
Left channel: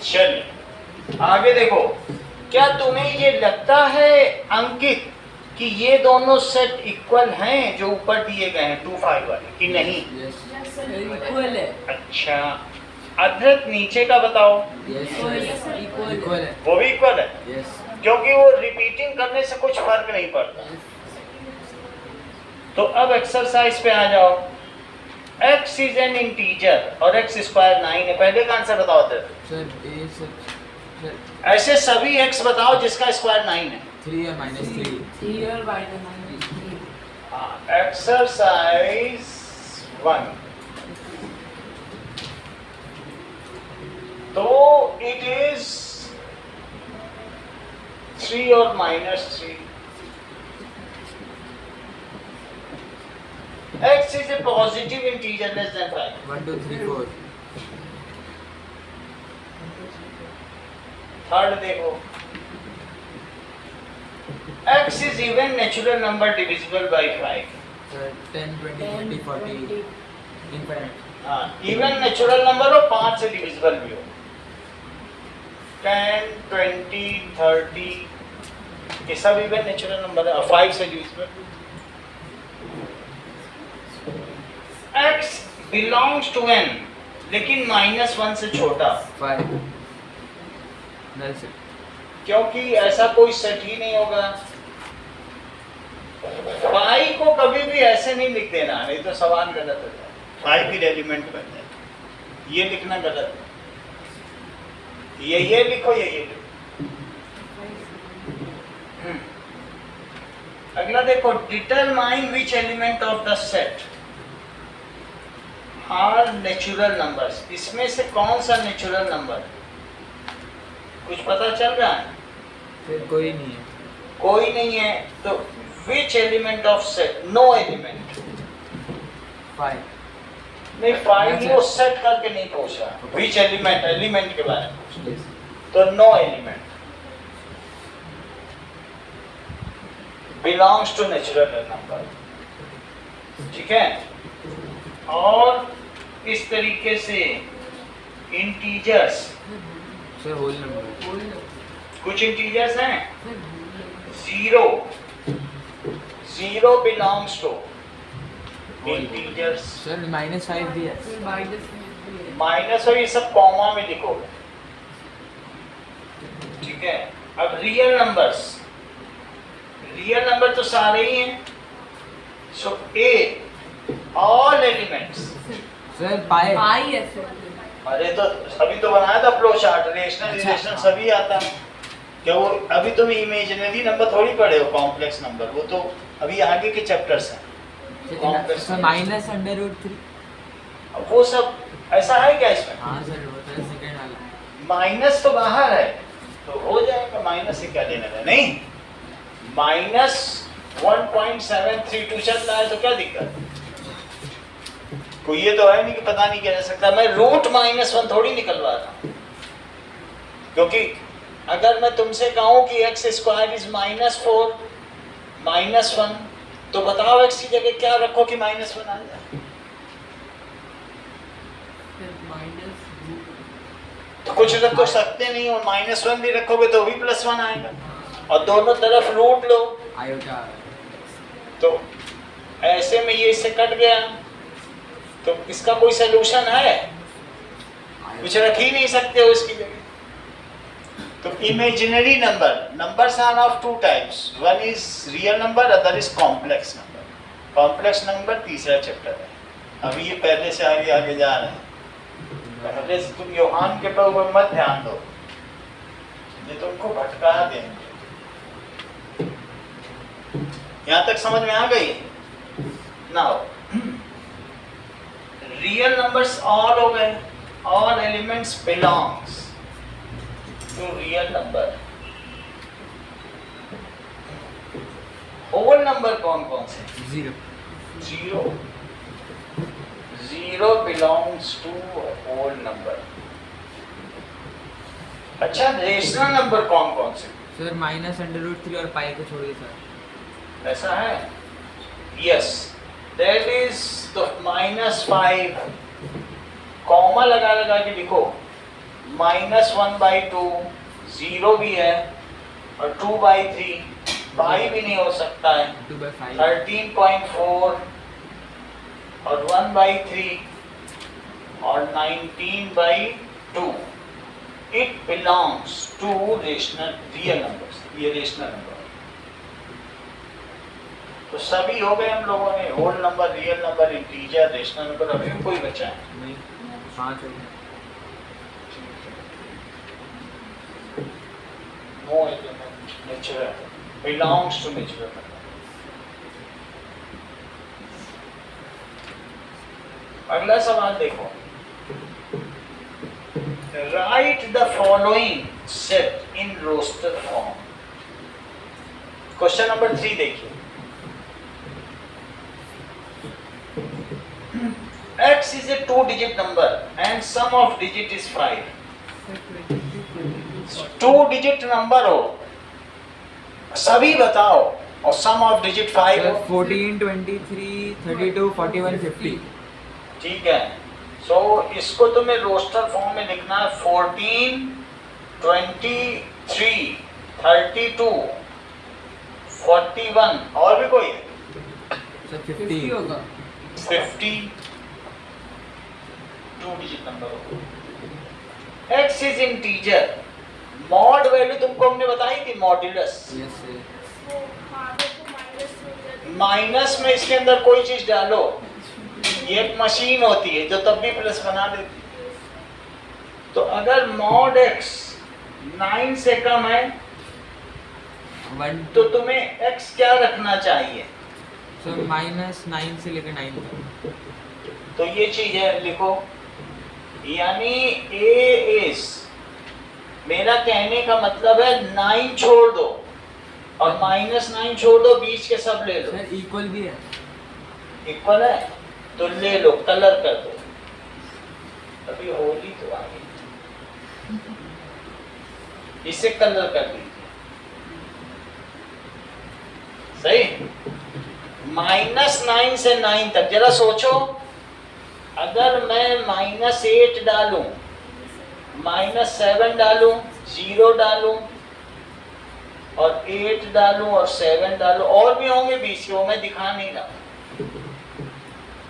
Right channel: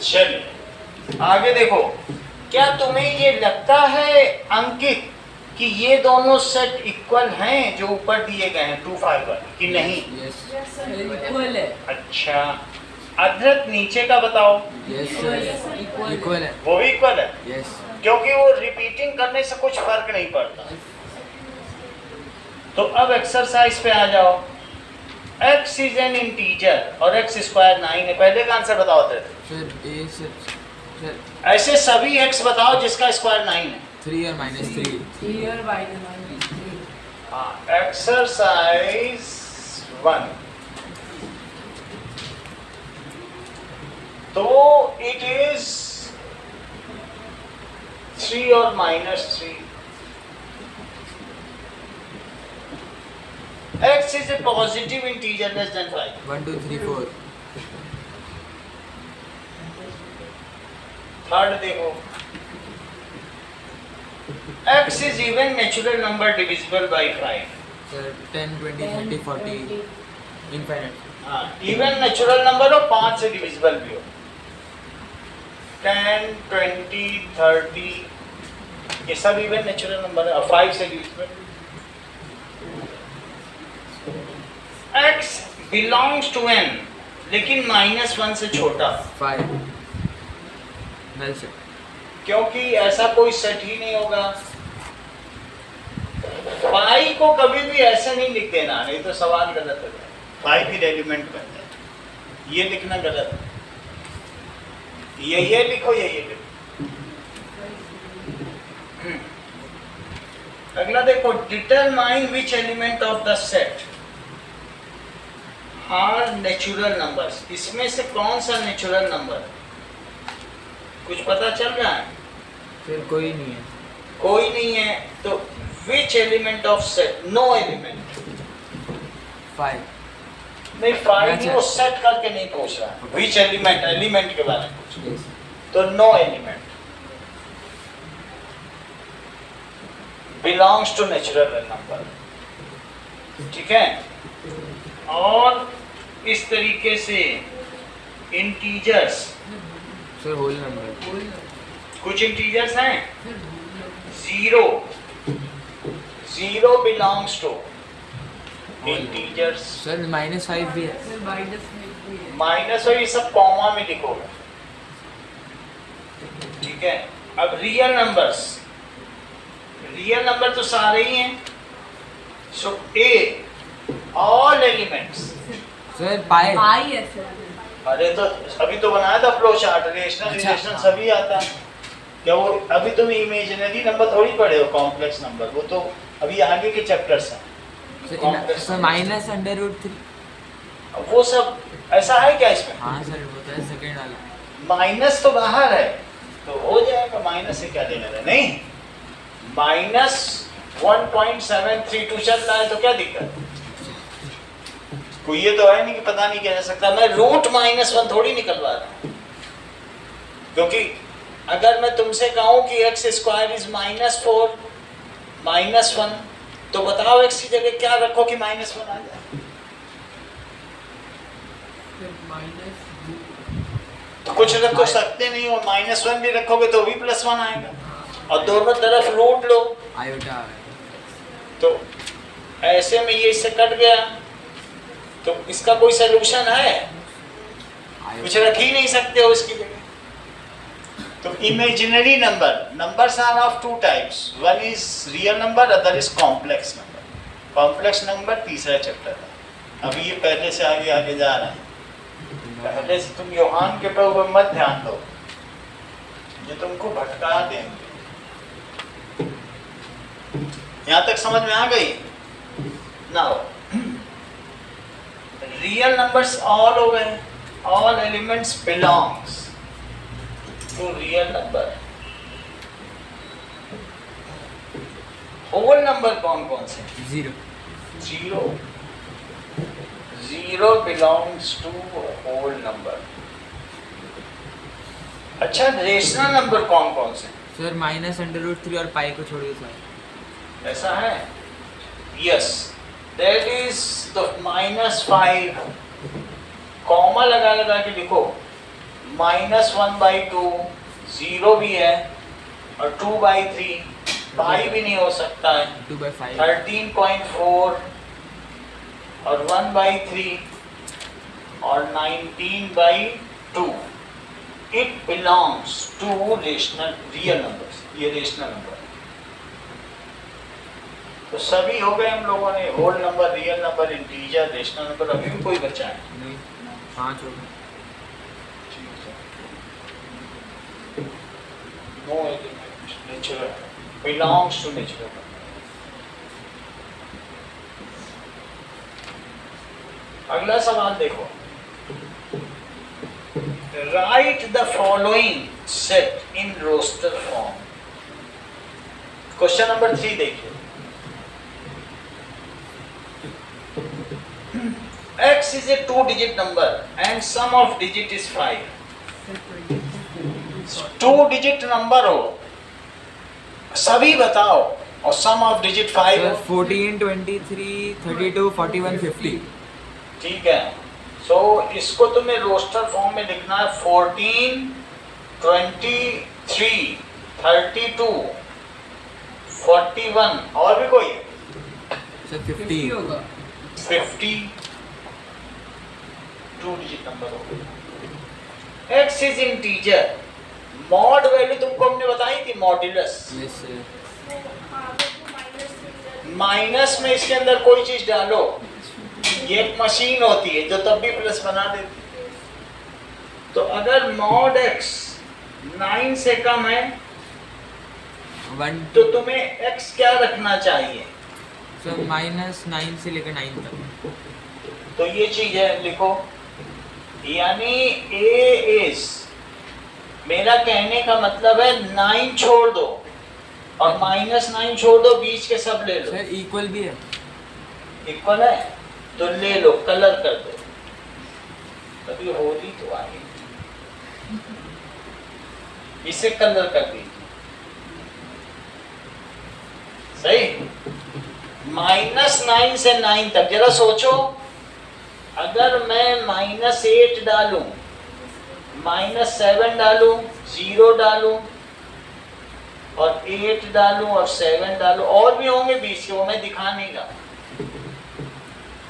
चलिए आगे देखो, क्या तुम्हें ये लगता है अंकित कि ये दोनों सेट इक्वल हैं जो ऊपर दिए गए हैं 2 5 वाले कि नहीं? Yes. Yes, sir. इक्वल है। अच्छा, अद्रक नीचे का बताओ। Yes. Yes, Sir. equal. Equal है. वो भी इक्वल है Yes. क्योंकि वो रिपीटिंग करने से कुछ फर्क नहीं पड़ता। तो अब एक्सरसाइज पे आ जाओ। x इज एन इंटीजर और x स्क्वायर 9 है। पहले का आंसर बताओ थे। Sir, A sir. Sir, ऐसे सभी x बताओ जिसका स्क्वायर 9 है। 3 और -3. 3 और -3। हाँ, एक्सरसाइज 1। तो इट इज 3 और -3। x is a positive integer less than 5। 1 2 3 4. Third देखो, x is even natural number divisible by 5। Sir, 10 20 30 40. Infinite. हाँ, इवन नेचुरल नंबर हो 5 से डिविजिबल भी हो। 10 20 30 ये सब इवन नेचुरल नंबर है और 5 से divisible. x belongs to n लेकिन -1 से छोटा, 5. Well sir. क्योंकि ऐसा कोई सेट ही नहीं होगा। पाई को कभी भी ऐसे नहीं लिख देना, नहीं तो सवाल गलत हो जाए। पाई फिर एलिमेंट बन जाए, ये लिखना गलत है। ये लिखो, ये लिखो। अगला देखो, determine which element of the set are natural numbers. इसमें से कौन सा नेचुरल नंबर है? कुछ पता चल रहा है? Sir, कोई नहीं है. कोई नहीं है तो which element of set? No element. 5. नहीं, 5 ही वो सेट करके नहीं पूछ रहा, विच एलिमेंट, एलिमेंट के बारे में पूछ रहा। Yes. तो no element belongs to natural number. ठीक है, और इस तरीके से इंटीजर्स, Sir, whole number. कुछ इंटीजर्स हैं। 0 बिलोंग्स टू इंटीजर्स। Sir, -5 भी है. फिर -5 है। माइनस और ये सब कॉमा में लिखोगे। ठीक है, अब रियल नंबर्स, रियल नंबर तो सारे ही हैं। सो ए ऑल एलिमेंट्स। Sir, pi. पाई है सर। अरे तो अभी तो बनाया था फ्लो चार्ट, रेशनल अच्छा। इरेशनल सभी आता। क्या वो अभी तुम इमेजिनरी नंबर थोड़ी पढ़े हो, कॉम्प्लेक्स नंबर, वो तो अभी आगे के चैप्टर्स हैं। Sir, Complex sir, -√3. अब वो सब ऐसा है क्या इसमें? हाँ सर, होता है सेकंड वाला. माइनस तो बाहर है तो हो जाएगा, माइनस से क्या लेना है? नहीं, -1.732 चल रहा है तो क्या दिक्कत? कोई ये तो है नहीं कि पता नहीं क्या जा सकता। मैं रूट -1 थोड़ी निकलवा रहा हूं, क्योंकि अगर मैं तुमसे कहूं कि x स्क्वायर इज -4 -1 तो बताओ x की जगह क्या रखो कि -1 आ जाए? फिर -√। तो कुछ रख तो सकते नहीं हो, -1 भी रखोगे तो भी +1 आएगा, और दोनों तरफ रूट लो आयोटा आ गया. तो ऐसे में ये इससे कट गया। तो इसका कोई सलूशन है? कुछ रख ही नहीं सकते हो इसकी जगह। तो imaginary numbers are of 2 types, one is real number, other is complex number. Complex number तीसरा चैप्टर है। अभी ये पहले से आगे आगे जा रहे हैं। पहले से तुम योहान के ऊपर मत ध्यान दो, ये तुमको भटका देंगे। यहां तक समझ में आ गई? नाउ रियल नंबर्स ऑल हो गए, all elements belongs to real number. Whole number कौन कौन से? 0. 0 0 belongs to whole number. अच्छा, रेशनल नंबर कौन कौन से? सर -√3 और पाई को छोड़िए सर। ऐसा है? Yes, that is the -5, comma लगा लगा के लिखो, -1/2, 0 भी है और 2/3, पाई भी नहीं हो सकता है, 2/5 13.4 और 1/3 और 19/2. It belongs to real numbers. ये रेशनल नंबर। तो सभी हो गए हम लोगों ने, whole number, real number, integer, rational number. अभी भी कोई बचा है? नहीं, 5 हो गए। No element, natural, belongs to natural number. अगला सवाल देखो, write the following set in roster form. Question number 3 देखिए, x is a 2-digit number and sum of digit is 5. Sir, 22, 2-digit number हो, सभी बताओ, और सम ऑफ डिजिट 5 सर हो। 14, 23, 32, 41, 50। ठीक है, सो इसको तुम्हें रोस्टर फॉर्म में लिखना है, 14, 23, 32, 41, और भी कोई है? सर 50 50 होगा। 50, 2 डिजिट नंबर हो। x is integer, mod value तुमको हमने बताई थी, मॉड्यूलस। Yes sir. वो हाँ वो तो माइनस में माइनस में इसके अंदर कोई चीज डालो, ये एक मशीन होती है जो तब भी प्लस बना देती है। तो अगर मॉड x 9 से कम है 1 तो तुम्हें x क्या रखना चाहिए? सर -9 से लेकर 9 तक। तो ये चीज है, लिखो, यानी a इज, मेरा कहने का मतलब है 9 छोड़ दो और -9 छोड़ दो, बीच के सब ले लो। सर इक्वल भी है। इक्वल है तो ले लो, कलर कर दो, अभी होली तो आ गई, इसे कलर कर दीजिए। सही, -9 से 9 तक जरा सोचो, अगर मैं -8 डालूं, -7 डालूं, 0 डालूं और 8 डालूं और 7 डालूं, और भी होंगे बीच के, वो मैं दिखा नहीं रहा,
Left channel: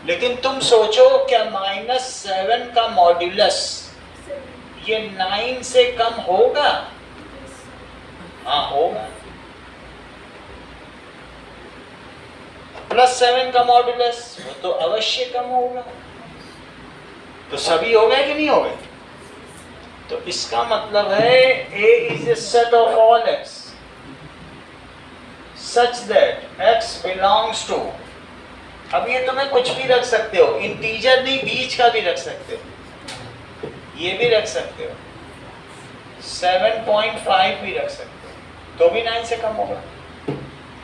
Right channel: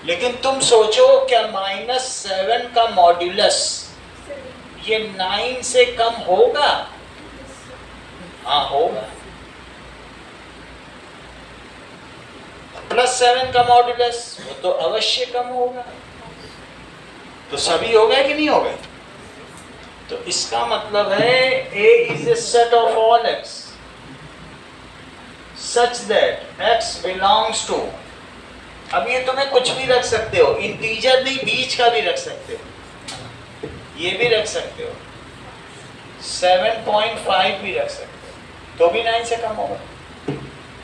लेकिन तुम सोचो क्या -7 का मॉड्यूलस ये 9 से कम होगा? हाँ होगा। +7 का मॉड्यूलस वो तो अवश्य कम होगा। तो सभी हो गए कि नहीं हो गए? तो इसका मतलब है A is a set of all x such that x belongs to, अब ये तुम्हें कुछ भी रख सकते हो, इंटीजर नहीं, बीच का भी रख सकते हो, ये भी रख सकते हो, 7.5 भी रख सकते हो, तो भी 9 से कम होगा।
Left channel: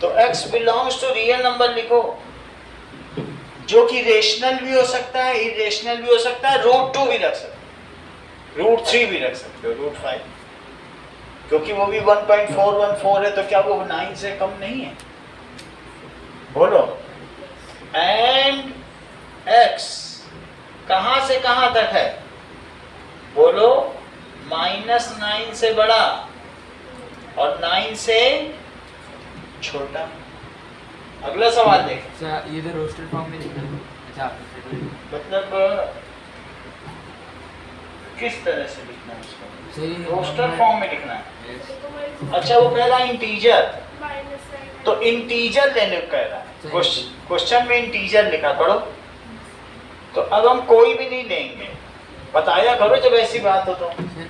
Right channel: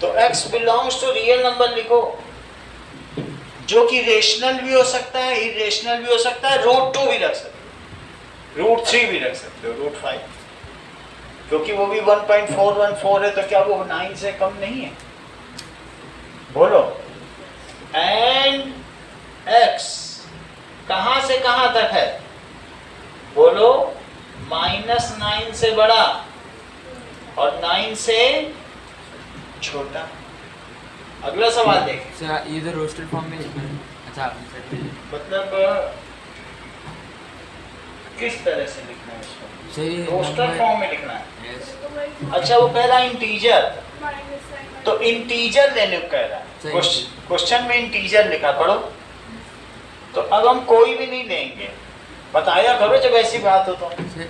तो x belongs to real number लिखो, जो कि रेशनल भी हो सकता है, इरेशनल भी हो सकता है, √2 भी रख सकते हो, √3 भी रख सकते हो, √5, क्योंकि वो भी 1.414 है, तो क्या वो 9 से कम नहीं है? बोलो। एंड x कहां से कहां तक है? बोलो, -9 से बड़ा और 9 से छोटा। अगला सवाल देख, सर ये तो रोस्टर फॉर्म में लिखना है। अच्छा मतलब किस तरह से लिखना है उसको? सही रोस्टर फॉर्म में लिखना है। यस अच्छा, वो कह रहा है इंटीजर, -9 तो इंटीजर लेने को कह रहा है, सही। क्वेश्चन में इंटीजर लिखा करो। तो अब हम कोई भी नहीं लेंगे, बताया करो जब ऐसी बात हो तो। सर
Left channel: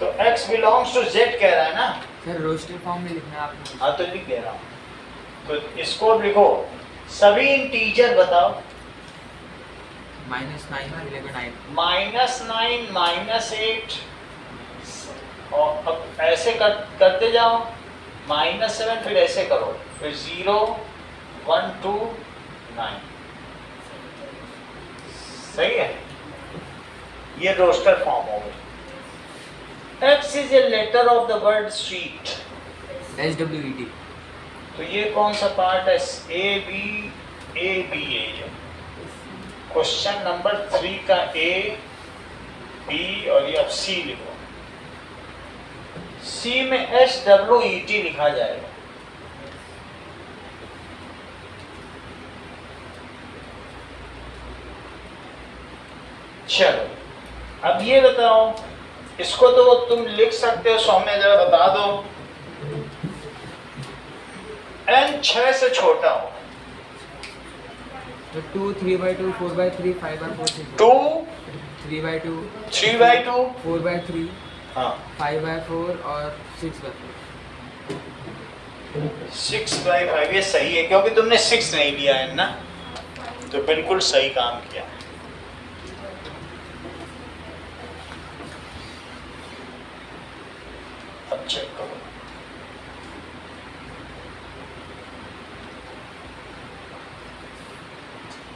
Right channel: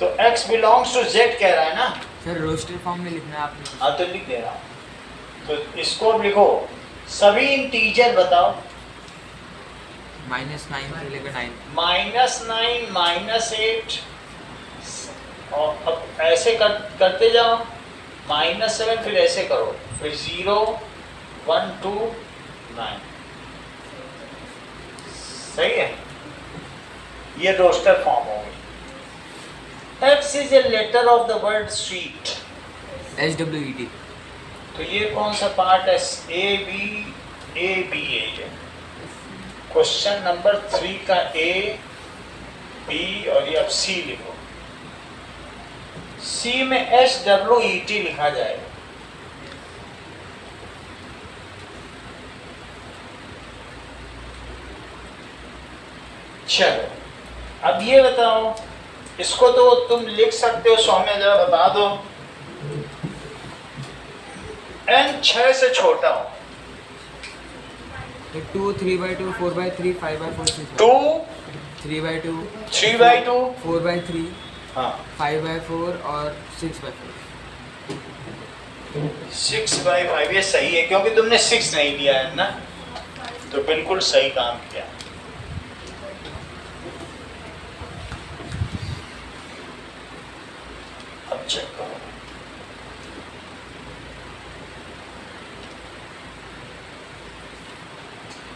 तो x belongs to z कह रहा है ना? सर रोस्टर फॉर्म में लिखना है आपने। हाँ तो लिख दे रहा हूँ, तो इसको लिखो, सभी इंटीजर बताओ। -9 से लेकर 9। -9, -8, और अब ऐसे करते जाओ, -7, फिर ऐसे करो, फिर 0, 1, 2, 9, सही है, ये रोस्टर फॉर्म हो गई। X is a letter of the word street, SWET. तो ये कौन सा पार्ट है? ए बी है। क्वेश्चन नंबर 3 का ए बी और ये अब सी लिखो। सी में SWET लिखा जाएगा। चलो अब ये बताओ, इसको तो तुम लिख सकते हो, सौ में जरा बता दो। n 6 से छोटा हो, तो 2, 3/2, 4/3, 5/4, 6. 2 3/2, 3/2, 4/3, हाँ 5/4 और 6/4. 6/5 ये सही है, क्योंकि तुमने 6 नहीं लिया है ना, तो बिल्कुल सही काम किया। अब चेक करो,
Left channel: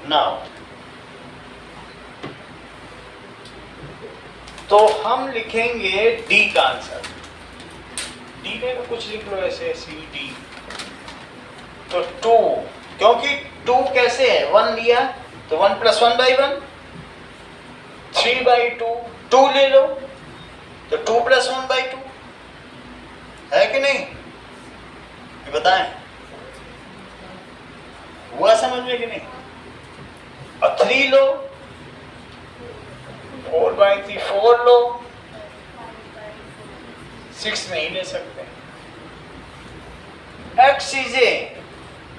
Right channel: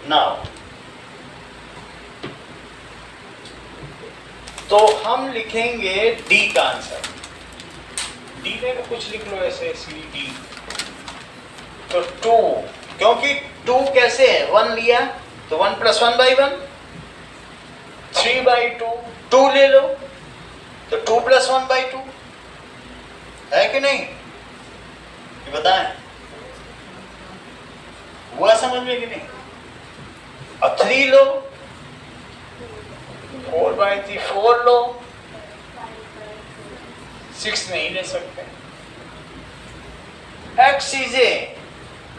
नाउ तो हम लिखेंगे डी का आंसर। डी में तो कुछ लिख लो ऐसे, सी डी। तो 2, क्योंकि 2 कैसे है, 1 लिया तो 1 + 1/1, 3/2, 2 ले लो तो 2 + 1/2 है कि नहीं, ये बताएं, हुआ समझ में कि नहीं? और 3 लो, 4/3, 4 लो, 6 नहीं ले सकते। x is a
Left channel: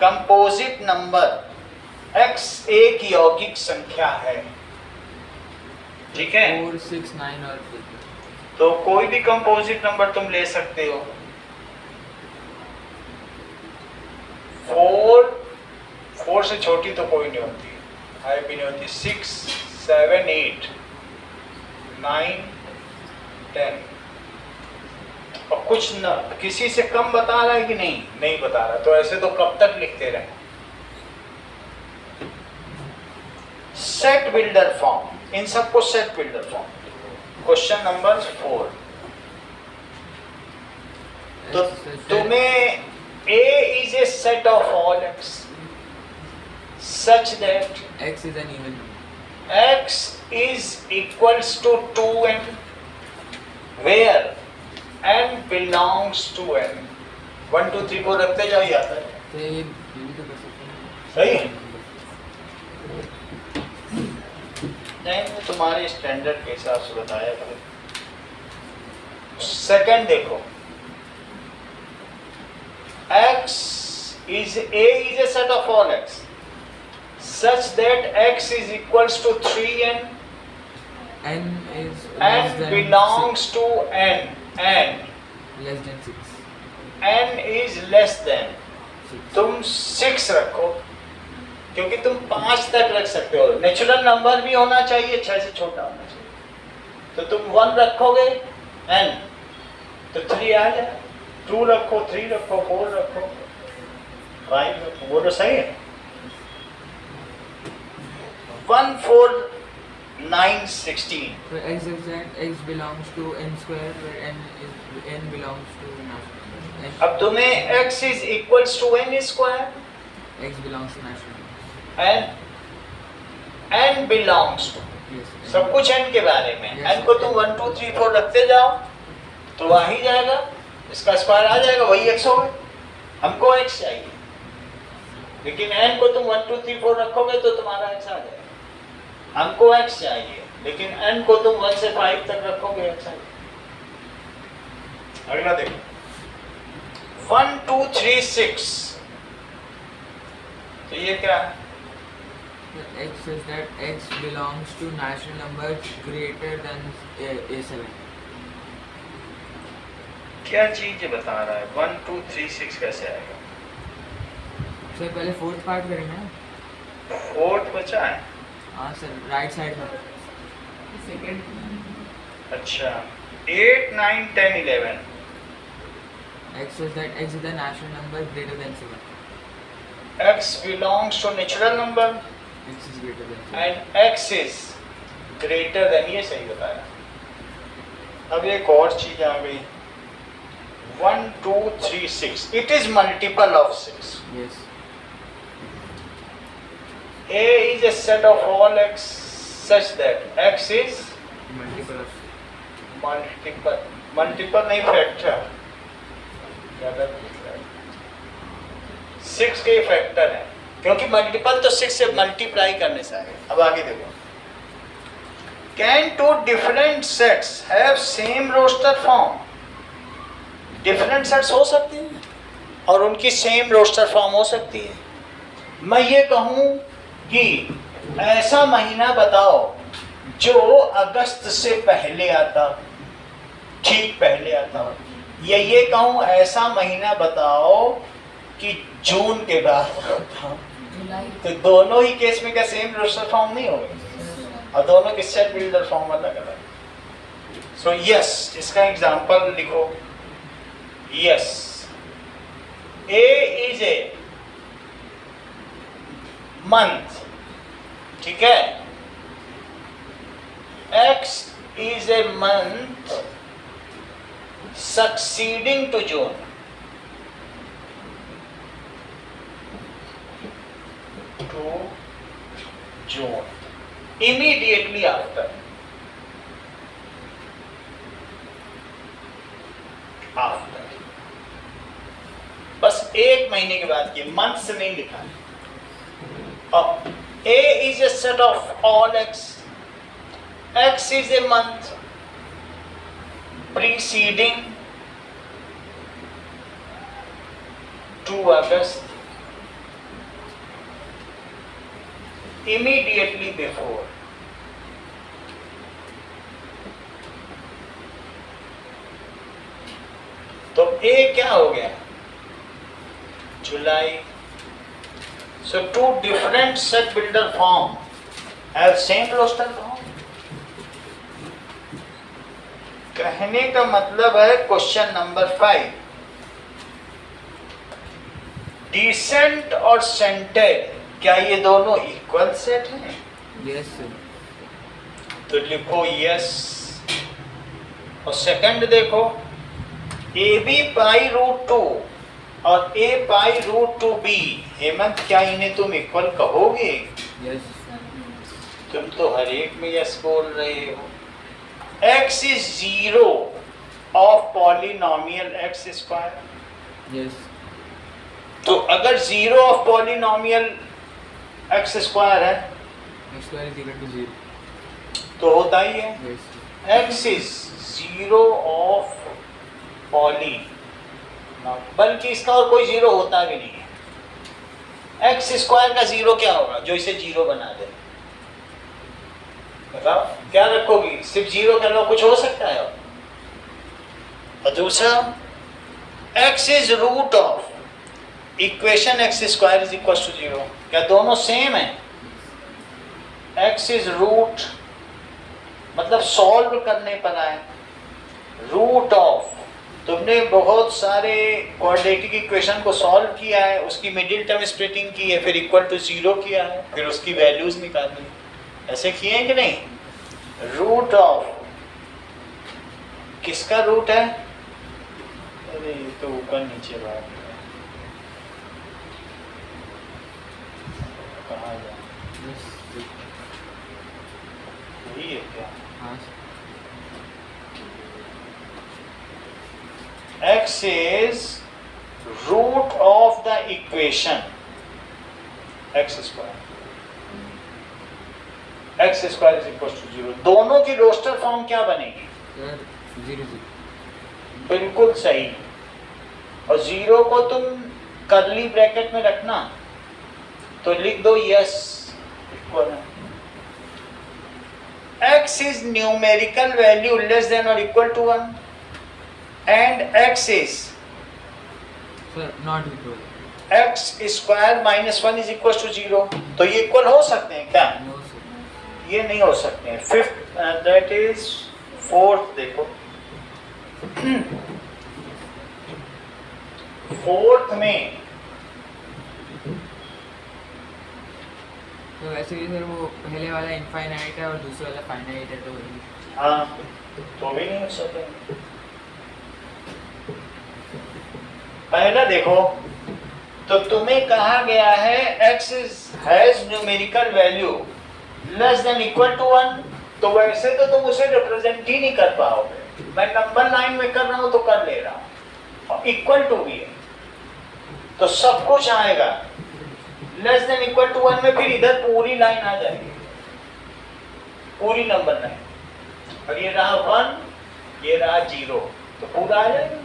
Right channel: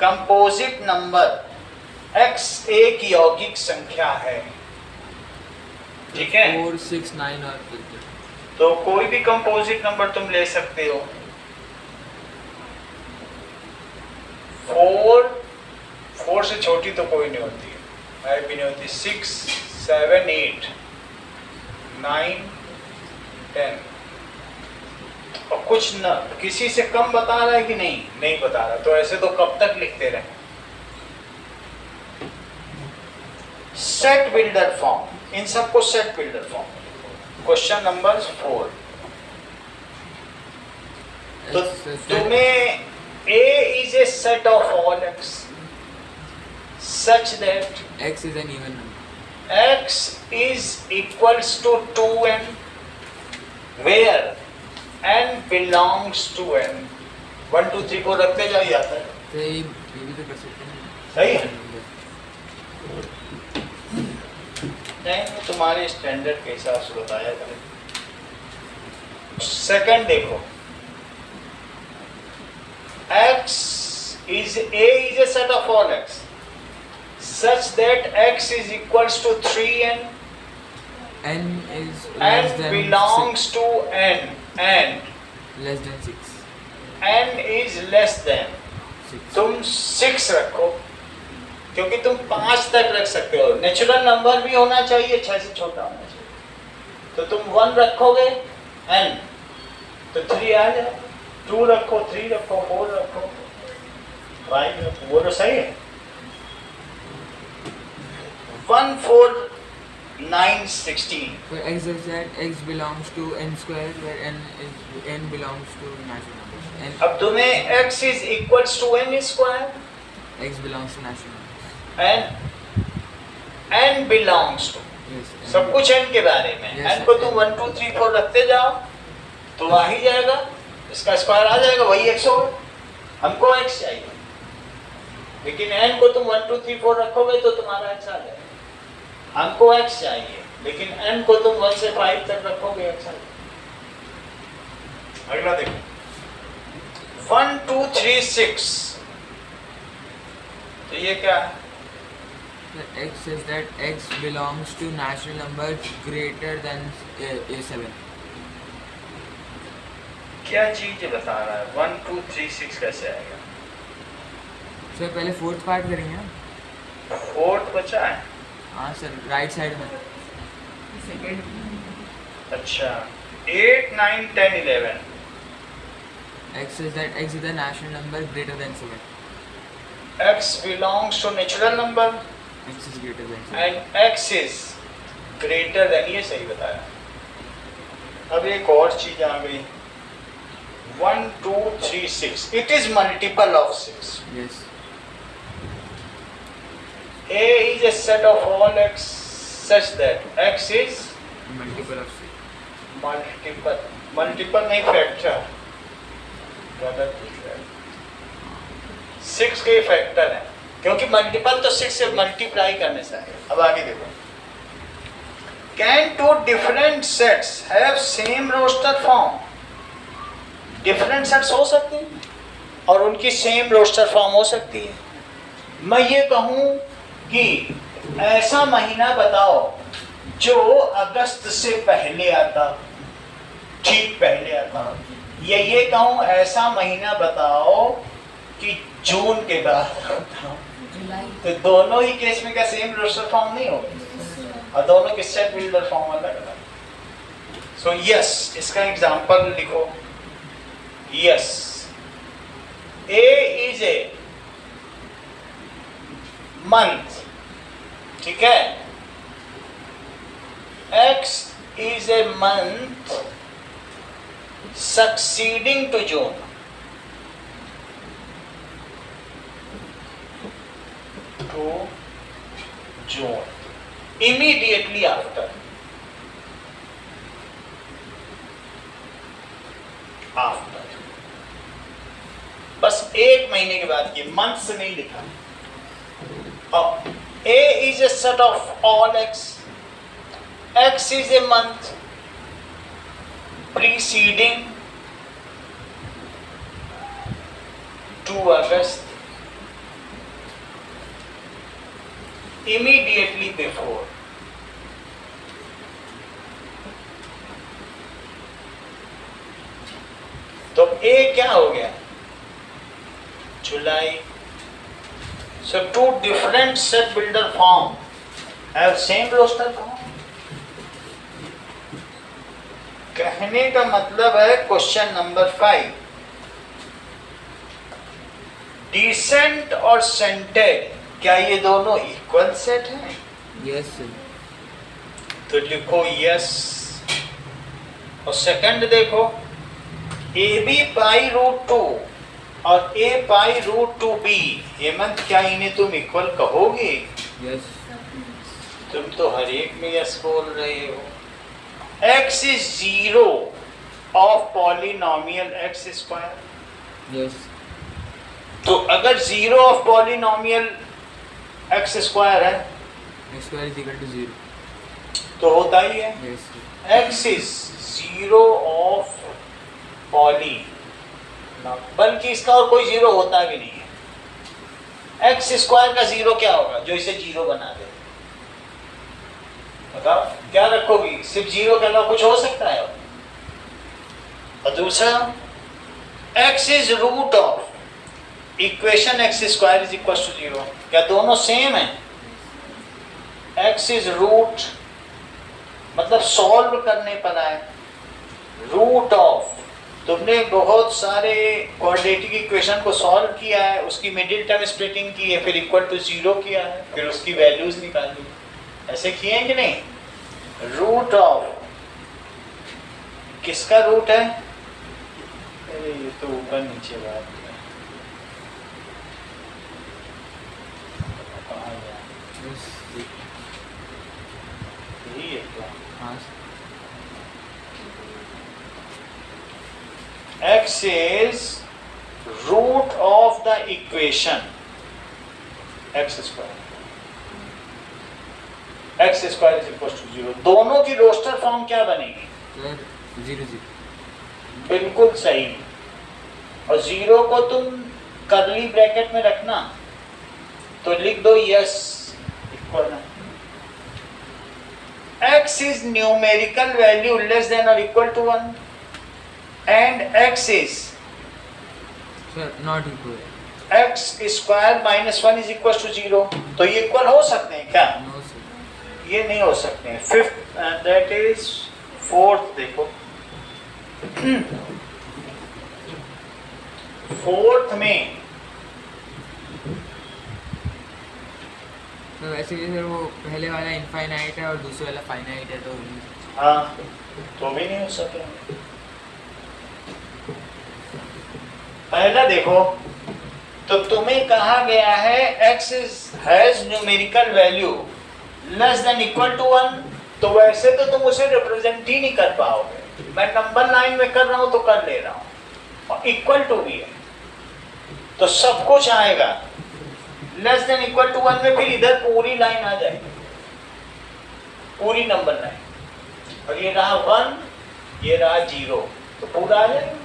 composite number, x एक यौगिक संख्या है, ठीक है? 4, 6, 9 और 8. तो कोई भी कंपोजिट नंबर तुम ले सकते हो। 4 से छोटी तो कोई नहीं होती, आई भी नहीं होती। 6, 7, 8, 9, 10 और कुछ न, किसी से कम बता रहा है कि नहीं? नहीं बता रहा, तो ऐसे तो कब तक लिखते रहे? सेट बिल्डर फॉर्म, इन सबको set builder form. Question number 4, तो तुम्हें A is a set of all x such that X is an even number. x is equals to 2n where n belongs to n। 1 2 3 4 रखते जाओ, ये आता है, तो ये भी तो कर सकते हैं. सही है? नहीं, मैं तुम्हारे स्टैंडर्ड के हिसाब से बताया था। सेकंड देखो, x is A is a set of all x such that x is equals to 3n N is less and than belongs to n and 6. Less than 6. n is less than, 6. तुम 6 रखो, क्योंकि तुम 5 तक रख सकते हो। Natural number भी होना चाहिए, 6 से छोटा होना चाहिए। तो तुम 1 रखोगे n तो 3 आ जाए, 2 रखो, 3 रखो, 4 रखो, 5 रखो, वो तो सही है। 1 4 9 16, So X is that X belongs to n square where n belongs to natural numbers. N, अब तुम्हें x is equals to n square X belongs to natural numbers. and n belongs to, Yes. सब कुछ n के बारे में। Yes, n को तुम 1 2 3 4 रखते जाओ तो आ ही जाएगा, इसका स्क्वायर आ जाएगा, वही x होगा। हमको x चाहिए, लेकिन n को तुम 1 2 3 4 रखोगे तो तुम्हारा x आ जाएगा। हमको x चाहिए, लेकिन n को तुम 1 से 5 तक रखोगे, x आ जाएगा। अगला देखो, 1 2 3 6, तो ये क्या है? So X is that X belongs to natural number greater than A7. क्या चीज बता रहा है? 1 2 3 6 कैसे आएगा? सर पहले फोर्थ पार्ट करेंगे ना. फोर्थ बचा है, हाँ सर, राइट साइड में. सेकेंड अच्छा 8 9 10 11, X is that X is the natural number greater than 7. x belongs to natural number X is greater than 6. And x is greater than, ये सही बताया। अब एक और चीज आ गई, 1 2 3 6, it is multiple of 6। Yes. A is a set of all x such that x is Multiple of 6. Multiple नहीं, factor. गलत लिख रहा है, 6 के फैक्टर है, क्योंकि मल्टीपल तो 6 से मल्टीप्लाई करने से आएगा। अब आगे देखो, can two different sets have same roster form? Different sets हो सकते हैं और उनकी सेम रोस्टर फॉर्म हो सकती है। मैं ये कहूँ कि ऐसा महीना बताओ जो अगस्त से पहले आता, ठीक पहले आता, या ये कहूँ ऐसा महीना बताओ कि जून के बाद होता, जुलाई। तो दोनों ही केस में क्या सेम रोस्टर फॉर्म नहीं होगा? और दोनों के सेट बिल्डर फॉर्म अलग अलग। सो यस, इसका एग्जांपल लिखो। Yes, A is a month, ठीक है, x is a month succeeding to June. To June, immediately after, बस एक महीने के बाद की, मंथ से नहीं लिखा है। अब A is a set of all x, x is a month preceding to August, immediately before, तो A क्या हो गया? जुलाई। So two different set builder form have same roster form. कहने का मतलब है क्वेश्चन नंबर 5, डिसेंट और सेंटेड क्या ये दोनों इक्वल सेट हैं? Yes, sir. तो लिखो यस। और सेकंड देखो, ए बी पाई रूट 2 और ए पाई रूट 2b, हेमंत क्या इन्हें तुम इक्वल कहोगे? Yes. तुम तो हर एक में यस बोल रहे हो। x is 0 of polynomial x square, Yes. तो अगर 0 of polynomial x square है X square is equal to 0. तो होता ही है। Yes, sir. x is 0 of poly, बल्कि इसका और कोई 0 होता भी नहीं है। x स्क्वायर का 0 क्या होगा जो इसे 0 बना दे? बताओ क्या रखोगी? सिर्फ 0 के अलावा कुछ हो सकता है? और दूसरा, x is root of equation x square is equal to 0, क्या दोनों सेम है? x इज रूट मतलब सॉल्व करने पर आए, रूट ऑफ, तुमने बहुत सारे क्वाड्रेटिक इक्वेशन को सॉल्व किया है, उसकी मिडिल टर्म स्प्लिटिंग की है, फिर इक्वल टू 0 किया है, फिर उसकी वैल्यूज निकाली, ऐसे किए हैं कि नहीं? रूट ऑफ किसका रूट है? अरे ये तो ऊपर नीचे बात है, कहाँ जाए? Yes. यही है क्या? हाँ, sir. x is root of the equation x square, x square is equal to 0। दोनों की रोस्टर फॉर्म क्या बनेगी? Sir, 0 0. बिल्कुल सही। और 0 को तुम कर्ली ब्रैकेट में रखना, तो लिख दो यस इक्वल है। x is numerical value less than or equal to 1 and x is Sir, not equal. x square minus 1 is equal to 0, तो ये इक्वल हो सकते हैं क्या? No, sir. ये नहीं हो सकते हैं। फिफ्थ दैट इज फोर्थ, देखो फोर्थ में तो वैसे भी सर वो पहले वाला इनफाइनाइट है और दूसरे वाला फाइनाइट है तो हाँ, तो भी नहीं हो सकेंगे। पहला देखो, तो तुम्हें कहा गया है x has numerical value less than equal to 1, तो वैसे तो तुम उसे रिप्रेजेंट ही नहीं कर पाओगे। मैं नंबर लाइन में कर रहा हूं तो कर ले रहा हूं, और इक्वल टू भी है, तो सब कुछ आएगा। लेस देन इक्वल टू 1 में फिर इधर पूरी लाइन आ जाएगी, पूरी नंबर लाइन, और ये रहा 1, ये रहा 0, तो पूरा आ जाएगा।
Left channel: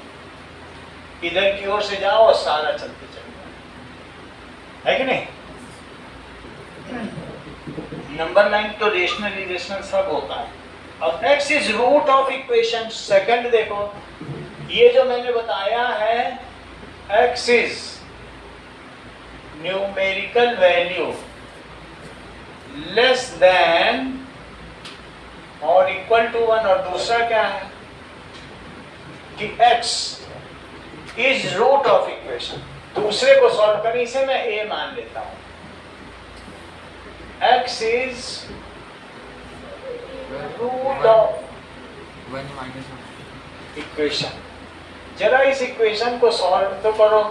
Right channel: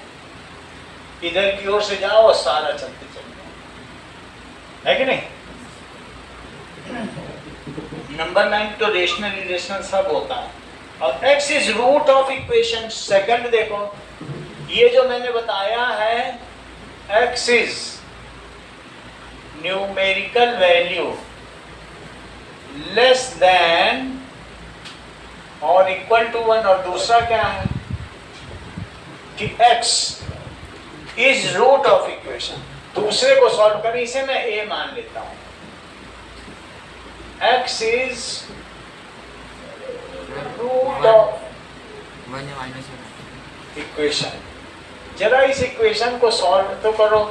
इधर की ओर से जाओ और सारा चलते चलिए, है कि नहीं? नंबर लाइन तो रेशनल इरेशनल सब होता है। अब x is root of equation. Second देखो, ये जो मैंने बताया है x is numerical value less than और इक्वल टू 1, और दूसरा क्या है कि x is root of equation. दूसरे को सॉल्व करें, इसे मैं a मान लेता हूं। x is root of one या माइनस इक्वेशन। जरा इस इक्वेशन को सॉल्व तो करो।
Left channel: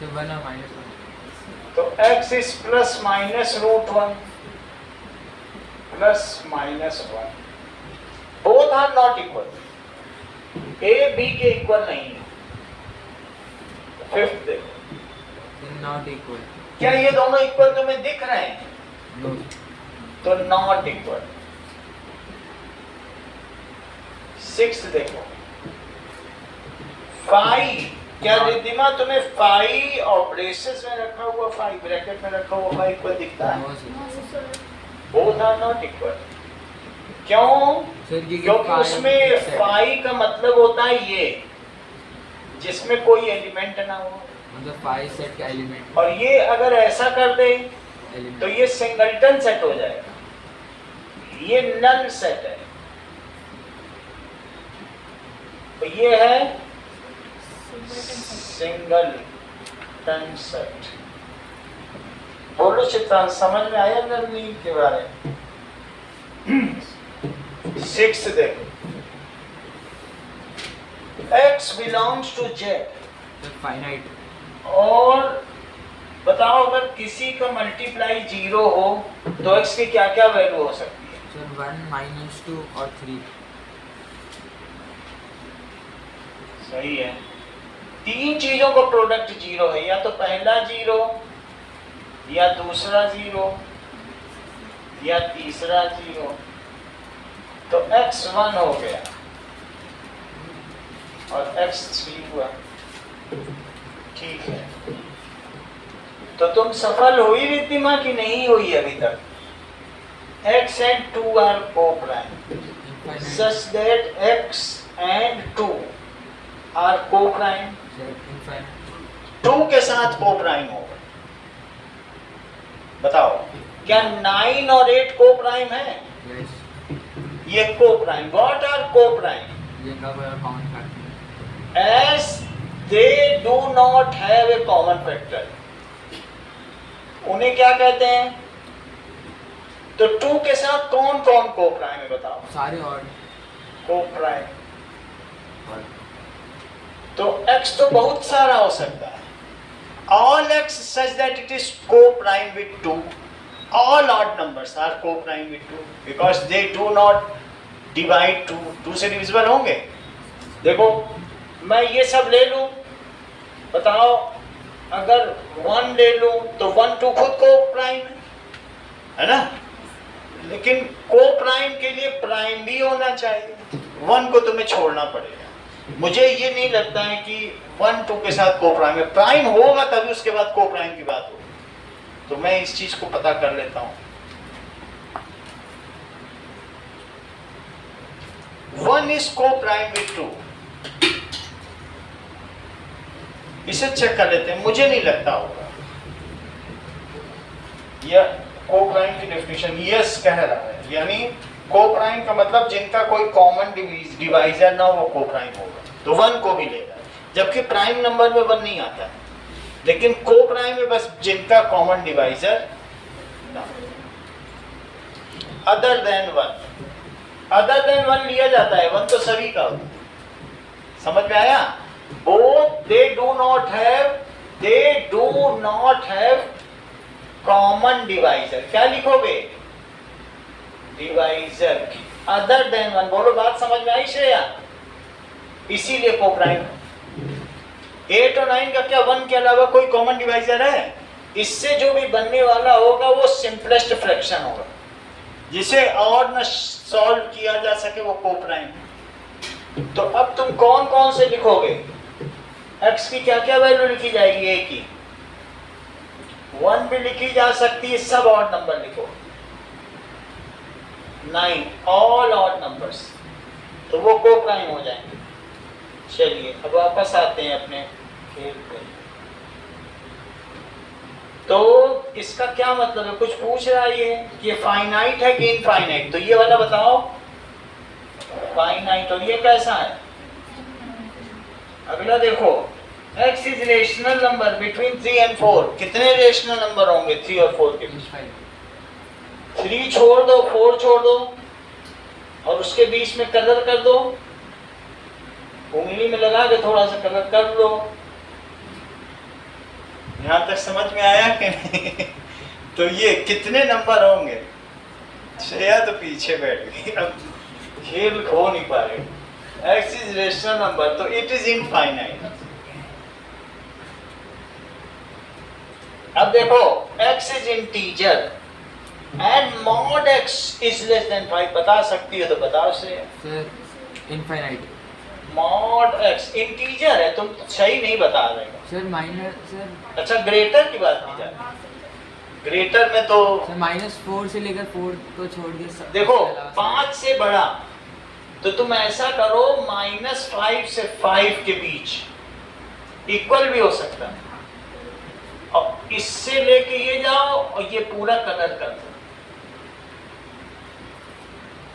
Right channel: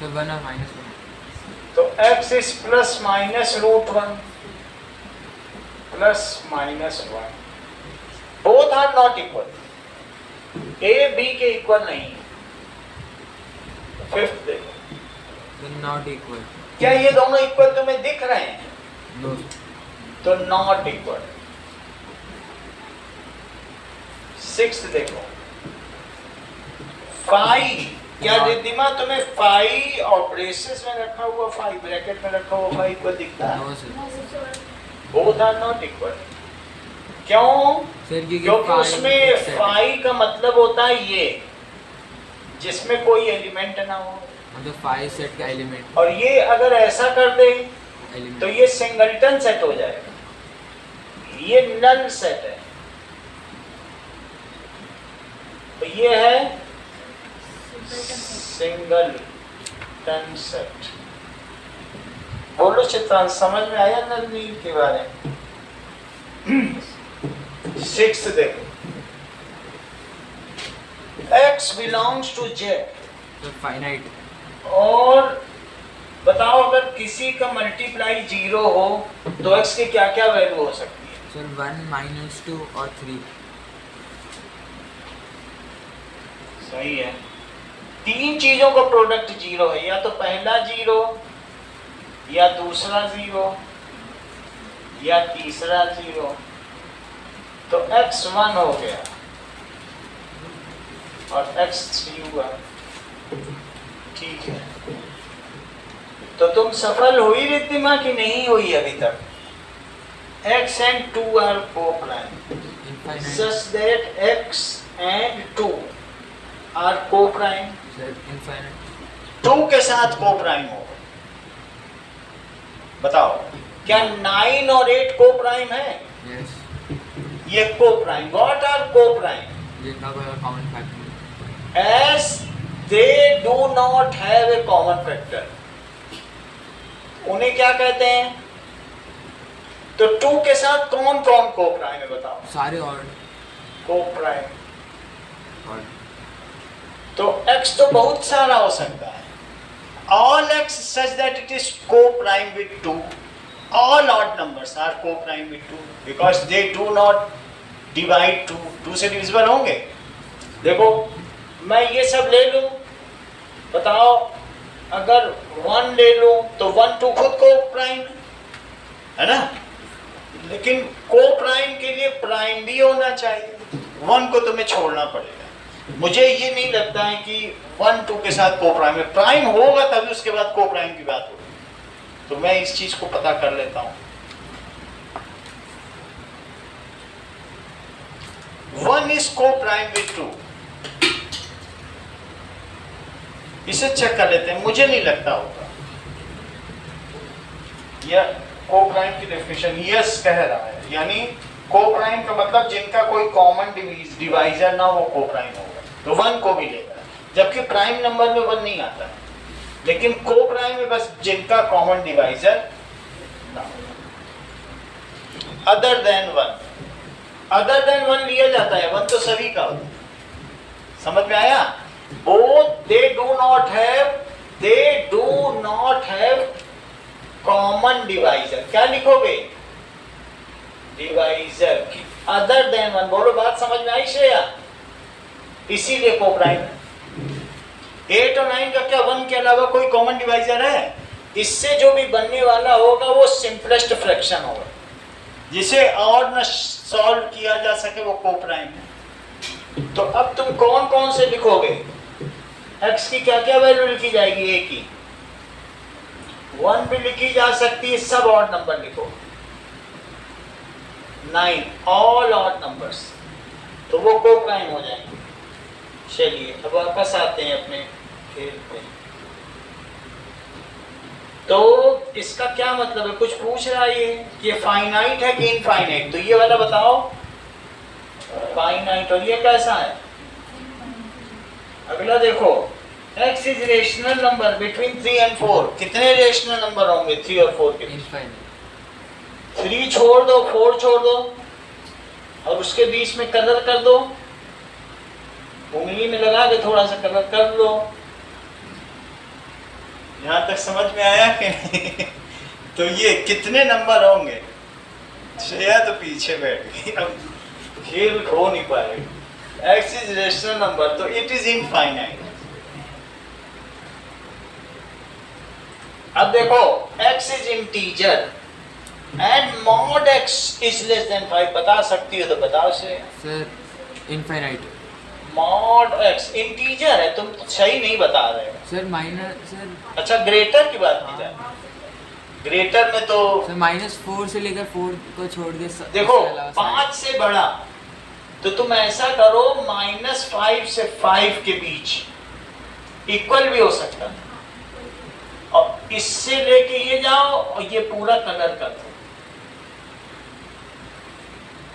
सर 1 और माइनस तो x is plus minus root 1 plus minus 1, both are not equal, a b के इक्वल नहीं है। फिफ्थ देखो, नॉट इक्वल। क्या ये दोनों इक्वल तुम्हें दिख रहे हैं? नो। तो नॉट इक्वल। सिक्स्थ देखो, फाई, क्या रिद्धिमा तुम्हें फाई और ब्रेसेस में रखा हुआ फाई, ब्रैकेट में रखा हुआ फाई इक्वल दिखता है? No sir. Both are not equal. क्यों? सर क्योंकि उसमें फाई का मतलब होता है ये, जिसमें कोई एलिमेंट ना हो, मतलब 5 सेट का एलिमेंट, और ये अगर ऐसा कर दे एलिमेंट तो ये सिंगलटन सेट हो जाएगा, ये नल सेट है। तो ये है सिंगलटन सेट। बोलो चित्रांश, समझ में आया नलनील के बारे में? सिक्स्थ देखो, x belongs to z, finite. और बताओ अगर किसी का मल्टीप्लाई 0 हो तो x की क्या क्या वैल्यू हो सकती है? सर 1 माइनस 2 और 3। सही है। तीन चीजों का प्रोडक्ट 0 है, या तो पहला 0, या दूसरा 0, या तीसरा 0, तो x 1 हो गया और x 3 हुआ। ठीक है, तो तुम सफल हुई रिद्धिमा की नहीं हुई अभी तक? x and 2 are co-prime such that x and 2 are co-prime। Sir infinite 2 के साथ co-prime होगा। बताओ, क्या 9 और 8 co-prime है? यस। ये co-prime। What are co-prime? ये का कोई common factor As they do not have a common factor, उन्हें क्या कहते हैं? तो 2 के साथ कौन कौन co-prime है बताओ? सारे और co-prime। तो x तो बहुत सारा हो सकता है। All x such that it is co-prime with 2. All odd numbers are co-prime with 2 because they do not divide 2. 2 से divisible होंगे। देखो, मैं ये सब ले लूं, बताओ अगर 1 ले लूं तो 1 2 खुद co-prime है ना? लेकिन co-prime के लिए prime भी होना चाहिए। 1 को तुम्हें छोड़ना पड़ेगा। मुझे ये नहीं लगता है कि 1 2 के साथ co-prime है। प्राइम होगा तभी उसके बाद co-prime की बात होगी। तो मैं इस चीज को पता कर लेता हूं। 1 is co-prime with 2। इसे चेक कर लेते हैं, मुझे नहीं लगता होगा। यह co-prime की डेफिनेशन यस कह रहा है, यानी co-prime का मतलब जिनका कोई कॉमन डिवाइजर ना वो co-prime होगा, तो 1 को भी लेगा। जबकि प्राइम नंबर में 1 नहीं आता है, लेकिन co-prime में बस जिनका common divisor other than one, other than one लिया जाता है, वन तो सभी का होता है। समझ में आया? Both they do not have common divisor. क्या लिखोगे? Divisor other than one. बोलो बात समझ में आई श्रेया? इसीलिए कोप्राइम 8 और 9 का क्या 1 के अलावा कोई कॉमन डिवाइजर है? इससे जो भी बनने वाला होगा वो सिंपलेस्ट फ्रैक्शन होगा, जिसे और न सॉल्व किया जा सके वो कोप्राइम है। तो अब तुम कौन कौन से लिखोगे? x की क्या क्या वैल्यू लिखी जाएगी? a की 1 भी लिखी जा सकती है, सब ऑड नंबर लिखो। 9 ऑल ऑड नंबर्स, तो वो कोप्राइम हो जाएंगे। चलिए अब वापस आते हैं अपने खेल पे। तो इसका क्या मतलब है? कुछ पूछ रहा है ये फाइनाइट है कि इनफाइनाइट? तो ये वाला बताओ, फाइनाइट। और ये कैसा है? अगला देखो, x is rational number between 3 and 4। कितने रेशनल नंबर होंगे 3 और 4 के बीच? 3 छोड़ दो, 4 छोड़ दो, और उसके बीच में कलर कर दो, उंगली में लगा के थोड़ा सा कलर कर लो। यहां तक समझ में आया कि नहीं? तो ये कितने नंबर होंगे? श्रेया तो पीछे बैठ गई, अब खेल खो नहीं पा रहे। x इज रेशनल नंबर, तो इट इज इनफाइनाइट। अब देखो x is integer and mod x is less than 5। बता सकती हो तो बताओ से। Sir infinite. Mod x integer है, तुम सही नहीं बता रहे हो। Sir minus sir. अच्छा ग्रेटर की बात की जाए, ग्रेटर में तो सर -4 से लेकर 4 को छोड़ के देखो 5 से बड़ा, तो तुम ऐसा करो -5 से 5 के बीच इक्वल भी हो सकता है, और इससे लेके ये जाओ और ये पूरा कलर कर दो,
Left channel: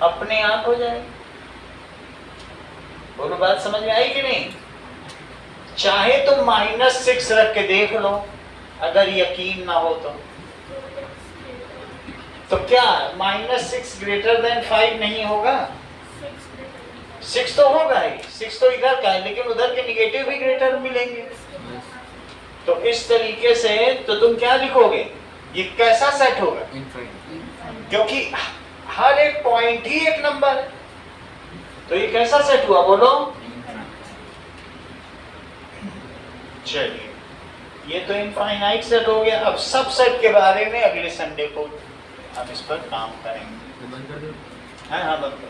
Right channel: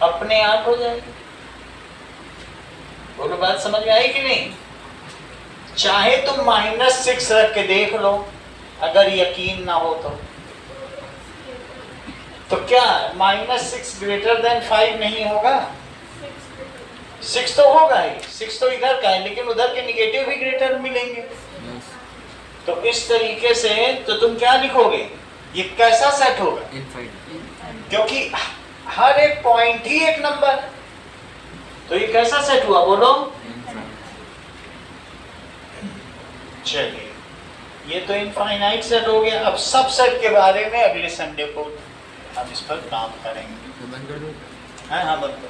अपने आप हो जाएगी। बोलो बात समझ में आई कि नहीं? चाहे तुम -6 रख के देख लो, अगर यकीन ना हो तो क्या -6 ग्रेटर देन 5 नहीं होगा? 6 तो होगा ही, 6 तो इधर का है, लेकिन उधर के निगेटिव भी ग्रेटर मिलेंगे। तो इस तरीके से तो तुम क्या लिखोगे? ये कैसा सेट होगा? इनफाइनाइट। क्योंकि हर एक पॉइंट ही एक नंबर, तो ये कैसा सेट हुआ? बोलो। चलिए ये तो इनफाइनाइट सेट हो गया। अब सब सेट के बारे में अगले संडे को हम इस पर काम करेंगे। तो बंद कर दो। हाँ बंद कर दो।